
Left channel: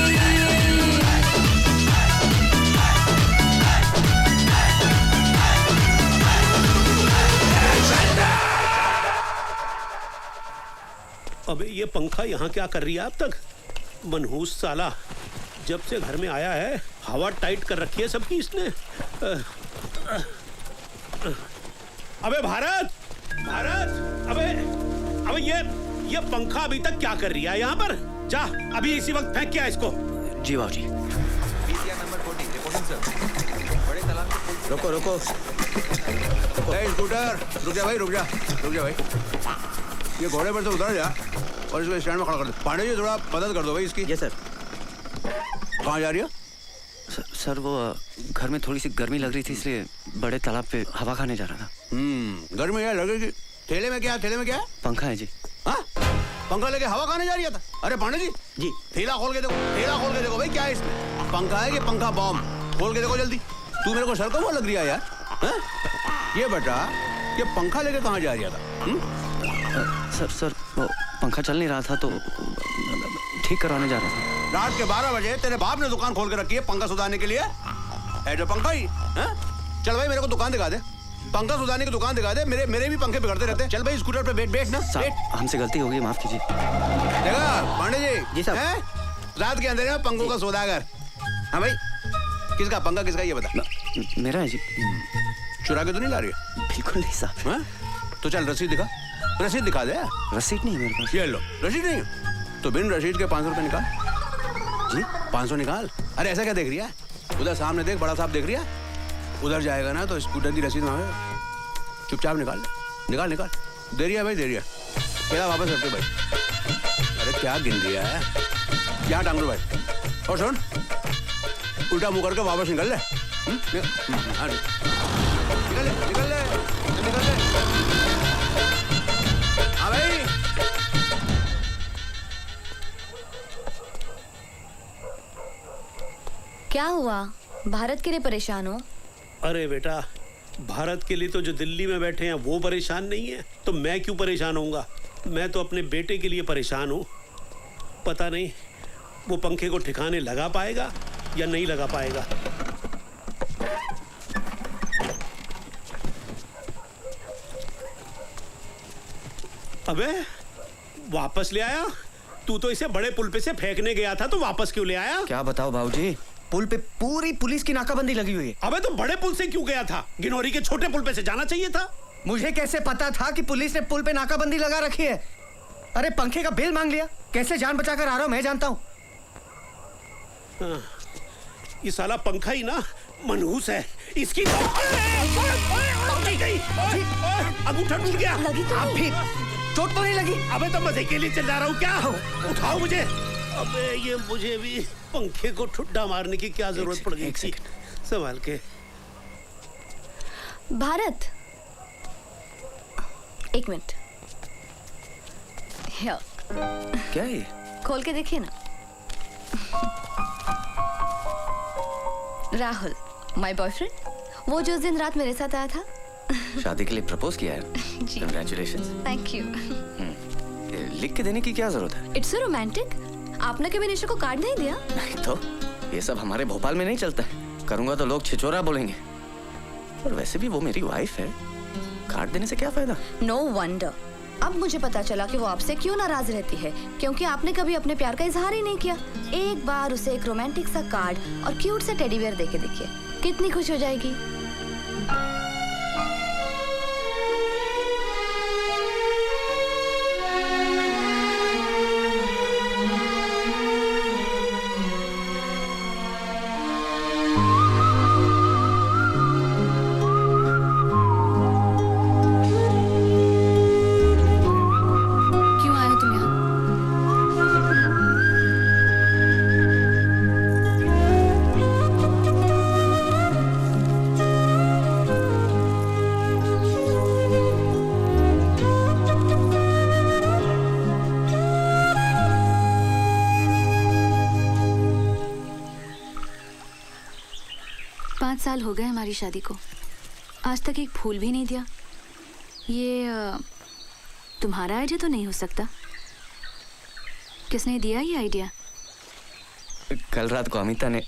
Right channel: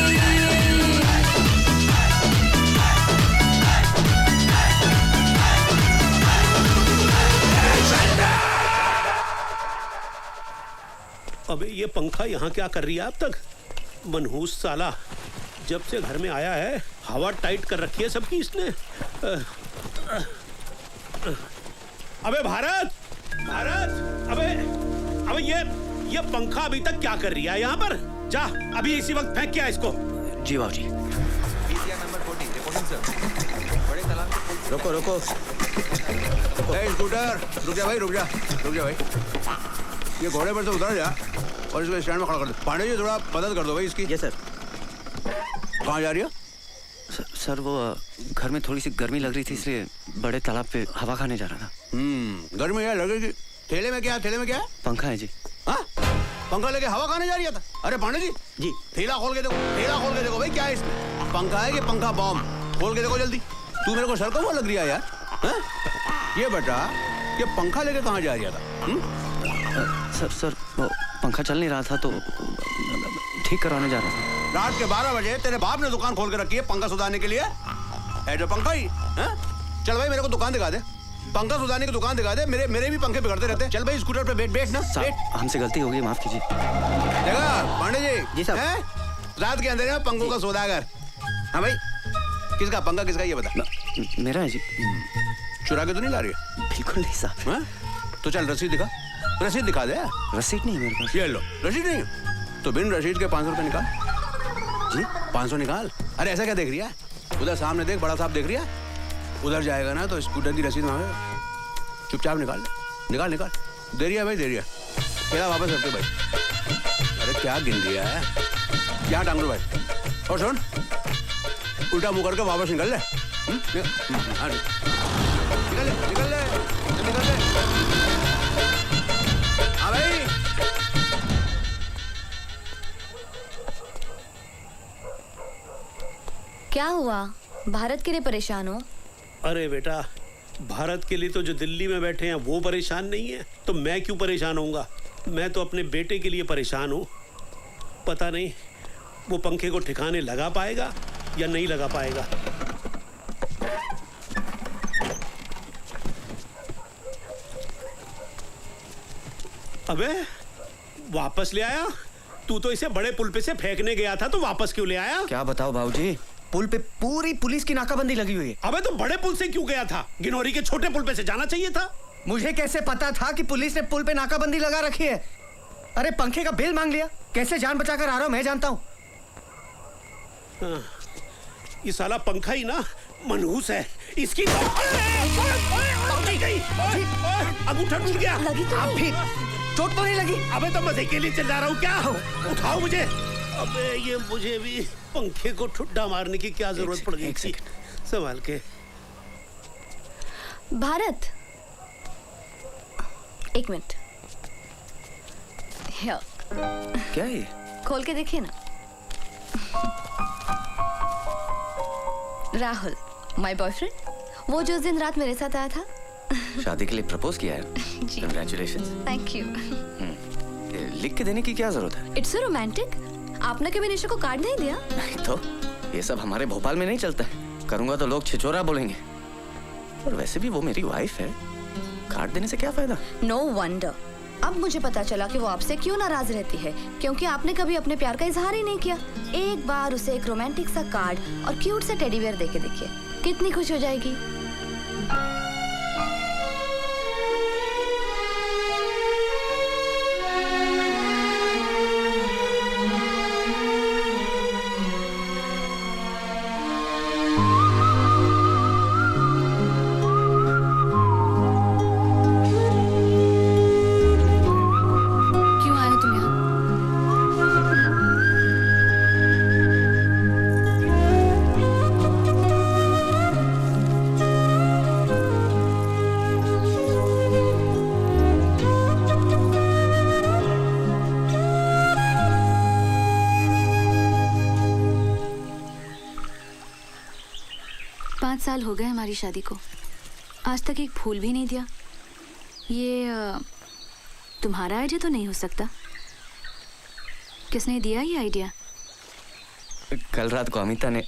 अब ये पंखा यहाँ क्या कर रही है अब तक? मनहूस साला, जब से घर में आया है हवा टाइट कर रखी है सबकी इसने। अबे भारत, भारत, अबे ये पंखा अभी तक क्या कर रही है यहाँ पर? जा अभी इसी वक्त फेंक क्या इसको। जी बाबूजी। रुको रुको। स्कूटर रुक जा भाई, रुक जा भाई। ये घोड़े पर से उतर जा और इसको स्टैंड में खड़ा कर दो। पांडे जी थोड़ा मदद कर दो भाई इसकी। Yes sir. कहाँ जा रही है? सर वो घर में थोड़ी सी गर्मी लग रही थी, इसलिए बड़े तालाब पे हवा खाने जा रहा था। गर्मी है लग रही थी। ठेले में क्या है? पंखा है जी। हाँ, पंखा लेके हवा खाने जा रही था? अरे पांडे जी ठेला खोल के देखो भाई, क्या है इसमें? पंखा है कि पंखा बॉम्ब? खोल के देखो जल्दी। तू मेरे को सर को वो लग रही है यार। ये बेटा, ये पंखा लेके कहाँ जा रही था? सर वो पंखा चल नहीं रहा था तो ठीक करवाने जा रहा था। रात के 12 बजे तेरे बाप ने दुकान खोल के रखी है पंखा सुधारने के लिए? ऐसा पंखा ही? चल भाई मेरे को दुकान दिखा दे, पंखा सुधारने की दुकान दिखा दे। मेरे भी पंखे बिगड़ते रहते हैं। चल भाई स्कूटर पे बैठ ना। हमसे गलती हो गई, माफ कीजिए। पांडे जी साहब, रात के अंधेरे में पंखों का सौदागर। हाँ भाई, किसका पंखा किसका ये बता। मेरा है जी। चुरा के तो नहीं ला रही है? बिल्कुल नहीं साहब। तो चल रसीद दिखा, रसीद दिखा दे। रसीद नहीं है मेरे पास। ये लो, रसीद नहीं है तो बिन रसीद के 500 रुपए निकाल। जी 500 निकाल। अरे ऐसा क्या देख रही है? उधर सामने देख, बड़ा साहब देख रही है। उधर जाएगा ना तो स्कूटर की रसीद मांगेगा। चुपचाप निकाल। दे रही है भाई, दे रही है। मेरा वापस रखते भाई। अरे क्या गिन दिया है? क्या टांग लो भाई। और सुन, उल्टा मुंह करके वापस निकल ले। निकल ले। हाँ भाई। क्या हुआ? भारत के लिए परेशान हो? अरे बेटा, भारत के लिए तो जो दिल्ली में बैठे हैं वो परेशान नहीं है, तो मैं क्यों परेशान होऊंगा? मैं तो अपने बेटे के लिए परेशान हूँ। पता नहीं वो पंखे को ठिकाने लगा पाएगा या नहीं लगा पाएगा। अबे वापस ले आया? तू तो इसे बड़े पुल पे से फेंकने गया था, तो वापस क्यों ले आया? क्या बताओ बाबूजी, पुल पे पूरी पुलिस की नाकाबंदी लगी हुई है। अबे तो बड़े पुल से क्यों गया था? गिनौरी के छोटे पुल पे से जाना चाहिए था। मुझे कैसे पता था कि पुलिस ने पुल पे नाकाबंदी लगा रखी है? अरे पंखे का बिल मांग लिया, कैसे जान बचाकर आ रहा हूँ मैं जानता हूँ। ये साला पंखा ही ना मनहूस है इसकी। अब उठ गया। आप भी चोट तो नहीं लगी? अबे तो मजे के लिए चला रहा हूँ क्या? उठाओ मुझे। अबे ये मुझे भी पंखे को ठुड्डा मारने की क्या जरूरत पड़ गई थी? संभाल के। भारत, एक मिनट। क्या ये? खोल के देखिए ना। राहुल, माय बॉयफ्रेंड, वो जो उस दिन रात मेरे साथ आया था। शादी के लिए प्रपोज किया है? जी। Congratulations। Thank you. लिख के देने की क्या जरूरत है? It's so romantic. आपने कभी निशा को कार्ड नहीं दिया? नहीं तो, ये सब हमारे भोपाल में नहीं चलता है। करूंगा तो लोग छिछोरा बोलेंगे। और वैसे भी वो मेरी वाइफ है, कार्ड देने से क्या फायदा? No wonder. अब मुझे पता चला कि वो आपसे क्यों नाराज रहती है, क्योंकि आपने कभी अपने प्यार का इजहार ही नहीं किया। एक बार उसे एक रोमांटिक सा कार्ड और क्यूट सा टेडी बियर देके देखिए, कितनी खुश हो जाएगी। क्यों आए तुम यहाँ? 5 साल हो गए हमारी शादी को, आज तक एक फूल भी नहीं दिया। ये तुम्हारा आइडिया तो नहीं हो सकता? किसने दिया ये आइडिया? कल रात को अमिता ने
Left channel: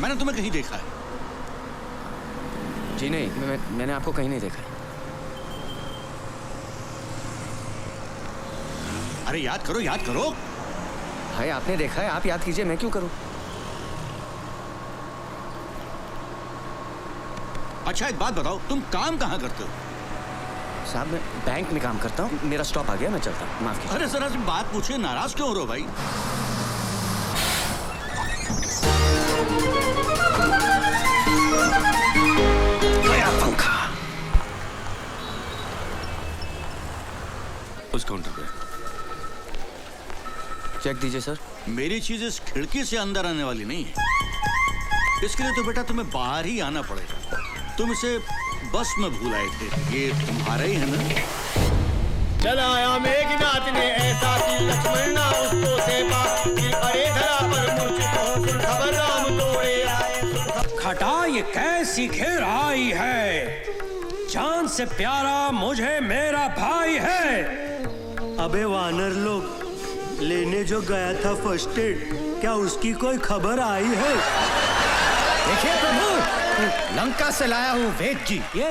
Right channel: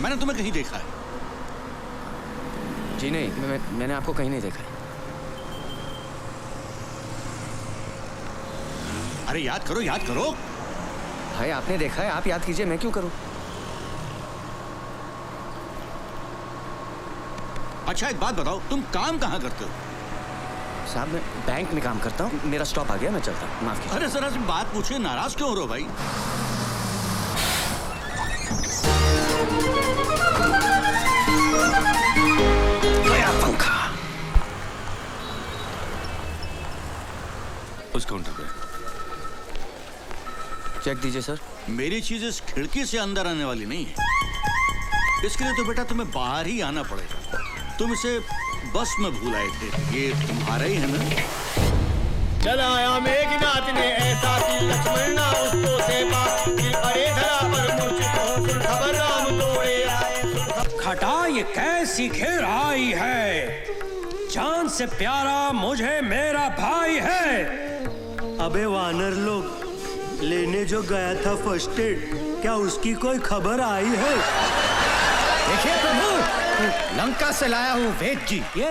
मैंने तुम्हें कहीं देखा है? जी नहीं, मैंने आपको कहीं नहीं देखा। अरे याद करो, याद करो। भाई आपने देखा है, आप याद कीजिए, मैं क्यों करूं? अच्छा एक बात बताओ, तुम काम कहाँ करते हो? साहब मैं बैंक में काम करता हूँ, मेरा स्टॉप आ गया, मैं चलता हूँ, माफ कीजिए। अरे सर तुम बात पूछे, नाराज क्यों हो रहे हो भाई? पंखा उस काउंटर पे चेक दीजिए सर। मेरी चीज इस खिड़की से अंदर आने वाली नहीं है, इसके लिए तो बेटा तुम्हें बाहर ही आना पड़ेगा। तुम इसे बस में भूल आए थे, ये तुम्हारा ही है ना? चला आया मेघनाथ ने ऐसा कि लक्ष्मण ना उसको सेवा, फिर अरे धरा पर मूर्छित हो, सुन खबर राम तोड़े आए। खटा ये कैसी घेर आई है, जान से प्यारा मुझे मेरा भाई है। अबे वानर लोग, लेने जो गया था फर्स्ट एड, क्या उसकी कोई खबर आई है? देखिए प्रभु, लंका से लाया हूँ वेद जी। ये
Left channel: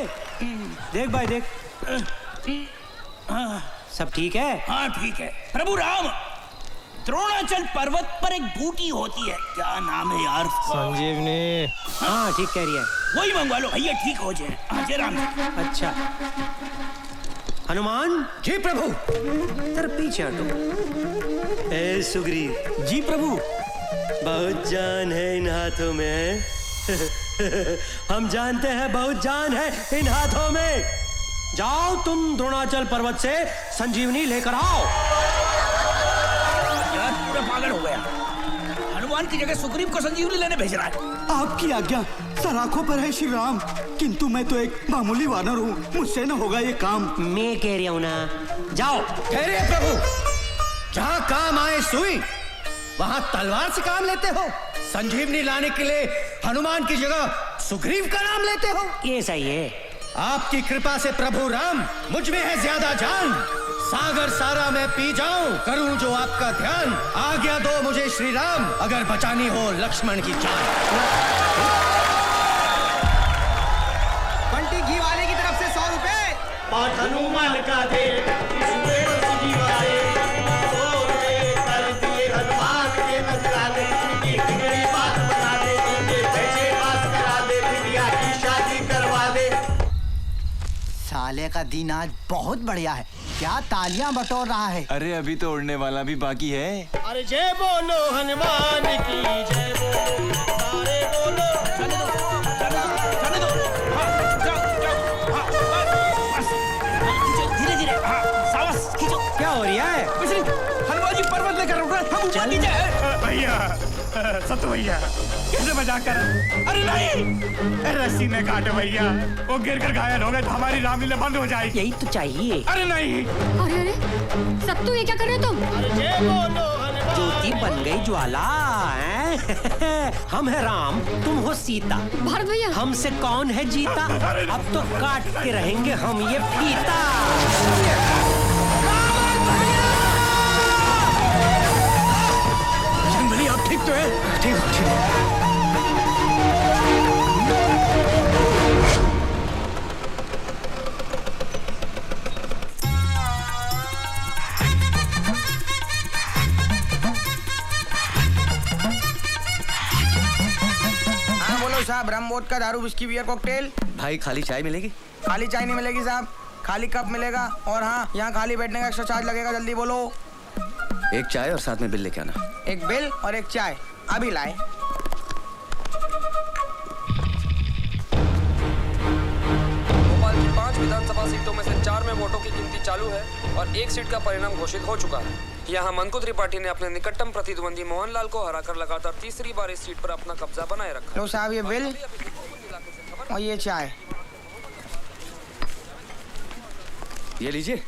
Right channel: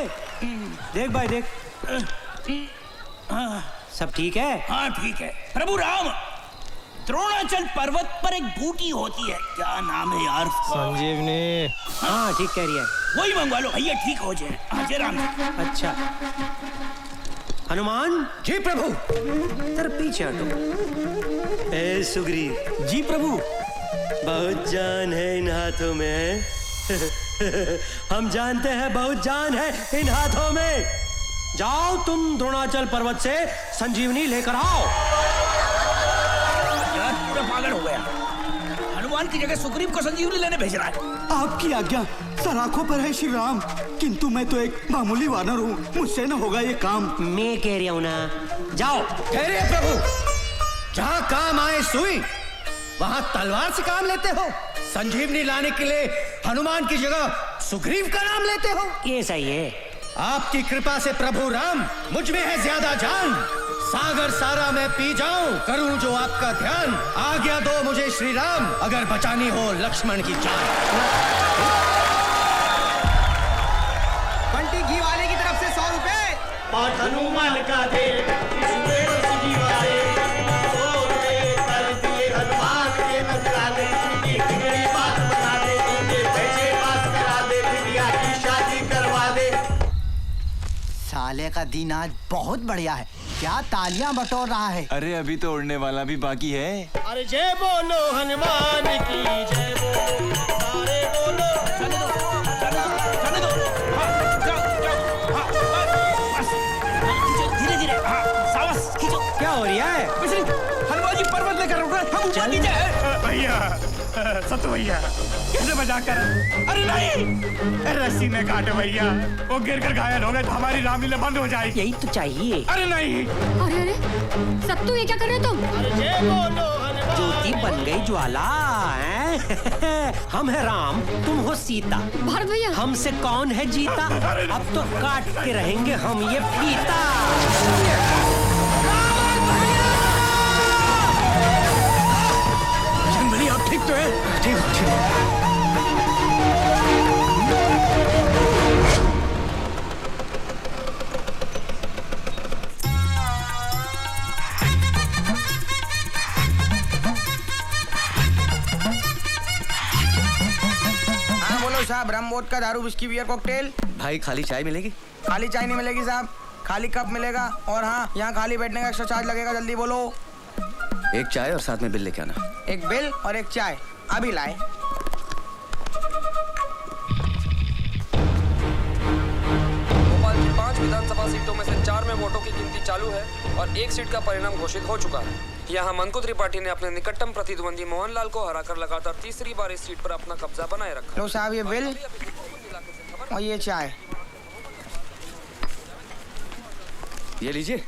देख भाई देख, सब ठीक है? हाँ ठीक है। प्रभु राम, द्रोणाचल पर्वत पर एक बूटी होती है, क्या नाम है यार? संजीवनी। हाँ ठीक कह रही है। वही मंगवा लो भैया, ठीक हो जाए। हाँ जरा। अच्छा हनुमान जी प्रभु। तेरे पीछे हटो। ए सुग्रीव जी प्रभु। बहुत जान है इन हाथों में। हम जानते हैं बहुत जान है इन हाथों में। जाओ तुम द्रोणाचल पर्वत से संजीवनी लेकर आओ। पूरा पागल हो गया, हनुमान की जगह सुग्रीव को संजीवनी लेने भेज रहा है। आपकी आज्ञा, सर आंखों पर है श्री राम, किंतु मैं तो एक मामूली वानर हूँ, मुझसे न होगा ये काम। मैं कह रही हूँ ना, जाओ। अरे प्रभु, जहाँ काम आए सुई, वहाँ तलवार से काम लेते हो? संजीवनी लाने के लिए हनुमान की जगह सुग्रीव का नाम लेते हो? ये सही है। आपकी कृपा से प्रभु राम, मुझ में है ज्यादा जान। सागर सारा मैं पी जाऊं, करूं जो आपका ध्यान। आज्ञा दो मुझे श्री राम, अगर बचानी हो लक्ष्मण की जान। बंटी घी वाले की तरफ से 100 रुपए। और हनुमान का दे सुदेव संजीवाले, 100 रुपए कर दिए हनुमान के नजराने। एक मेरी बात बता दे, मुझे पैसे पास करा दे, बिटिया की शादी करवा दे। साले का दिन आज बहुत बढ़िया है, क्या तालियां बटोर रहा है। अरे अभी तो उड़ने वाला भी बाकी है। अरे जय बोलो हनुमान की जय बोलो, सारे बोलो। जाने दो, जाने दो, जाने दो। हाँ, जाओ, जाओ, हाँ, बस। धीरे धीरे, हाँ, सावस खींचो। क्या हो रहा है? वैसे हनुमान जी पर्वत लेकर उड़ रहे, हम ऊपर नीचे हैं। भैया, सत्तू भैया, कैसे बचा कर? अरे नहीं, रस्सी में काटो भैया, वो गिर कर घायल हो गए तो हमारी रामलीला बंद हो जाएगी। यही तो चाहिए। अरे नहीं। अरे अरे सत्तू, ये क्या कर रहे हो तुम? अरे जय बोलो हनुमान। ज्योति बन गई ज्वाला हैं? हम है राम, तुम हो सीता। भारत भैया, हमसे कौन है जीता? अब तो काट के रहेंगे हम ये फीता। भैया ठीक तो है? ठीक है, ठीक है। हाँ बोलो साहब, रम वोडका दारू विस्की बियर कॉकटेल। भाई खाली चाय मिलेगी? खाली चाय नहीं मिलेगी साहब, खाली कप मिलेगा। और हाँ, यहाँ खाली बैठने का एक्स्ट्रा चार्ज लगेगा, जल्दी बोलो। एक चाय और साथ में बिल लेके आना। एक बिल और एक चाय, अभी लाए। भोपाल की 5 विधानसभा सीटों में से 4 में वोटों की गिनती चालू है और एक सीट का परिणाम घोषित हो चुका है। यहाँ मंकोत्री पार्टी ने अपने निकटतम प्रतिद्वंदी मोहनलाल को हराकर लगातार तीसरी बार इस सीट पर अपना कब्जा बनाए रखा। लो साहब ये बिल और ये चाय। ये लीजिए।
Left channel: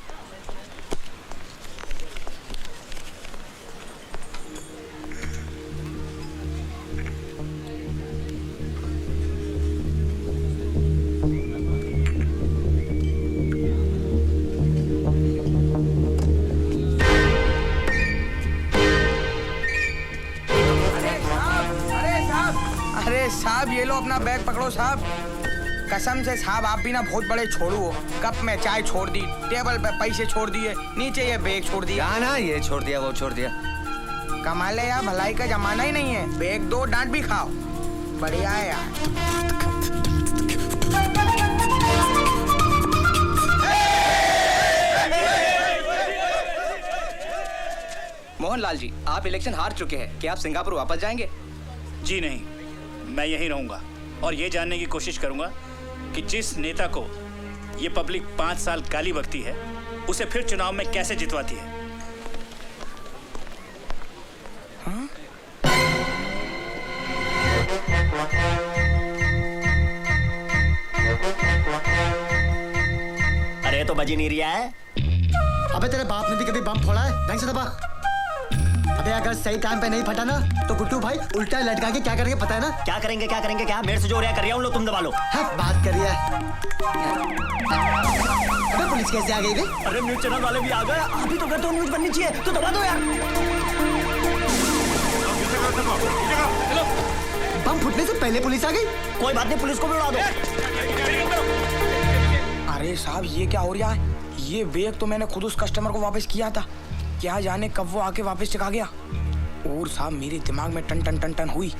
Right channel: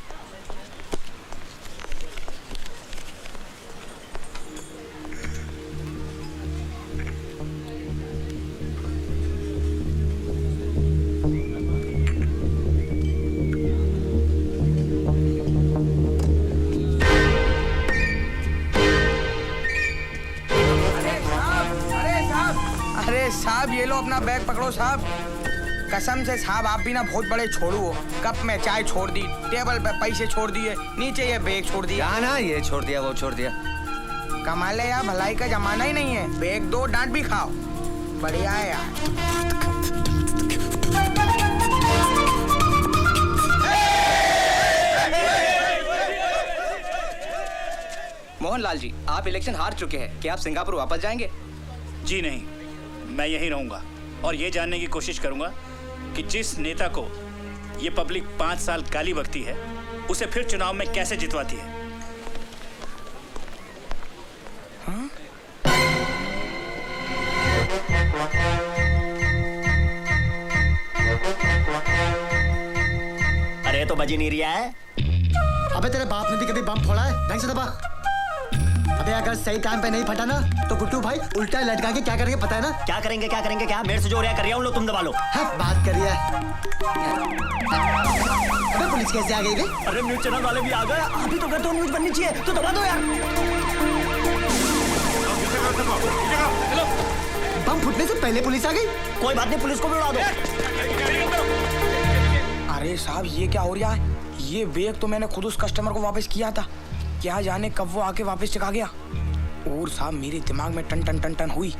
अरे अरे साहब ये लो अपना बैग पकड़ो साहब। कसम से साहब आप भी ना बहुत बड़े छोड़ू हो। कप में चाय छोड़ दी, टेबल पे पैसे छोड़ दिए, नीचे ये बैग छोड़ दिया। ना ये छोड़ दिया वो छोड़ दिया। कमाल है यार, भलाई का जमाना ही नहीं है। बैग दो डांट भी खाओ, बढ़िया है यार। मोहनलाल जी, आप इलेक्शन हार चुके हैं, क्या आप सिंगापुर वापस जाएंगे? जी नहीं, मैं यहीं रहूंगा और ये जानने की कोशिश करूंगा कि जिस नेता को ये पब्लिक 5 साल गाली बकती है उसे फिर चुनाव में कैसे जितवाती है। अरे तो बजी नहीं रिया है। अबे तेरे बाप ने भी कभी बम फोड़ा है? नहीं से दबा। अबे अगर सही टाइम पे नहीं फटा ना तो गुड्डू भाई उल्टा लटका के क्या करेंगे पता है ना? क्या करेंगे क्या मेरे से जो रिया कर रही है लो तुम दबा लो। बात करिए। अबे पुलिस कैसे आ गई बे? अरे न्यूज चैनल वाले भी आ गए। अभी तो कहते हो न्यूज बननी चाहिए तो दबा दो यार। बम फुटने से पहले पुलिस आ गई। कोई बात नहीं, पुलिस को बुला दो। अरे साहब ये क्या हो रहा है? ये बैग तो मैंने खुद उस कस्टमर को वापस किया था, क्या जाने कब वो आके वापस चका गया। और साहब मेरे दिमाग में टन टन टन टन हुई।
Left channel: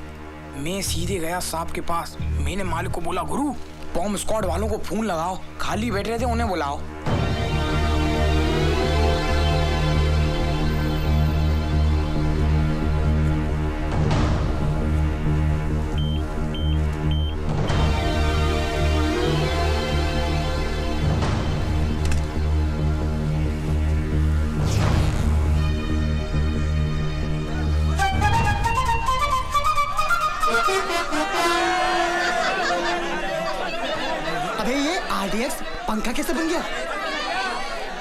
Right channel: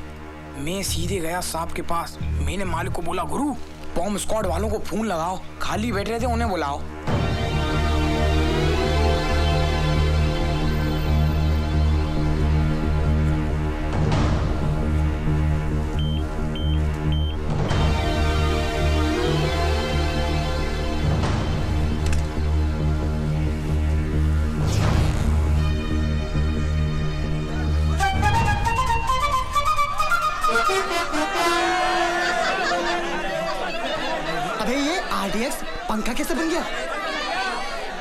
मैं सीधे गया साहब के पास। मैंने मालिक को बोला, गुरु बॉम्ब स्क्वाड वालों को फोन लगाओ, खाली बैठ रहे थे उन्हें बुलाओ। अबे ये RDX पंखा कैसे बन गया?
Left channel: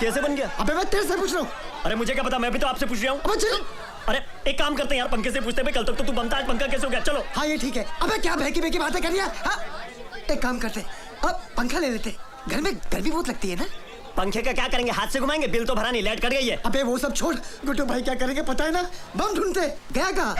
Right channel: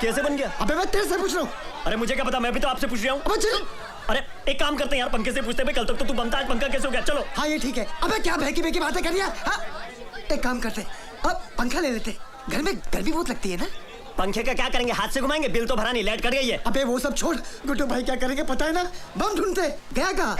कैसे बन गया? अबे मैं तेरे से पूछ रहा हूँ। अरे मुझे क्या पता, मैं भी तो आपसे पूछ रहा हूँ। अरे एक काम करते हैं यार, पंखे से पूछते हैं। कल तक तो तू बनता है, पंखा कैसे हो गया? चलो। हाँ ये ठीक है। अबे क्या बहकी बहकी बातें कर रही है? हाँ? एक काम करते, अब पंखा ले लेते। घर में गर्मी बहुत लगती है ना। पंखे का क्या करेंगे? हाथ से घुमाएंगे? बिल तो भरा नहीं, लाइट कट गई है। अबे वो सब छोड़, गुड्डू भाई क्या करेंगे पता है ना? बम ढूंढते गया कहाँ?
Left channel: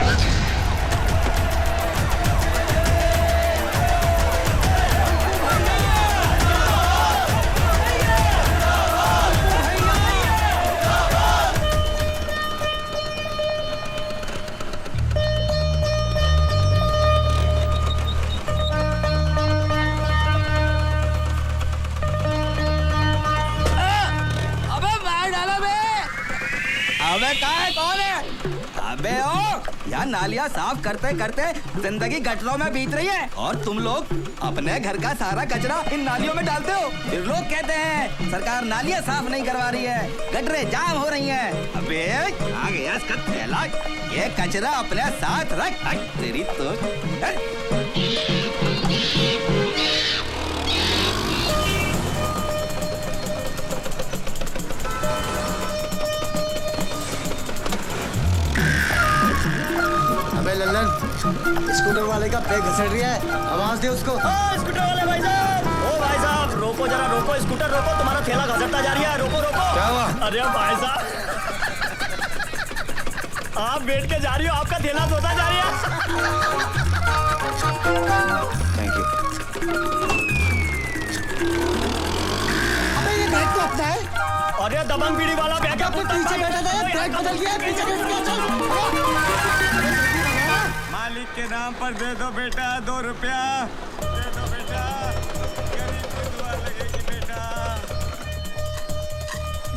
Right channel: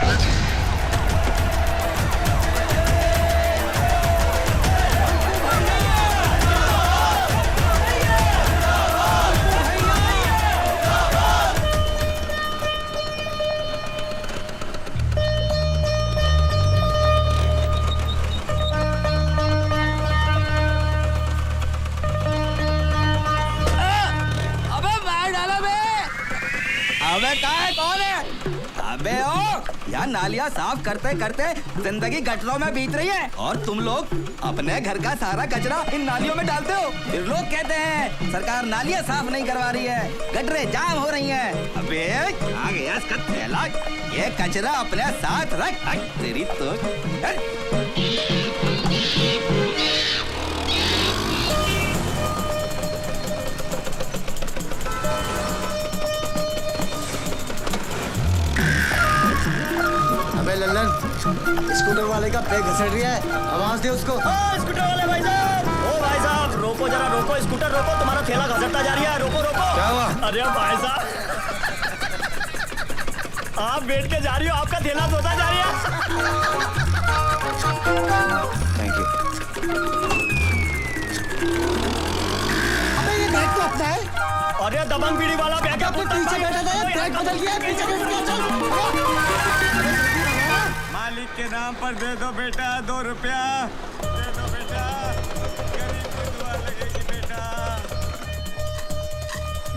अबे ओ, यार नालियाँ साफ करते करते जिंदगी गटरों में बीत रही है और तुम लोग अपने घर का सारा कचरा इन नालियों में डालते हो। फिर लोग कहते हैं सरकार नालियाँ साफ नहीं करवा रही है, गटरें जाम हो रही हैं। अबे आ गया इसका थैला, ये कचरा अपने साथ रख। तेरी तो स्कूटर वाले का पैर घसट रहा है, आवाज दे उसको। स्कूटर वाले भाई साहब, ओ भाई साहब रोको जरा, रोको स्कूटर रोको, तुम्हारा ठेला घसटता जा रहा है, रोको रोको। क्या हुआ? अरे भाई साहब आप बैठ के जा रही हो, आपका ठेला धोता जा रहा है। Thank you. ये बैग तो अच्छा है। अरे दबंग बीड़ी वाला बैग है, पीछे बैठा था, बैग बदल गया, पीछे मालिक के नाम पर दे दो बेटा 2 रुपया, दे दो बेटा, बेटा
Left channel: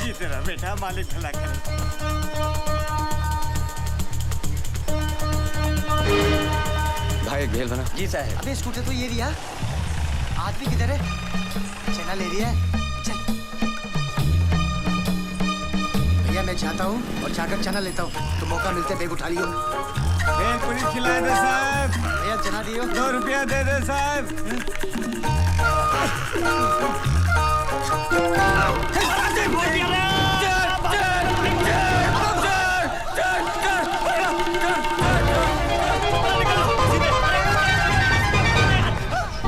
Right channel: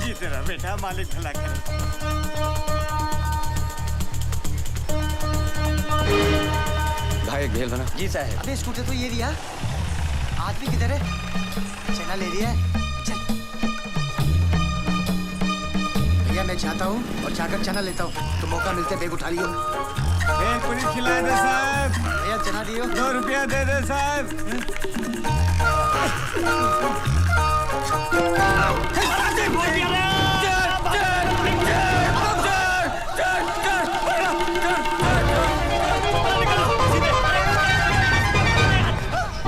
जीते रहो बेटा, मालिक भला करे। भाई भेल भरा। जी साहब। अबे स्कूटर तो ये लिया, आदमी किधर है? चला ले लिया। चल भैया मैं जाता हूँ और जाकर चना लेता हूँ, तो मौका मिलते बैग उठा लियो। बैग पूरी खिला दे साहब, भैया चना दियो। 2 रुपया दे दे साहब।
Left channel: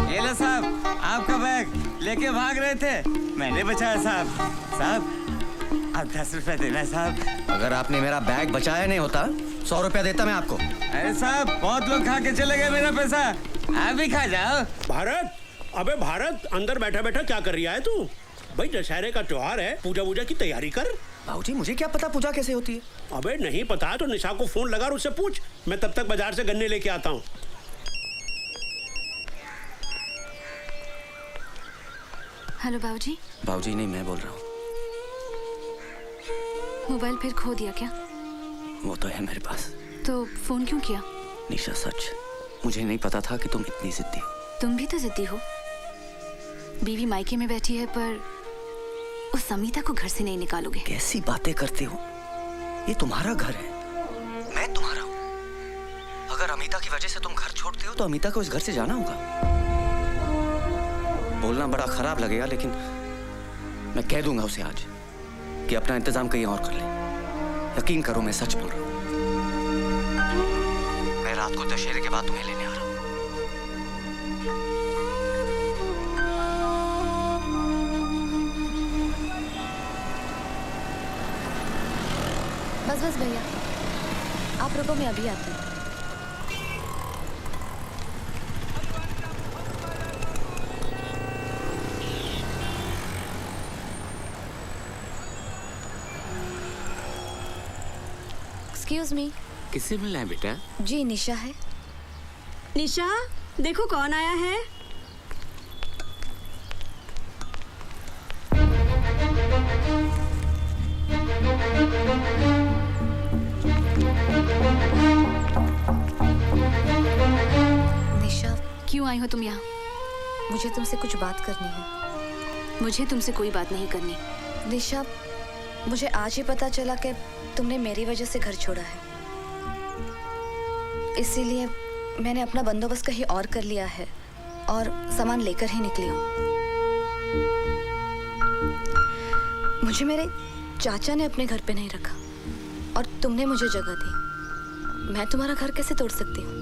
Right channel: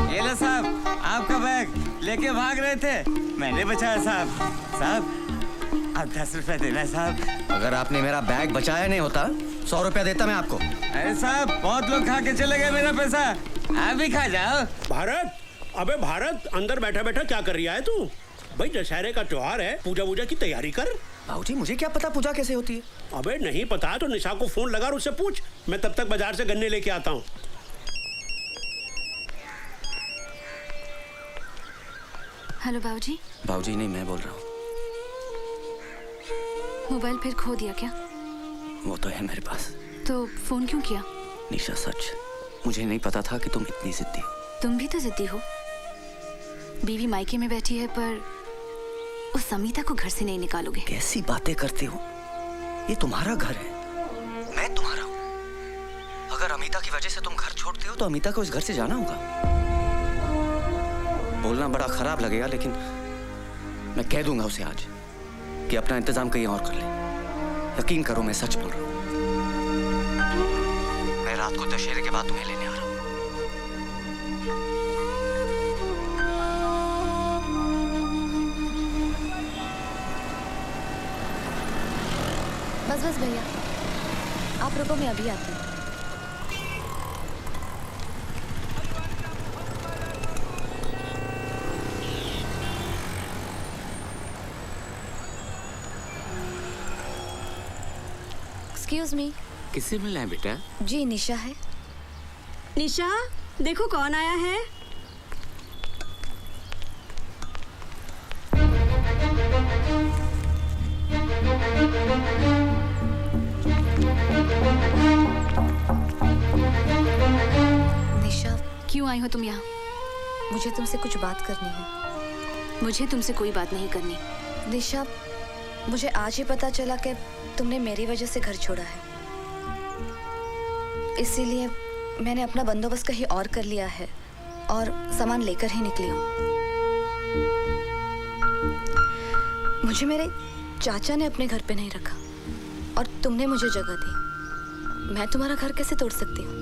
ये लो साहब, आपका बैग लेके भाग रहे थे, मैंने बचाया साहब। साहब आप 10 रुपया देना साहब। अगर आपने मेरा बैग बचाया नहीं होता 100 रुपया देता मैं आपको। अरे साहब बहुत लोग खा के चले गए मेरा पैसा, आप भी खा जाओ। भारत, अबे भारत, अंदर बैठा बैठा क्या कर रहा है तू? भाई दशहरे का त्योहार है, पूजा वूजा की तैयारी कर। बाबूजी मुझे क्या पता पूजा कैसे होती है? अबे नहीं पता तो निशा को फोन लगा और उससे पूछ। मैं तब तक बाजार से गन्ने लेके आता हूँ। हेलो बाबूजी। बाबूजी नहीं, मैं बोल रहा हूँ। मोबाइल फिर खो दिया क्या? वो तो है मेरे पास। तो फोन क्यों किया? निशा सच, मुझे नहीं पता था कि तुम इतनी जिद्दी हो। तुम भी तो जिद्दी हो। बीवी मायके में बैठी है पर उस समीता को घर से नहीं निकालोगे। कैसी बातें करती हो? ये तुम्हारा घर है, मैं तुम्हारा हूँ। अगर अमिता की वजह से तुम घर छोड़ते हो तो अमिता को इस घर से जाना होगा। बोलना बड़ा खराब लगेगा लेकिन मैं कह दूंगा उसे आज कि अपना इंतजाम कहीं और कर ले। यकीन करो मैं सच बोल रहा हूँ। मैं रात को दशहरे के बाद तुम्हें लेने आ रहा हूँ। बस बस भैया, आप रुको, मैं अभी आती हूँ। Excuse me. किससे मिलना है बेटा? जी निशा है। निशा देखो कौन आया है। निशा क्यों आई हो तुम यहाँ? मुझे तुमसे कुछ बात करनी है। मुझे तुमसे कोई बात नहीं करनी। निशा मुझे आज ही पता चला कि तुमने मेरी वजह से घर छोड़ा है, इसीलिए मैंने अपना बंदोबस्त कहीं और कर लिया है और सामान लेकर ही निकली हूँ। मुझे मेरे चाचा ने अपने घर पे नहीं रखा और तुमने मुझे जगह दी। मैं तुम्हारा घर कैसे तोड़ सकती हूँ?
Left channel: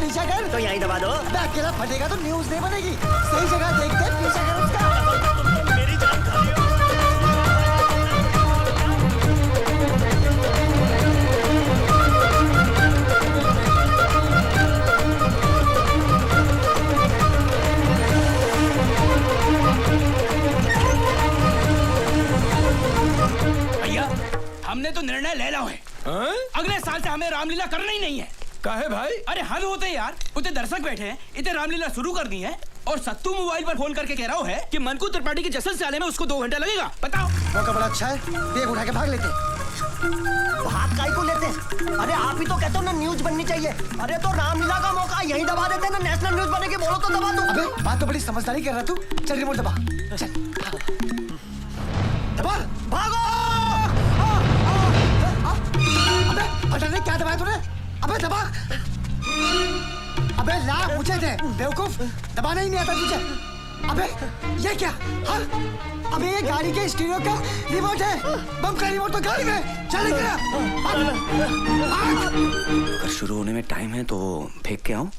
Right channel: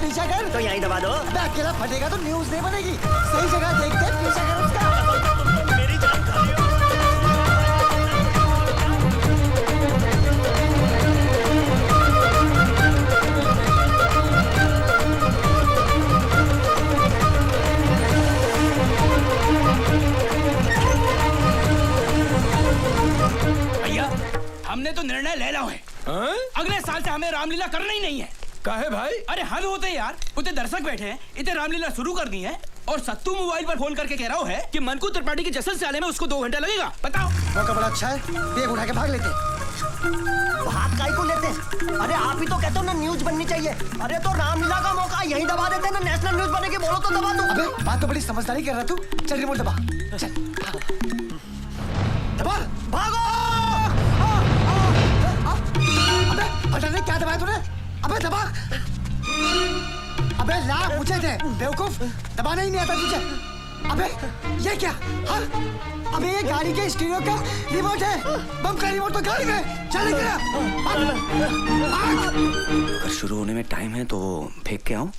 पीछा कर तो यहीं दबा दो। अकेला फटेगा तो न्यूज़ नहीं बनेगी। सही जगह देख के पीछा कर उसका। मेरी जान खा भैया हमने तो निर्णय ले लिया है। अगले साल से हमें रामलीला करना ही नहीं है। काहे भाई? अरे हद होते यार, उतने दर्शक बैठे हैं, इतने रामलीला शुरू कर दी है और सत्तू मोबाइल पर फोन करके कह रहा है कि मनकू त्रिपाठी के जश्न से आने में उसको 2 घंटा लगेगा। बताओ। मौका बड़ा अच्छा है, देख उठा के भाग लेते। भाग काहे को लेते? अरे आप ही तो कहते हो न्यूज बननी चाहिए। अरे तो रामलीला का मौका यही दबा देते ना, नेशनल न्यूज बनेगी। बोलो तो दबा दो। अबे बात तो बड़ी समझदारी कर रहा तू। चल रिमोट दबा, चल दबा, भागो। अबे पता नहीं क्या दबाया तूने। अबे दबा। अबे लाभ पूछे थे बेवकूफ, दबाना ही नहीं आता तुझे। अबे ये क्या? हाँ? अबे ये गाड़ी के स्टीरियो का रिमोट है। बम का रिमोट तो गाड़ी में। चल गया। अगर शुरू होने में टाइम है तो फेंक के आऊं?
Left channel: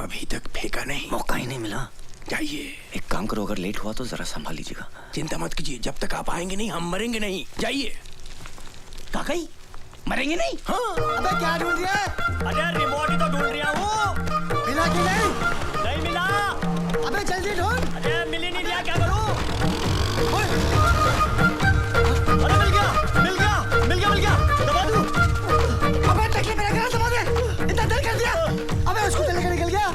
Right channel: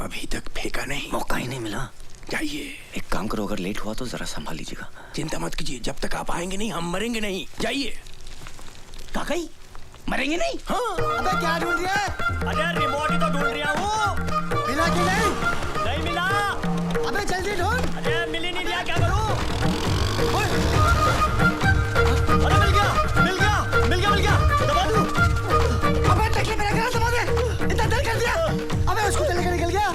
अभी तक फेंका नहीं, मौका ही नहीं मिला। जाइए। एक काम करो, अगर लेट हुआ तो जरा संभाल लीजिएगा। चिंता मत कीजिए, जब तक आप आएंगे नहीं हम मरेंगे नहीं। जाइए। काकाई मरेंगे नहीं? हाँ। अबे क्या ढूंढ रहा है? अरे रिमोट ही तो ढूंढ रहा हूँ। मिला कि नहीं? नहीं मिला। अबे जल्दी ढूंढ। अरे मिल ही नहीं रहा, क्या करूँ? अरे मिल गया, मिल गया, मिल गया, मिल गया। दबा दूँ। अबे टकली मेरा घर दबा दे। इतना देर कर दिया। अबे उसको लेकर निकल गया।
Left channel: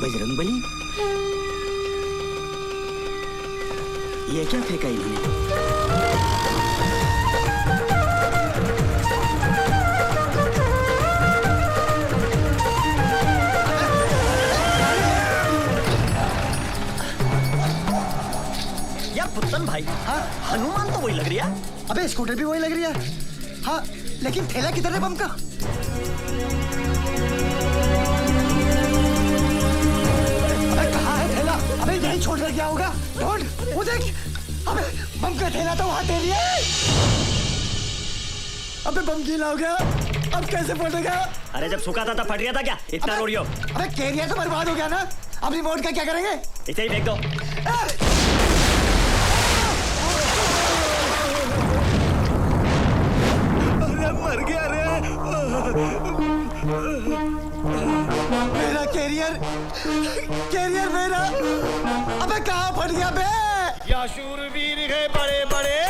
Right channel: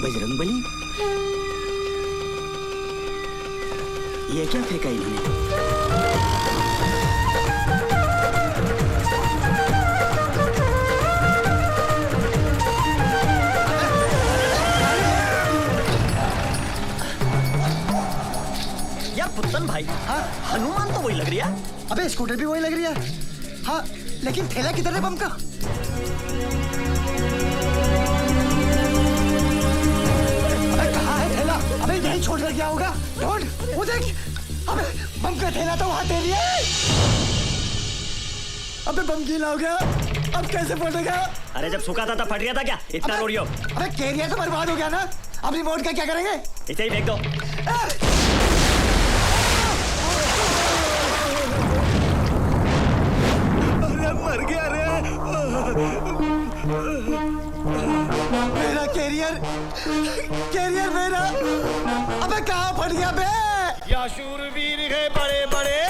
बजरंगबली, ये क्या फेंका इन्होंने? यार पुत्तन भाई, हाँ हनुमान तो वही लग रही है। अबे स्कूटर भी वही लग रही है। हाँ लेकिन थैला किधर है बम का? तूने क्या होगा? ढूंढ, वो देख, अबे बम का थैला तो वहाँ दे लिए। अबे बम गीला हो गया, अब कैसे फटेगा? अरे जब सूखा था तब फट गया था क्या? इतना रोड़ियो। अबे केरिया तो बर्बाद हो गया ना, अब रिमोट का क्या करेंगे? इसे ही फेंक दो। अरे मर गया रे। मेरा कैरियर मेरा, अबे कहाँ फट गया बे? क्या शूरवीर है बड़े बड़े।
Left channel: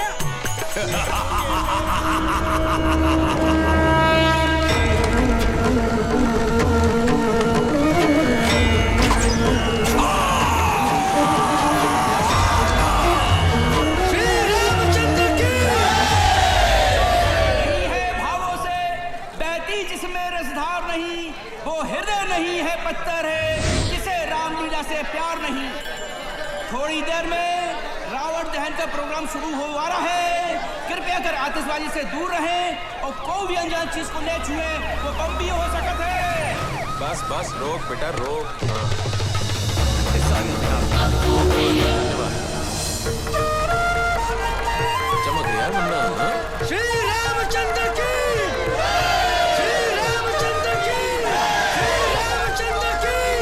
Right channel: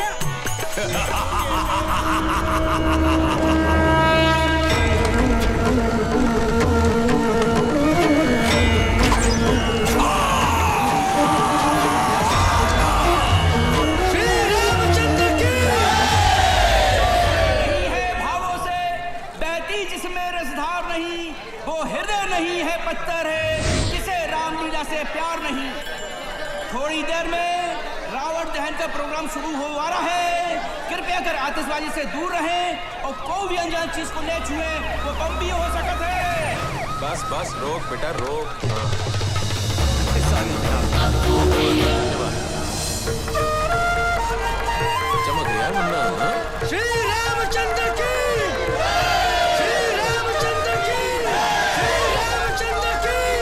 जिसमें रसधार नहीं वो हृदय नहीं है पत्थर है जिसे रामलीला से प्यार नहीं। थोड़ी देर में रावण दहन का प्रोग्राम शुरू हो रहा है। कृपया कर आतिशबाजी से दूर रहे और कोई भी अनजान चीज को न छुए, वो बम भी हो सकता है। बस बस रोक बेटा रोक। चमक गया मुन्ना। श्री रामचंद्र की,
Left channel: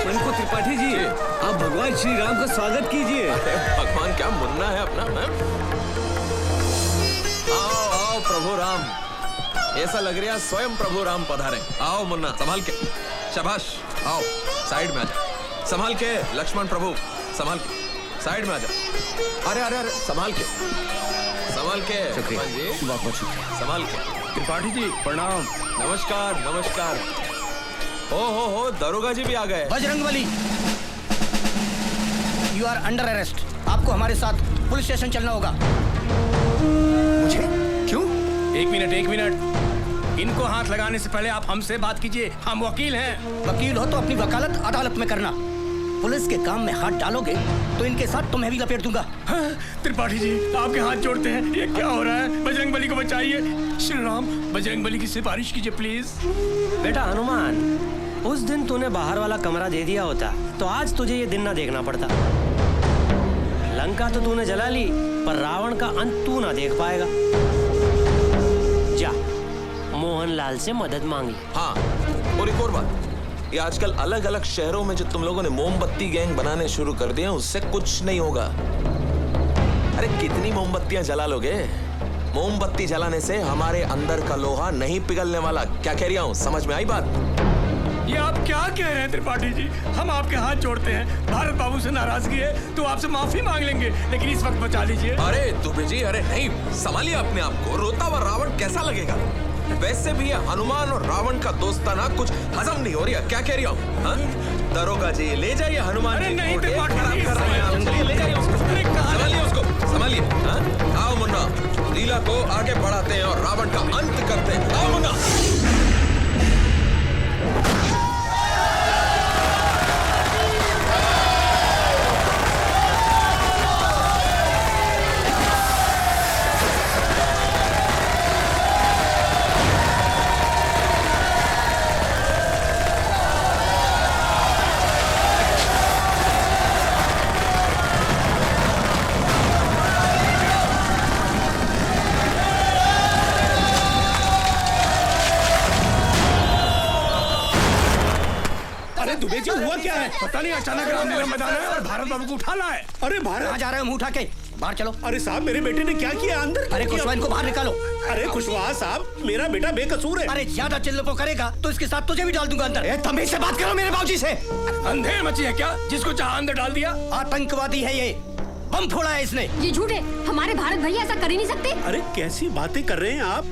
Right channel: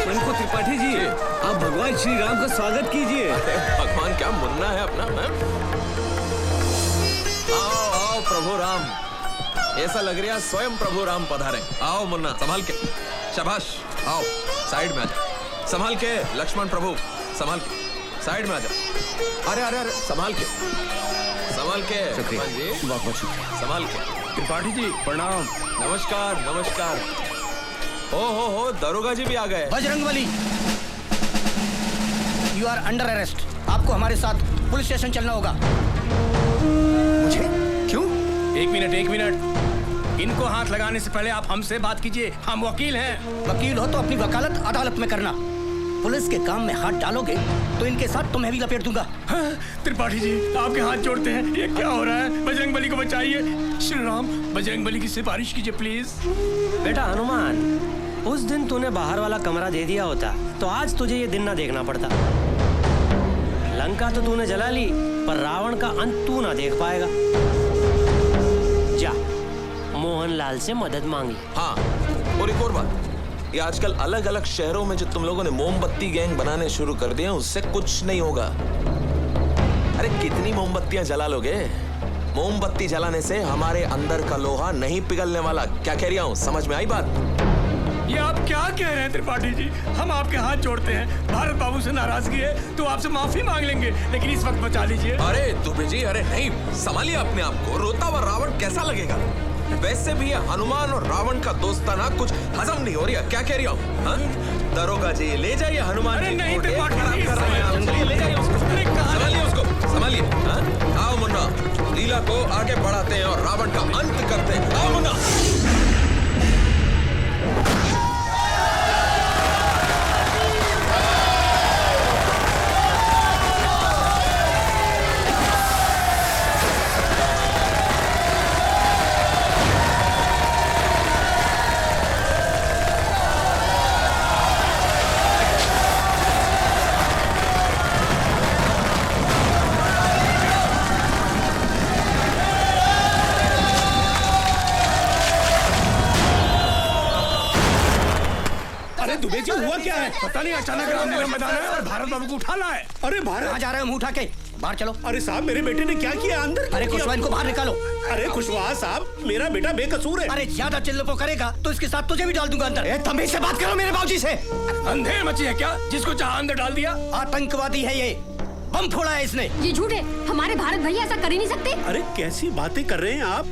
उनको त्रिपाठी जी, आप भगवान श्री राम का स्वागत कीजिए। भगवान क्या मुन्ना है अपना है? आओ आओ प्रभु राम, ऐसा लग रहा है स्वयं प्रभु राम पधारे। आओ मुन्ना संभाल के, शाबाश। आओ साइड में आजा, संभाल के। लक्ष्मण प्रभु संभाल के, साइड में आजा। अरे अरे अरे संभाल के, संभाल के। हनुमान जी संभाल के। त्रिपाठी जी प्रणाम। नमस्कार नमस्कार। हो दरोगा जी भी आ गए। Bajrangbali, you are under arrest. आपको हमारे साथ पुलिस स्टेशन चलना होगा। क्यों? एक मिनट, इनको हाथ लगाने से पहले आप हमसे बात कीजिए, हम वकील हैं। वकील हो तो अपनी वकालत अदालत में करना। पुलिस के काम में हाथ डालोगे तो इनके साथ तुम्हें भी लपेट दूंगा। त्रिपाठी जी आपके हाथ जोड़ते हैं, ये क्या हो रहा है? बजरंगबली को बचाइए। श्री राम, बजरंगबली की सिफारिश कीजिए प्लीज। बेटा हनुमान, उस दिन तूने बाहर वाला कमरा दे दिया होता तो आज तुझे ये दिन ना देखना पड़ता। लंका तो तूने जला ली, पर रावण का अंत तू ना देख पाएगा। जा मोहनलाल से मदद मांगी। हाँ, और एक और बात, ये आजकल अलग अलग शहरों में जो तुम लोगों ने मोमबत्ती गैंग बनाने शुरू कर दिए, उससे कुछ नहीं होगा। अरे कितनी मोमबत्तियां जला लोगे? मोमबत्ती जलाने से हमारे अंदर का लोहा नहीं पिघलने वाला। क्या कह रहा हूँ, समझ में आई बात? ये आप क्या कह रहे हैं त्रिपाठी जी? हम आपके हाथ जोड़ते हैं। भारत बाबू से नाराजगी है तो आपसे माफी मांग लेंगे, लेकिन इस वक्त बचा लीजिए। अरे दुबे जी, अरे नहीं, संभालिए अपने आप को। रोता हुआ रावण कैसा लगेगा? वैसे भी ये हनुमान और रावण का दोस्ताना कुछ हजम नहीं हो रहा। क्या कह रहा हूँ? दरोगा जी ले जाइए हनुमान जी। नहीं, ले जाइए उसको, संभालिए। आओ मुन्ना, लीला को आगे बढ़ाते हैं और रावण का अंत करते हैं। आओ मुन्ना। दुबे जी हुआ क्या है? पता नहीं, अचानक भारत बाबू को उठाना है। अरे बाहर कहाँ जा रहे हैं? मुंह उठा के बाहर चलो। अरे साहब, मेरे बेटे ने क्या किया? अंदर अरे खुशवा, इनको बाहर निकालो। अरे खुशवा साहब, मेरा बेटा बेकसूर है। अरे ज्यादा चिल्लपो करेगा तो इसके साथ तुझे भी डाल दूंगा अंदर। तमीज से बात करो मेरे बाबूजी से। अंधेर मची है क्या? जिसको चाह अंदर डाल दिया। आतंकवादी है ये, बम फोड़ा है इसने। ये झूठ है, हमारे भारत भैया ऐसा कर ही नहीं सकते। अरे कैसी बातें कर रहे हैं आप?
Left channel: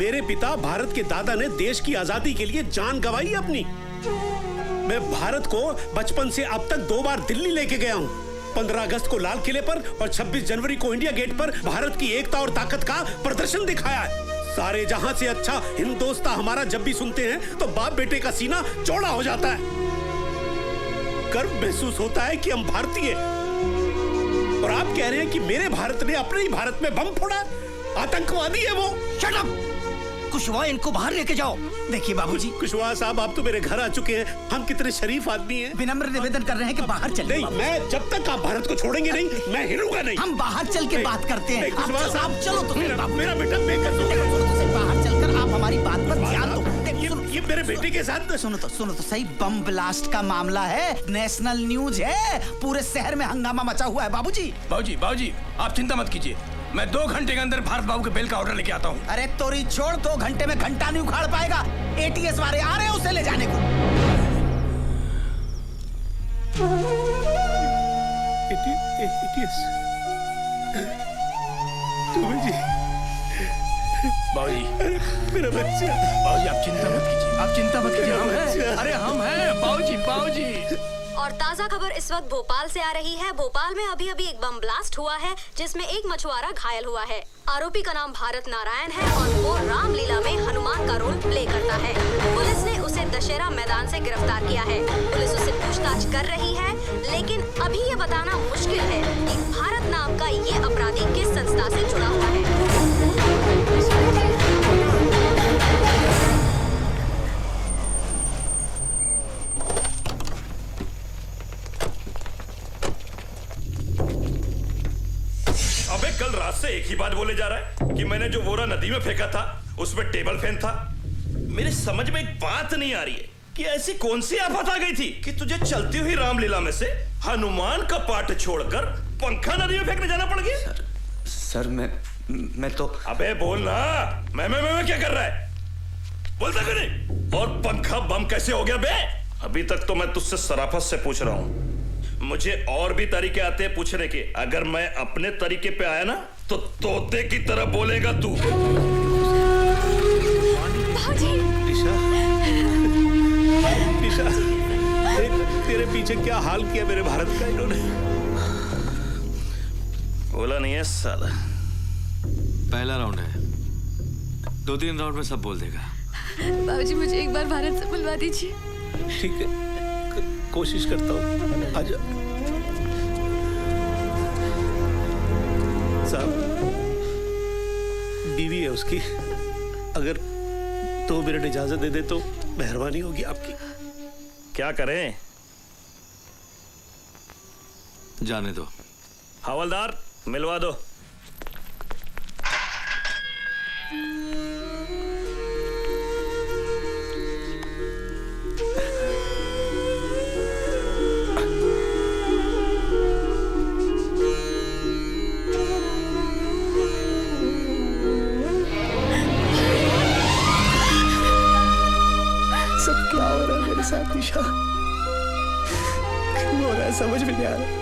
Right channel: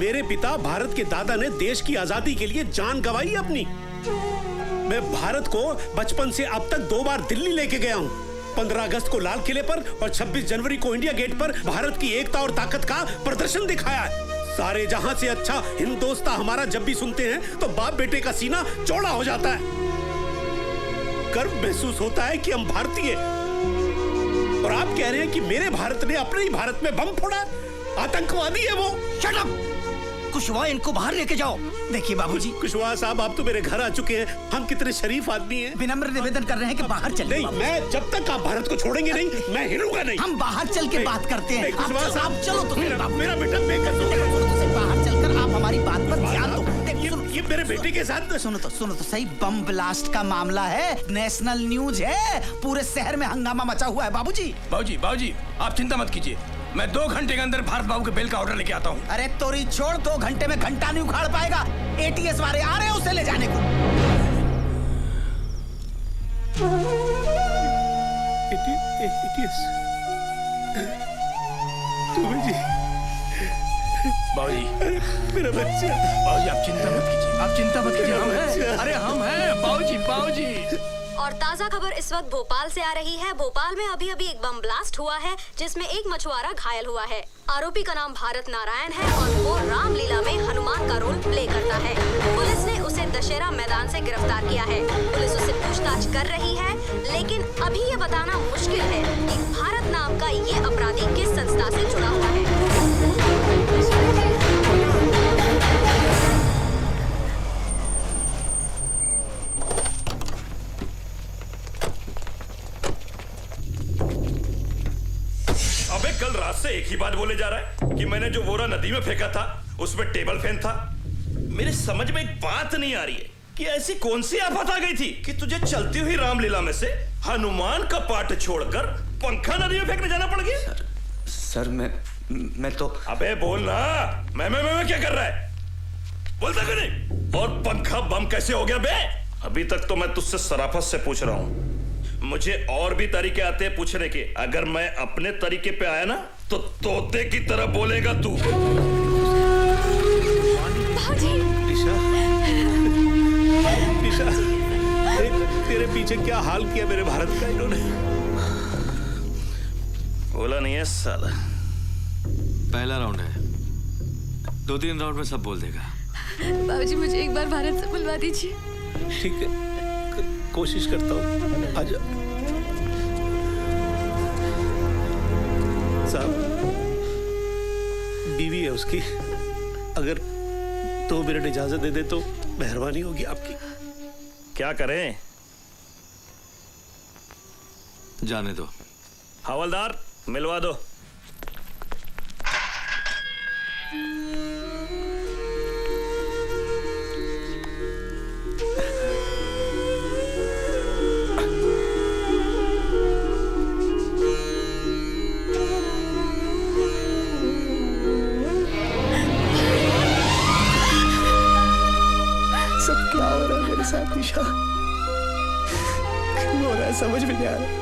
मेरे पिता भारत के दादा ने देश की आजादी के लिए जान गंवाई अपनी। मैं भारत को बचपन से अब तक 2 बार दिल्ली लेके गया हूँ। 15 अगस्त को लाल किले पर और 26 जनवरी को इंडिया गेट पर भारत की एकता और ताकत का प्रदर्शन दिखाया है। सारे जहां से अच्छा हिंदोस्तां हमारा जब भी सुनते हैं तो बाप बेटे का सीना चौड़ा हो जाता है। गर्व महसूस होता है कि हम भारतीय। और आप कह रहे हैं कि मेरे भारत ने अपने ही भारत में बम फोड़ा? आतंकवादी है वो। Shut up! कुशवाहा इनको बाहर लेके जाओ। देखिए बाबूजी, कुशवाहा साहब आप तो मेरे घर आ चुके हैं, हम कितने शरीफ आदमी हैं। विनम्र निवेदन कर रहे हैं कि बाहर चले। नहीं, मैं जब तक आप भारत को छोड़ेंगे नहीं, मैं हिलूंगा नहीं। हम बाहर चल के बात करते हैं। कुशवाहा साहब चलो तो मेरा बेटा बेकसूर बाहर चलकर आप हमारी बात पर ध्यान दो। ये मेरे बेटे के साथ सुनो तो सही, बम ब्लास्ट का मामला है, नेशनल न्यूज है, पूरे शहर में हंगामा मचा हुआ है बाबूजी। बाबूजी आप चिंता मत कीजिए, मैं 2 घंटे के अंदर भारत बाबू के बिल का ऑर्डर लेके आता हूँ। अरे तोरी छोड़, 2 घंटे में घंटा नहीं उखाड़ पाएगा। एटीएस वाले आ रहे हैं उसे ले जाने को। मेरा बच्चा। बाबूजी आप चिंता मत कीजिए, हम हैं। अरे हम हैं बाबूजी। और ताजा खबर इस वक्त भोपाल से आ रही है। भोपाल में अभी एक बम ब्लास्ट हुआ है जिसमें एक मछुआरा घायल हुआ है। आरोपी का नाम भारत नारायण है और वो रामलीला में हनुमान का रोल प्ले करता है। पुलिस ने उसे दशहरा मैदान से गिरफ्तार किया है। पुलिस उससे पूछताछ कर रही है, लेकिन अभी ये बताना मुश्किल है कि भारत नाम का ये अपराधी किस संस्था से जुड़ा हुआ है। अबे कल रात से एक ही बात बोले जा रहा है कि मैंने जो बोरा नदी में फेंका था उसमें टेबल फैन था। मेरे समझ में एक बात नहीं आ रही है कि ऐसी कौन सी आफत आ गई थी कि तुझे चलती हुई रामलीला में से हनुमान का पाठ छोड़कर पंखा नदी में फेंकने जाना पड़ गया। सर मैं तो। अबे बोल ना, मैं क्या कर रहा है, बोलता क्यों नहीं? और पंखा बम कैसे हो गया बे? अभी तक तो मैं तुझसे शराफत से पूछ रहा हूँ, मुझे और भी तरीके आते हैं पूछने के। अगर मैं अपने तरीके पे आया ना तो तोते की तरह बोलेगा तू। निशा, तेरे पीछे क्या हाल किया मेरे भारत का इन्होंने। बोला नहीं है साला। पहला राउंड है, 2-3 राउंड में सब बोल देगा। बाबूजी मुझे एक बार भारत से बुलवा दीजिए। ठीक है, कोशिश करता हूँ। आजा साहब, बीवी है उसकी, अगर 2 मिनट इजाजत दे दे तो मेहरबानी होगी आपकी। क्या करें? जाने दो। हवलदार मिलवा दो। सब क्या हो रहा है मेरे साथ निशा, क्यों हो रहा है समझ में नहीं आ रहा।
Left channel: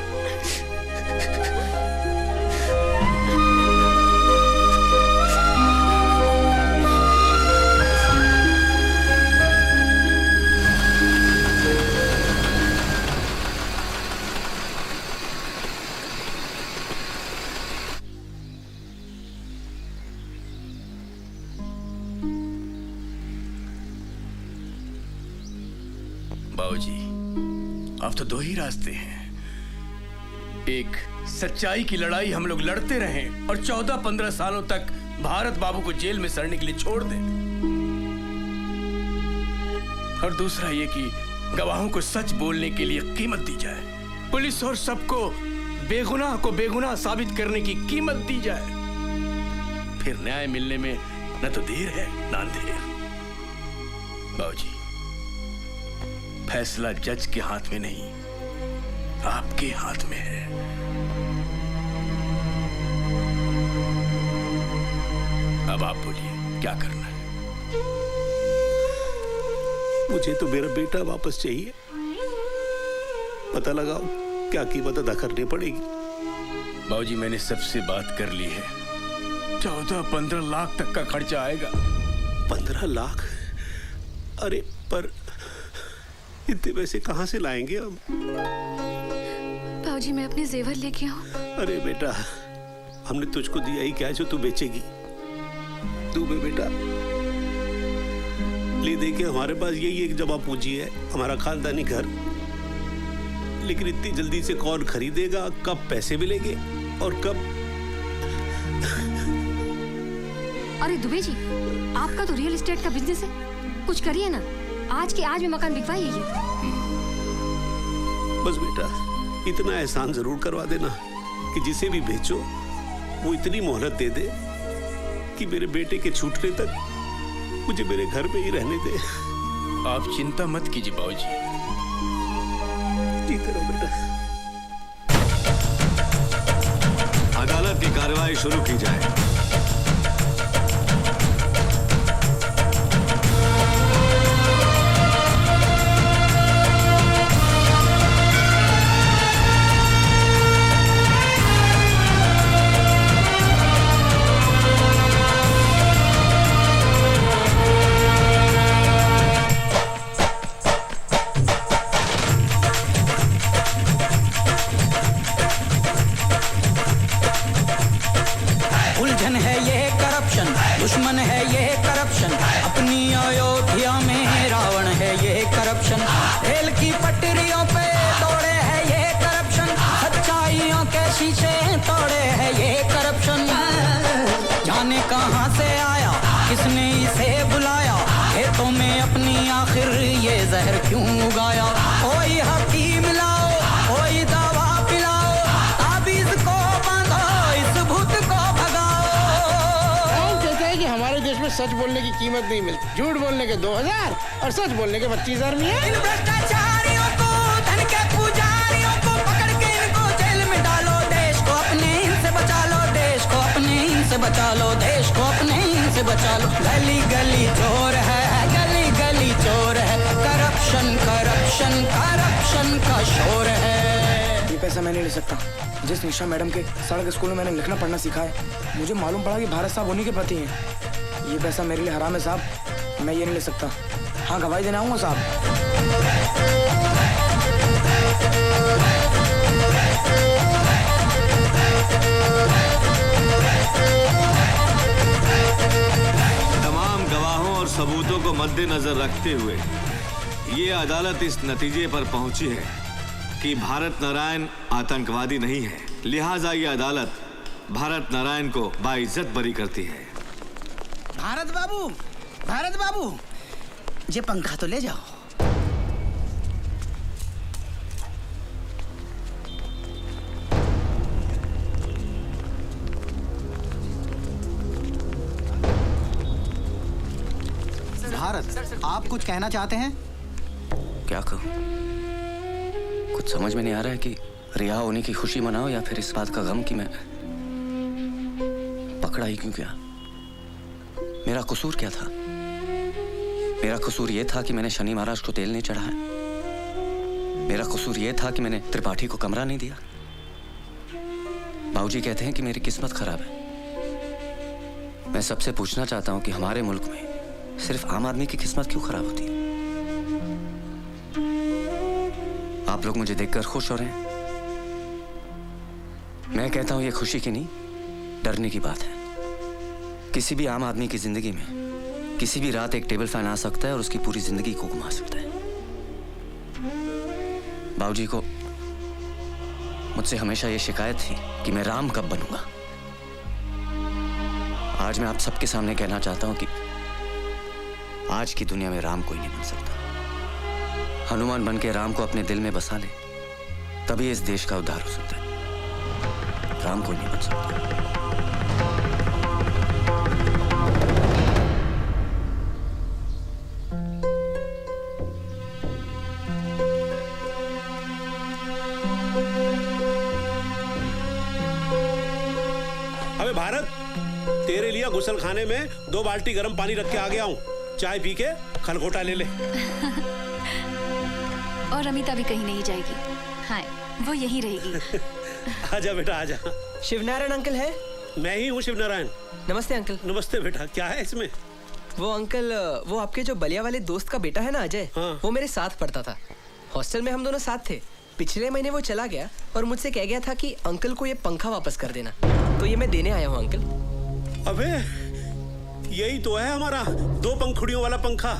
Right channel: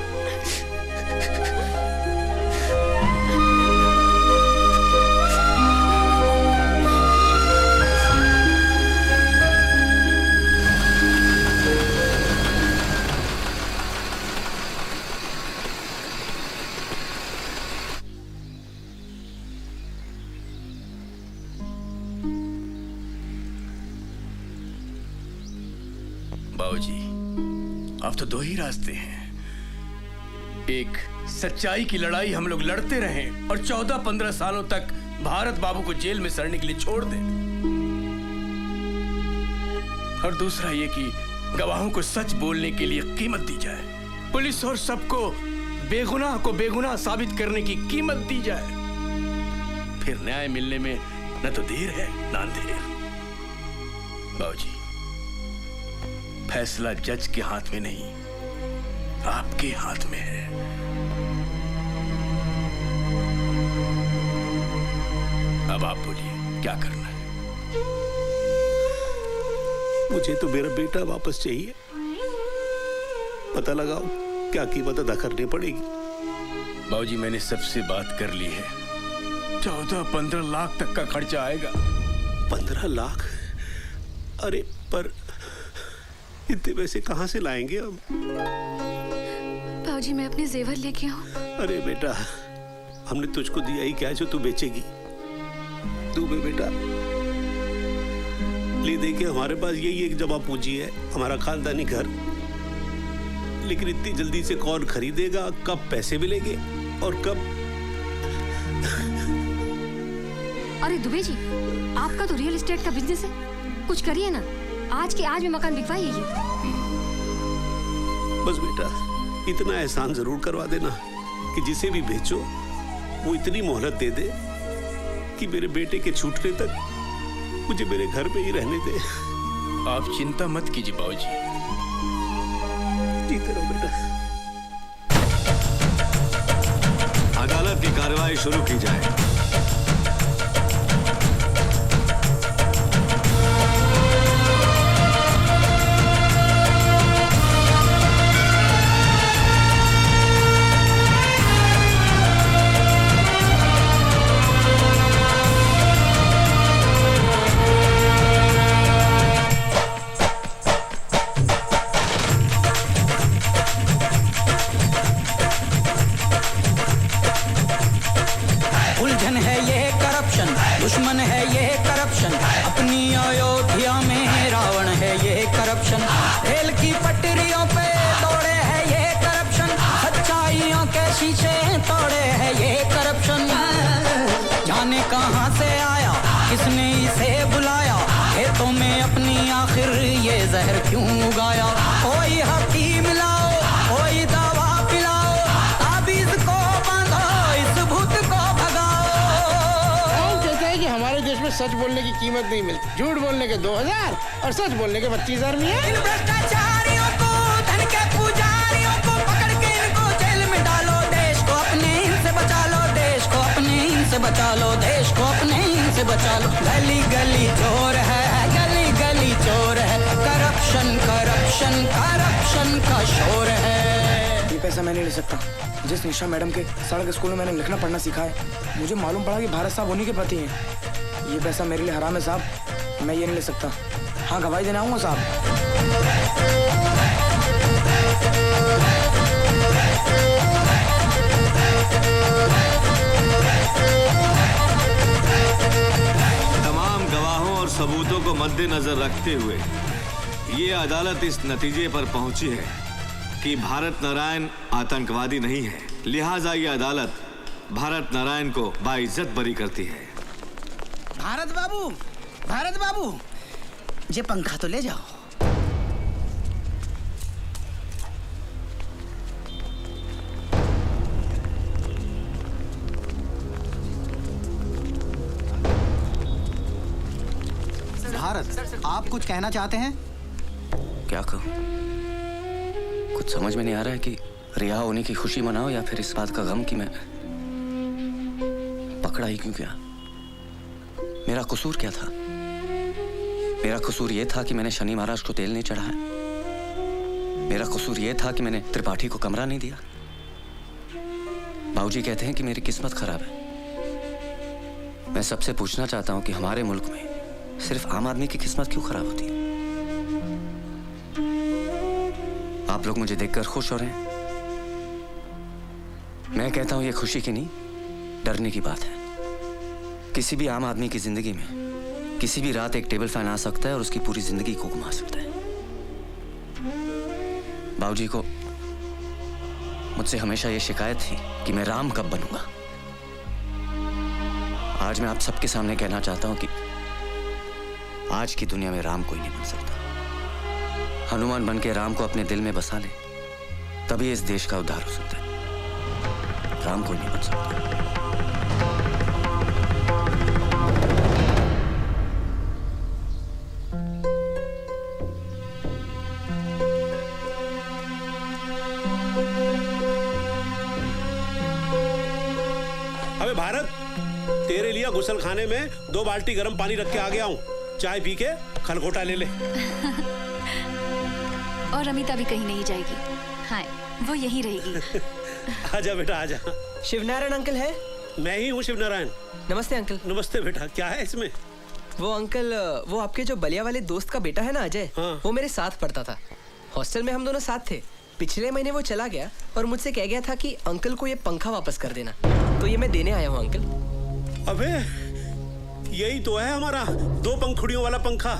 बाबूजी अब तो 2 ही रास्ते हैं। एक, सच्चाई की लड़ाई हम लोग लड़ते रहें और 14-15 सालों तक भारत बाबू को जेल में सड़ने के लिए छोड़ दें, और दूसरा ये कि गवाहों को सच बोलने के लिए कीमत दी जाए, पुलिस और सबको बेगुनाह को बेगुनाह साबित करने की कीमत दी जाए। फिर न्याय मिलने में न तो देर है न अंधेर। बाबूजी फैसला जज के हाथ में नहीं, आपके हाथ में है। अब आप बोलिए क्या करना है? मुझे तो मेरा बेटा वापस चाहिए। पता लगाओ क्या कीमत अदा करनी पड़ेगी। बाबूजी मैंने सबसे बात कर ली है, 14-15 लाख तक का खर्चा आएगा। 15 लाख? अरे पर इतने पैसे कहाँ से लाएंगे हम? बाबूजी मैं अपने जेवर लेके आऊं? अरे बेटा, हमने तुझको दिया ही क्या जो तू बेचेगी? तू भी बेटा ले दे के हमारे पास यही एक जमा पूंजी है, हमारा खानदानी घर। लेकिन इतनी जल्दी से कौन खरीदेगा? कब पैसे मिलेंगे और कब? अरे दुबे जी, आपका तो रियल एस्टेट का बिजनेस है, कुछ करिए ना, आज के आज में मकान बिकवाइए। बस बेटा इतना एहसान जरूर करवा देना कि जिसे भी बेचो वो इतनी मोहलत दे दे कि मेरे बेटे के छूटने तक मुझे मेरे घर पे ही रहने दे। आप चिंता मत कीजिए बाबूजी। ठीक है बेटा। अदालत की कार्रवाई शुरू की जाए। उलझन है ये करप्शन, दुश्मन है ये करप्शन, अपनी अयोध्या में रावण है ये करप्शन, रेल की पटरियों पे तोड़े है ये करप्शन, सच्चाइयों के शीशे तोड़े है ये करप्शन। जाने कहां से आया, किसने इसे बुलाया, खेतों में अपनी आखिर ये जहर क्यों उगाया। कोई हकीम लाओ, कोई दवा पिलाओ, ताबीज को बांधो, इस भूत को हम कहते हैं कि हमारे देश में सच बोलने की कीमत नहीं मिलती, झूठ बोलने के 2000 और सच बोलने के 25,000 मिले। इन भ्रष्टाचारियों को, धन के पुजारियों को पकड़ के इनको जेल में डालो, देश को अपने इनसे बचा लो, देश को अपने इनसे बचा लो, देश को अपने इनसे बचा लो। गली गली चोर है, गली गली चोर है, करप्शन करप्शन करप्शन का शोर है। ये पैसा मैं नहीं ले सकता। जिस निशा मैडम के सड़क स्कूल में मैंने लिखना पढ़ना सीखा है, मुझे मालूम पड़ा कि भारत साहब उन्हीं के प्रति है। ये पैसा मेरे लिए हराम है साहब, मैं ये नहीं ले सकता। हाँ गवाही देना आऊंगा साहब। तमाम गवाहों और सबूतों को मद्देनजर रखते हुए ये अदालत इस नतीजे पर पहुंची है कि भारत नारायण आतंकवादी नहीं है। लिहाजा ये अदालत भारत नारायण को बाइज्जत बरी करती है। भारत बाबू ये पंखा तो ले जाओ। भारत, आप कुछ कहना चाहते हैं? क्या कहूँ? कुछ समझ में नहीं आ रहा है कि रिहा होने की खुशी मनाओ या फिर इस बात का गम कि मैं पकड़ा ही क्यों गया। मेरा कसूर क्या था? मेरा कसूर ये था कि मैंने शनि महाराज को तेल नहीं चढ़ाया। मेरा कसूर ये था कि मैंने त्रिपाठी को कमरा नहीं दिया। बाबूजी कहते हैं कि मेरी किस्मत खराब है। मैं सबसे पूछना चाहता हूँ कि हमारे मुल्क में सिर्फ आम आदमी की किस्मत क्यों खराब होती है? आप लोग मुझे देखकर खुश हो रहे हैं। मैं कहता हूं ये खुशी की नहीं, डरने की बात है। किसी भी आम आदमी की जिंदगी में किसी भी रात एक टेबल फैन आ सकता है और उसकी पूरी जिंदगी को घुमा सकता है। बाबूजी को मुझसे हमेशा ये शिकायत थी कि मैं राम कब बनूंगा। आज मैं आप सबके सामने कहना चाहता हूं कि आज की दुनिया में राम कोई नहीं बन सकता। हनुमान बन के राम को अपने दिल में बसा ले, तभी इस देश का उद्धार हो सकता है। राम कोई नहीं बन सकता। अबे भारत, तेरे लिए गुसल खाने में 2 बाल्टी गर्म पानी रख के आ गया हूँ। चाय पी के खरगोटा ले ले। और अमिता भी कहीं नहीं जाएगी। हाँ, वो यही रहेगी। आजा बेटा आजा। शिवनारायण अंकल है? मैं ही हूँ शिवनारायण। नमस्ते अंकल। नमस्ते बेटा, क्या है इसमें? वो अंकल, वो आपके जो बलिया वाले दोस्त का बेटा है ना अजय, वो मेरे साथ पढ़ता था। हॉस्टल में हम दोनों साथ थे। पिछले महीने वो चला गया और मुझसे कह गया था कि अंकल को ये पंखा वापस कर देना, तो ये मैं देने आया हूँ अंकल। अबे यही तो है हमारा 2 पंखुड़ियों वाला पंखा।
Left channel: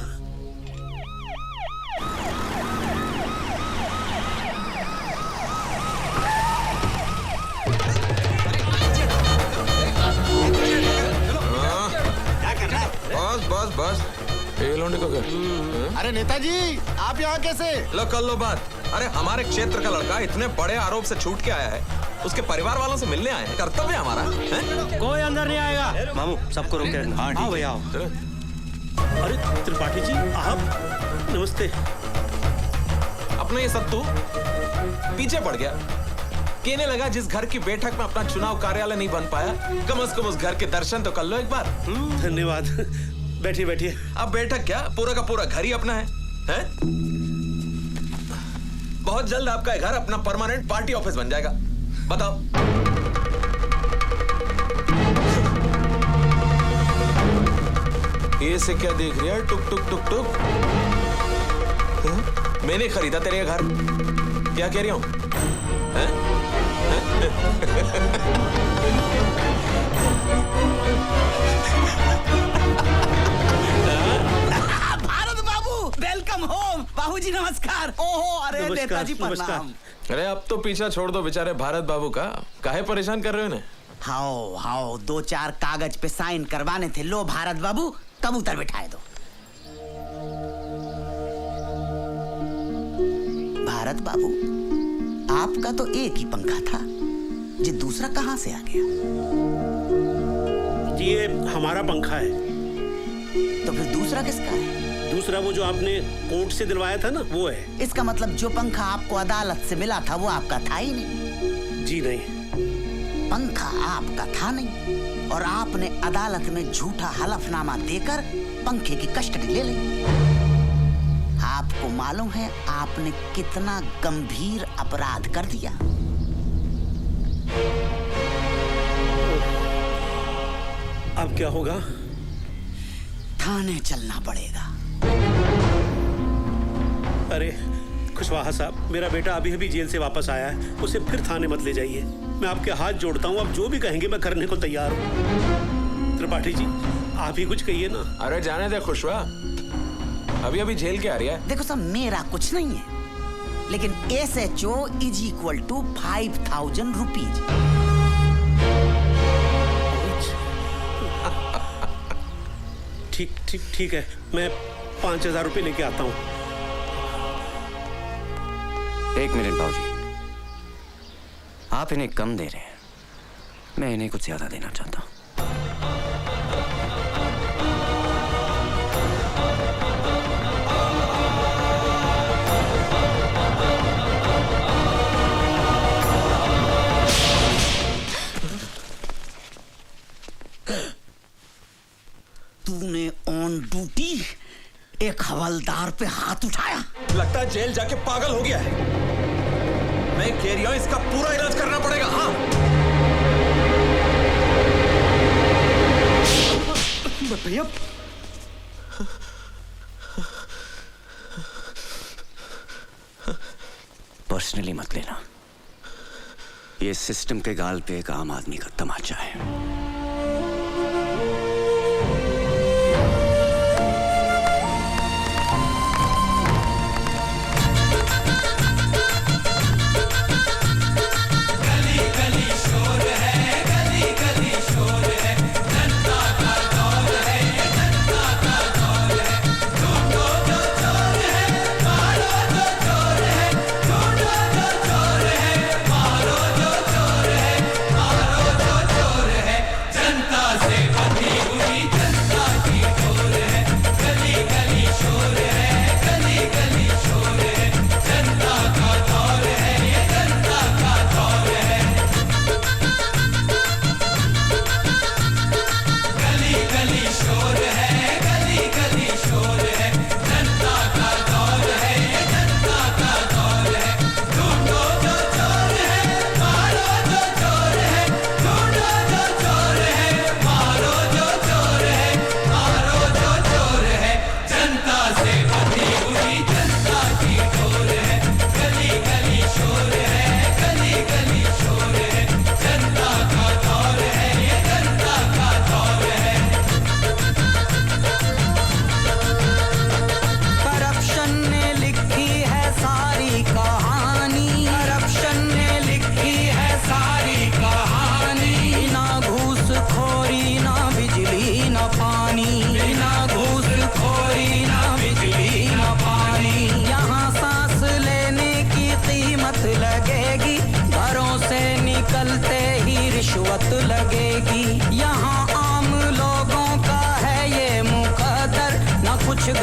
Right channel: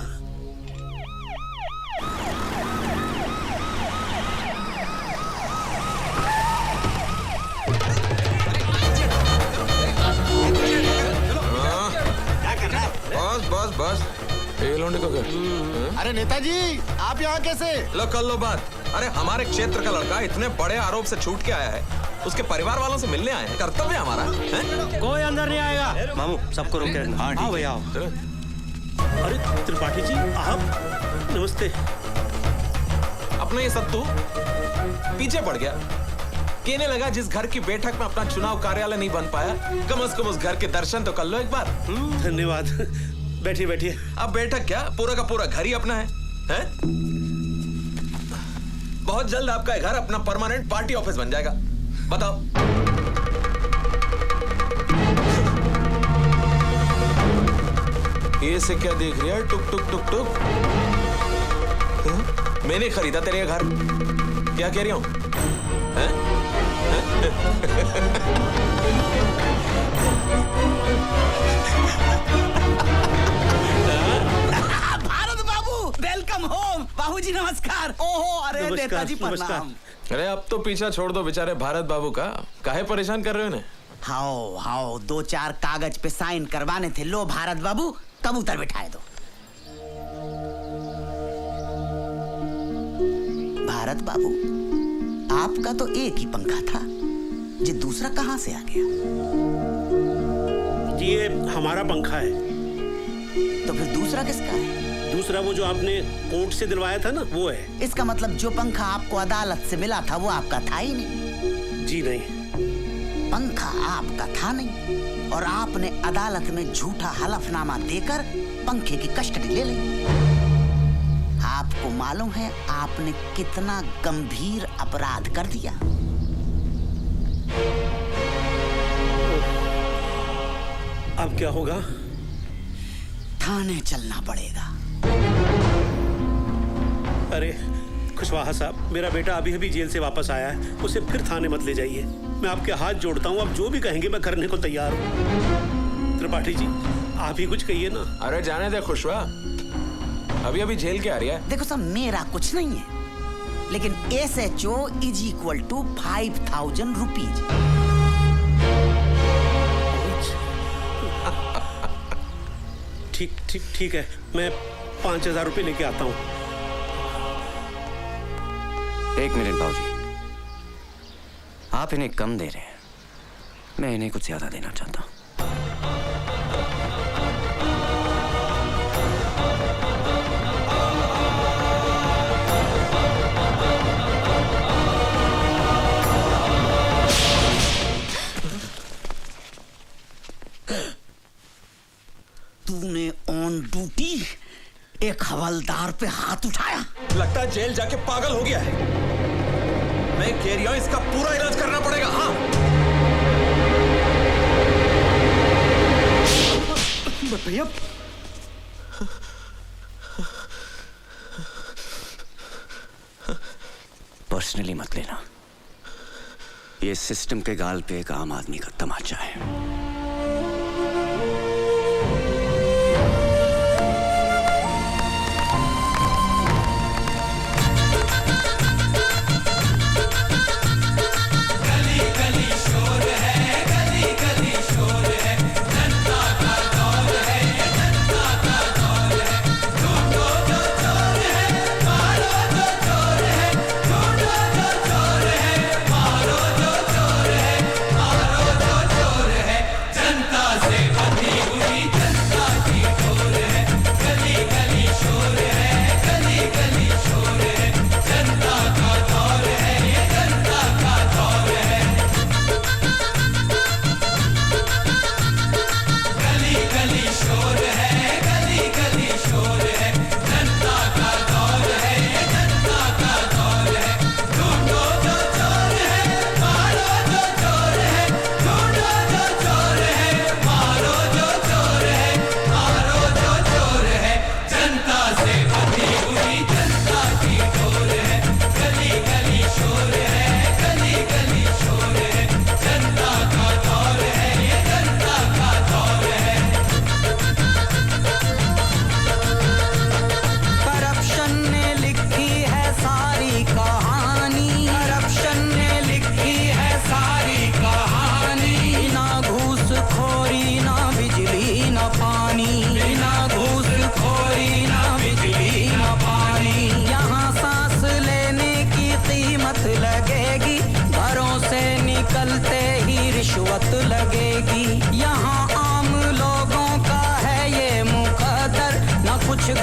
बस एक लौंडे का घर। अरे नेताजी आप यहाँ कैसे? लो कर लो बात। अरे हमारे क्षेत्र का लड़का इतने बड़े आरोप से छूट के आया है, उसके परिवार वालों से मिलने आए हैं। कर्तव्य है हमारा। कोई अंदर नहीं आएगा। मामू सबको रोक के आओ भैया आओ। अरे त्रिपाठी जी आप नमस्ते। अपना ये सब तू पीछे पड़ गया। कहने लगा जिस घर की बैठक में अपना चुनाव कार्यालय नहीं बन पाया, कम से कम उस घर के दर्शन तो कर लो एक बार। धन्यवाद। बैठिए बैठिए। अब बैठक क्या, पूरा का पूरा घर ही अपना है? बहुत जल्द आपका घर अपना परमानेंट पार्टी ऑफिस बन जाएगा। बताओ। ये से क्या देख रही है? टुक टुक टुक टुक। मैंने खरीदा तेरे घर, क्या कह रही हूँ? भारत बाबू वेलकम होम। बाबूजी नमस्कार। ओहो अरे नेताजी प्रणाम। अरे अब तो पीछा छोड़ दो बेचारे भारत बाबू का, काहे परेशान कर रहे हो? हाओ हाओ 2-4 कागज पे साइन करवाने थे। लो भारत बाबू कबूतर बिठाए दो। भारत बाबू आपका तो एक ही पंखा था, ये दूसरा कहां से आ गया? ये हमारा पंखा है। तो फिर दूसरा किसका है? दूसरा वो जो आपने कोर्ट से दिलवाया था ना, वो है। इसका मतलब जो पंखा आपको अदालत से मिला था वो आपका था ही नहीं। जी नहीं, पंखा आपका था नहीं और आपने अदालत में झूठा हलफनामा देकर पंखे की कस्टडी ले ली। आपको मालूम है आपने कितना गंभीर अपराध कर दिया? अब क्या होगा? थाने चलना पड़ेगा। अरे खुशवाहा साहब, मेरा बेटा अभी अभी जेल से वापस आया है, उसे फिर थाने मत ले जाइए। मैं आपके हाथ जोड़ता हूँ, आप जो भी कहेंगे मैं करने को तैयार हूँ। त्रिपाठी जी आप ही कुछ कहिए ना। अरे जाने दे खुशवा, अभी अभी जेल के आ रही है। देखो साहब मेरा कुछ नहीं है, लेकिन SHO = 5,000 रुपीज। ठीक है, मैं 5,000 रुपए लेके आता हूँ। एक मिनट बाबूजी, आप इन्हें कम दे रहे हैं, मैं इन्हें कुछ ज्यादा देना चाहता हूँ। तूने ऑन ड्यूटी एक हवलदार पे हाथ उठाया? लगता है जेल जाके पागल हो गया है। मैं कह रही हूं इसका पूरा इलाज करना पड़ेगा। हाँ भैया पर्सनली मत लेना, ये सिस्टम के गाल पे एक आम आदमी का तमाचा है।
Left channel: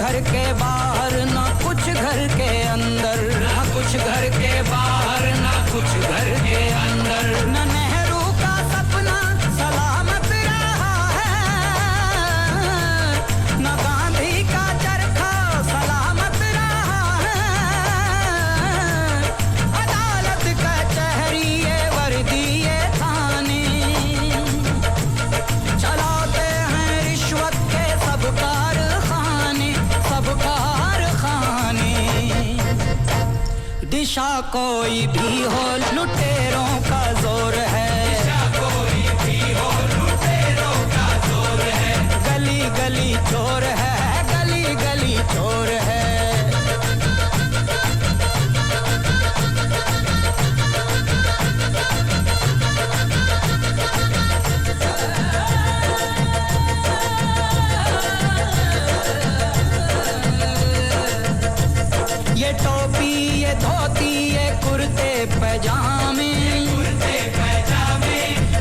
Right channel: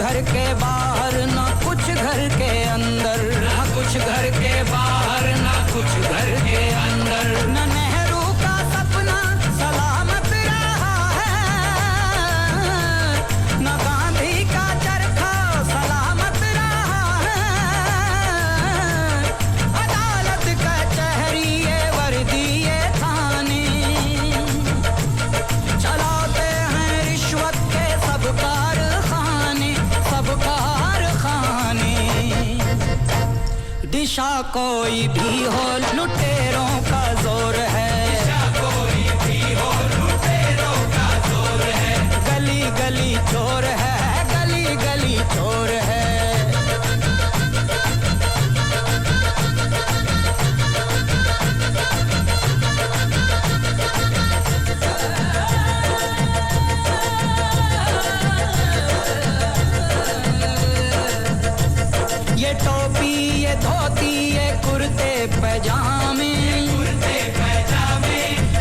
घर के बाहर ना कुछ घर के अंदर, ना कुछ घर के बाहर ना कुछ घर के अंदर। ना नेहरू का सपना सलामत रहा है, ना गांधी का चरखा सलामत रहा है। अदालत कचहरी ये वर्दी ये थाने चलाते हैं रिश्वत के सब कारखाने, सब कारखाने। दिशा कोई भी हो लुटेरों का जोर है, दिशा कोई भी हो लुटेरों का जोर है। गली गली चोर है, गली गली चोर है। ये टोपी ये धोती ये कुर्ते पैजामे, कुर्ते पैजामे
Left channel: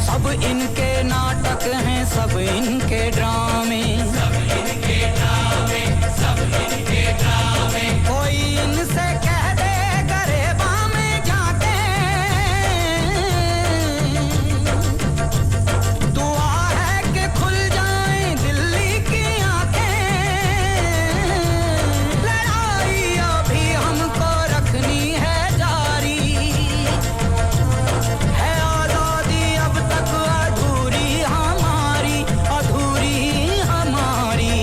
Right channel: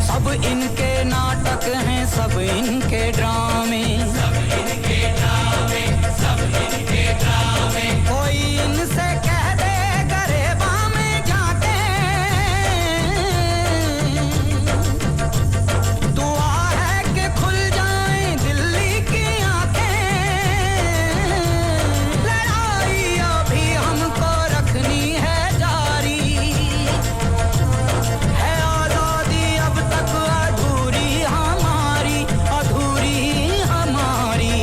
सब इनके नाटक हैं, सब इनके ड्रामे, सब इनके ड्रामे, सब इनके ड्रामे। कोई इनसे कह दे गरेबा में जाके, दुआ है कि खुल जाए दिल्ली की आंखें। लड़ाई अभी हमको रखनी है जारी, है आजादी अब तक अधूरी हमारी, अधूरी हमारी।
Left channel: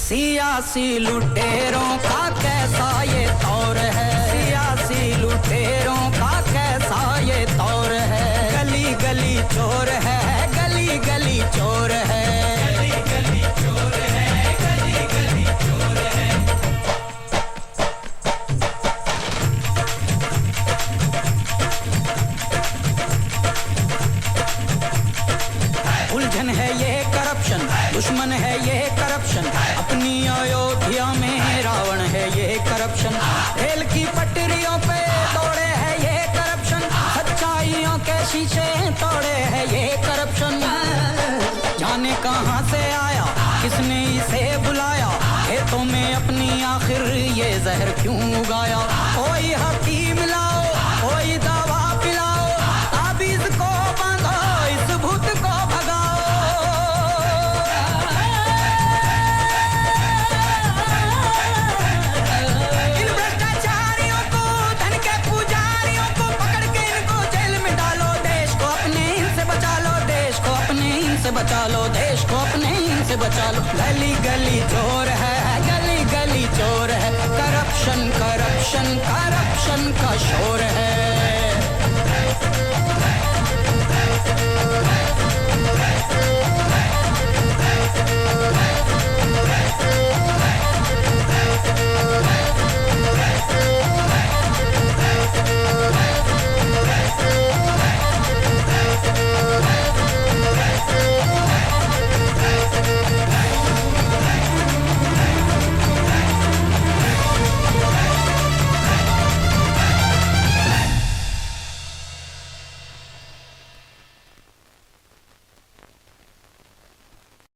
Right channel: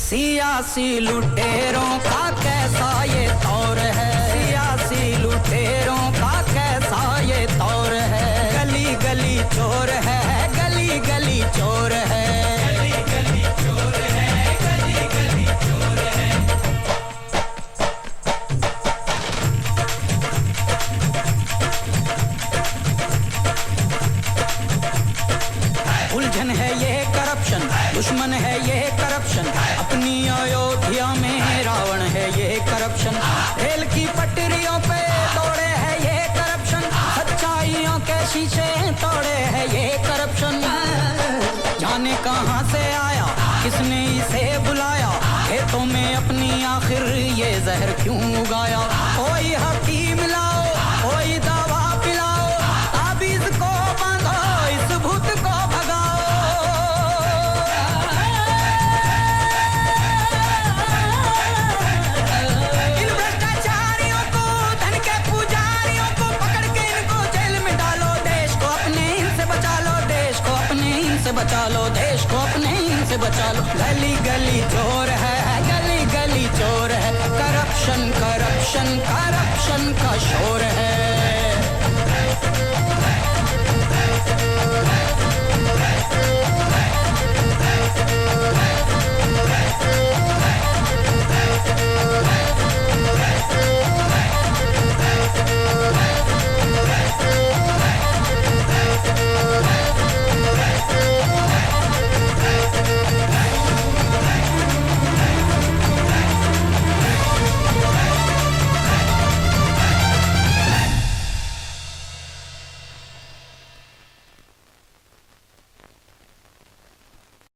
सियासी लुटेरों का कैसा ये दौर है, सियासी लुटेरों का कैसा ये दौर है। गली गली चोर है, गली गली चोर है, गली गली चोर है, गली गली चोर है। उलझन है ये करप्शन, दुश्मन है ये करप्शन। अपनी अयोध्या में रावण है ये करप्शन। रेल की पटरियों पे तोड़े है ये करप्शन, सच्चाइयों के शीशे तोड़े है ये करप्शन। जाने कहाँ से आया, किसने इसे बुलाया, खेतों में अपनी आखिर ये जहर क्यों उगाया। कोई हकीम लाओ, कोई दवा पिलाओ, ताबीज को बांधो, इस भूत को भगाओ। इन भ्रष्टाचारियों को, धन के पुजारियों को पकड़ के इनको जेल में डालो। देश को अपने इनसे बचा लो, देश को अपने इनसे बचा लो, देश को अपने इनसे बचा लो। गली गली चोर है, गली गली चोर है। करप्शन करप्शन करप्शन का शोर है।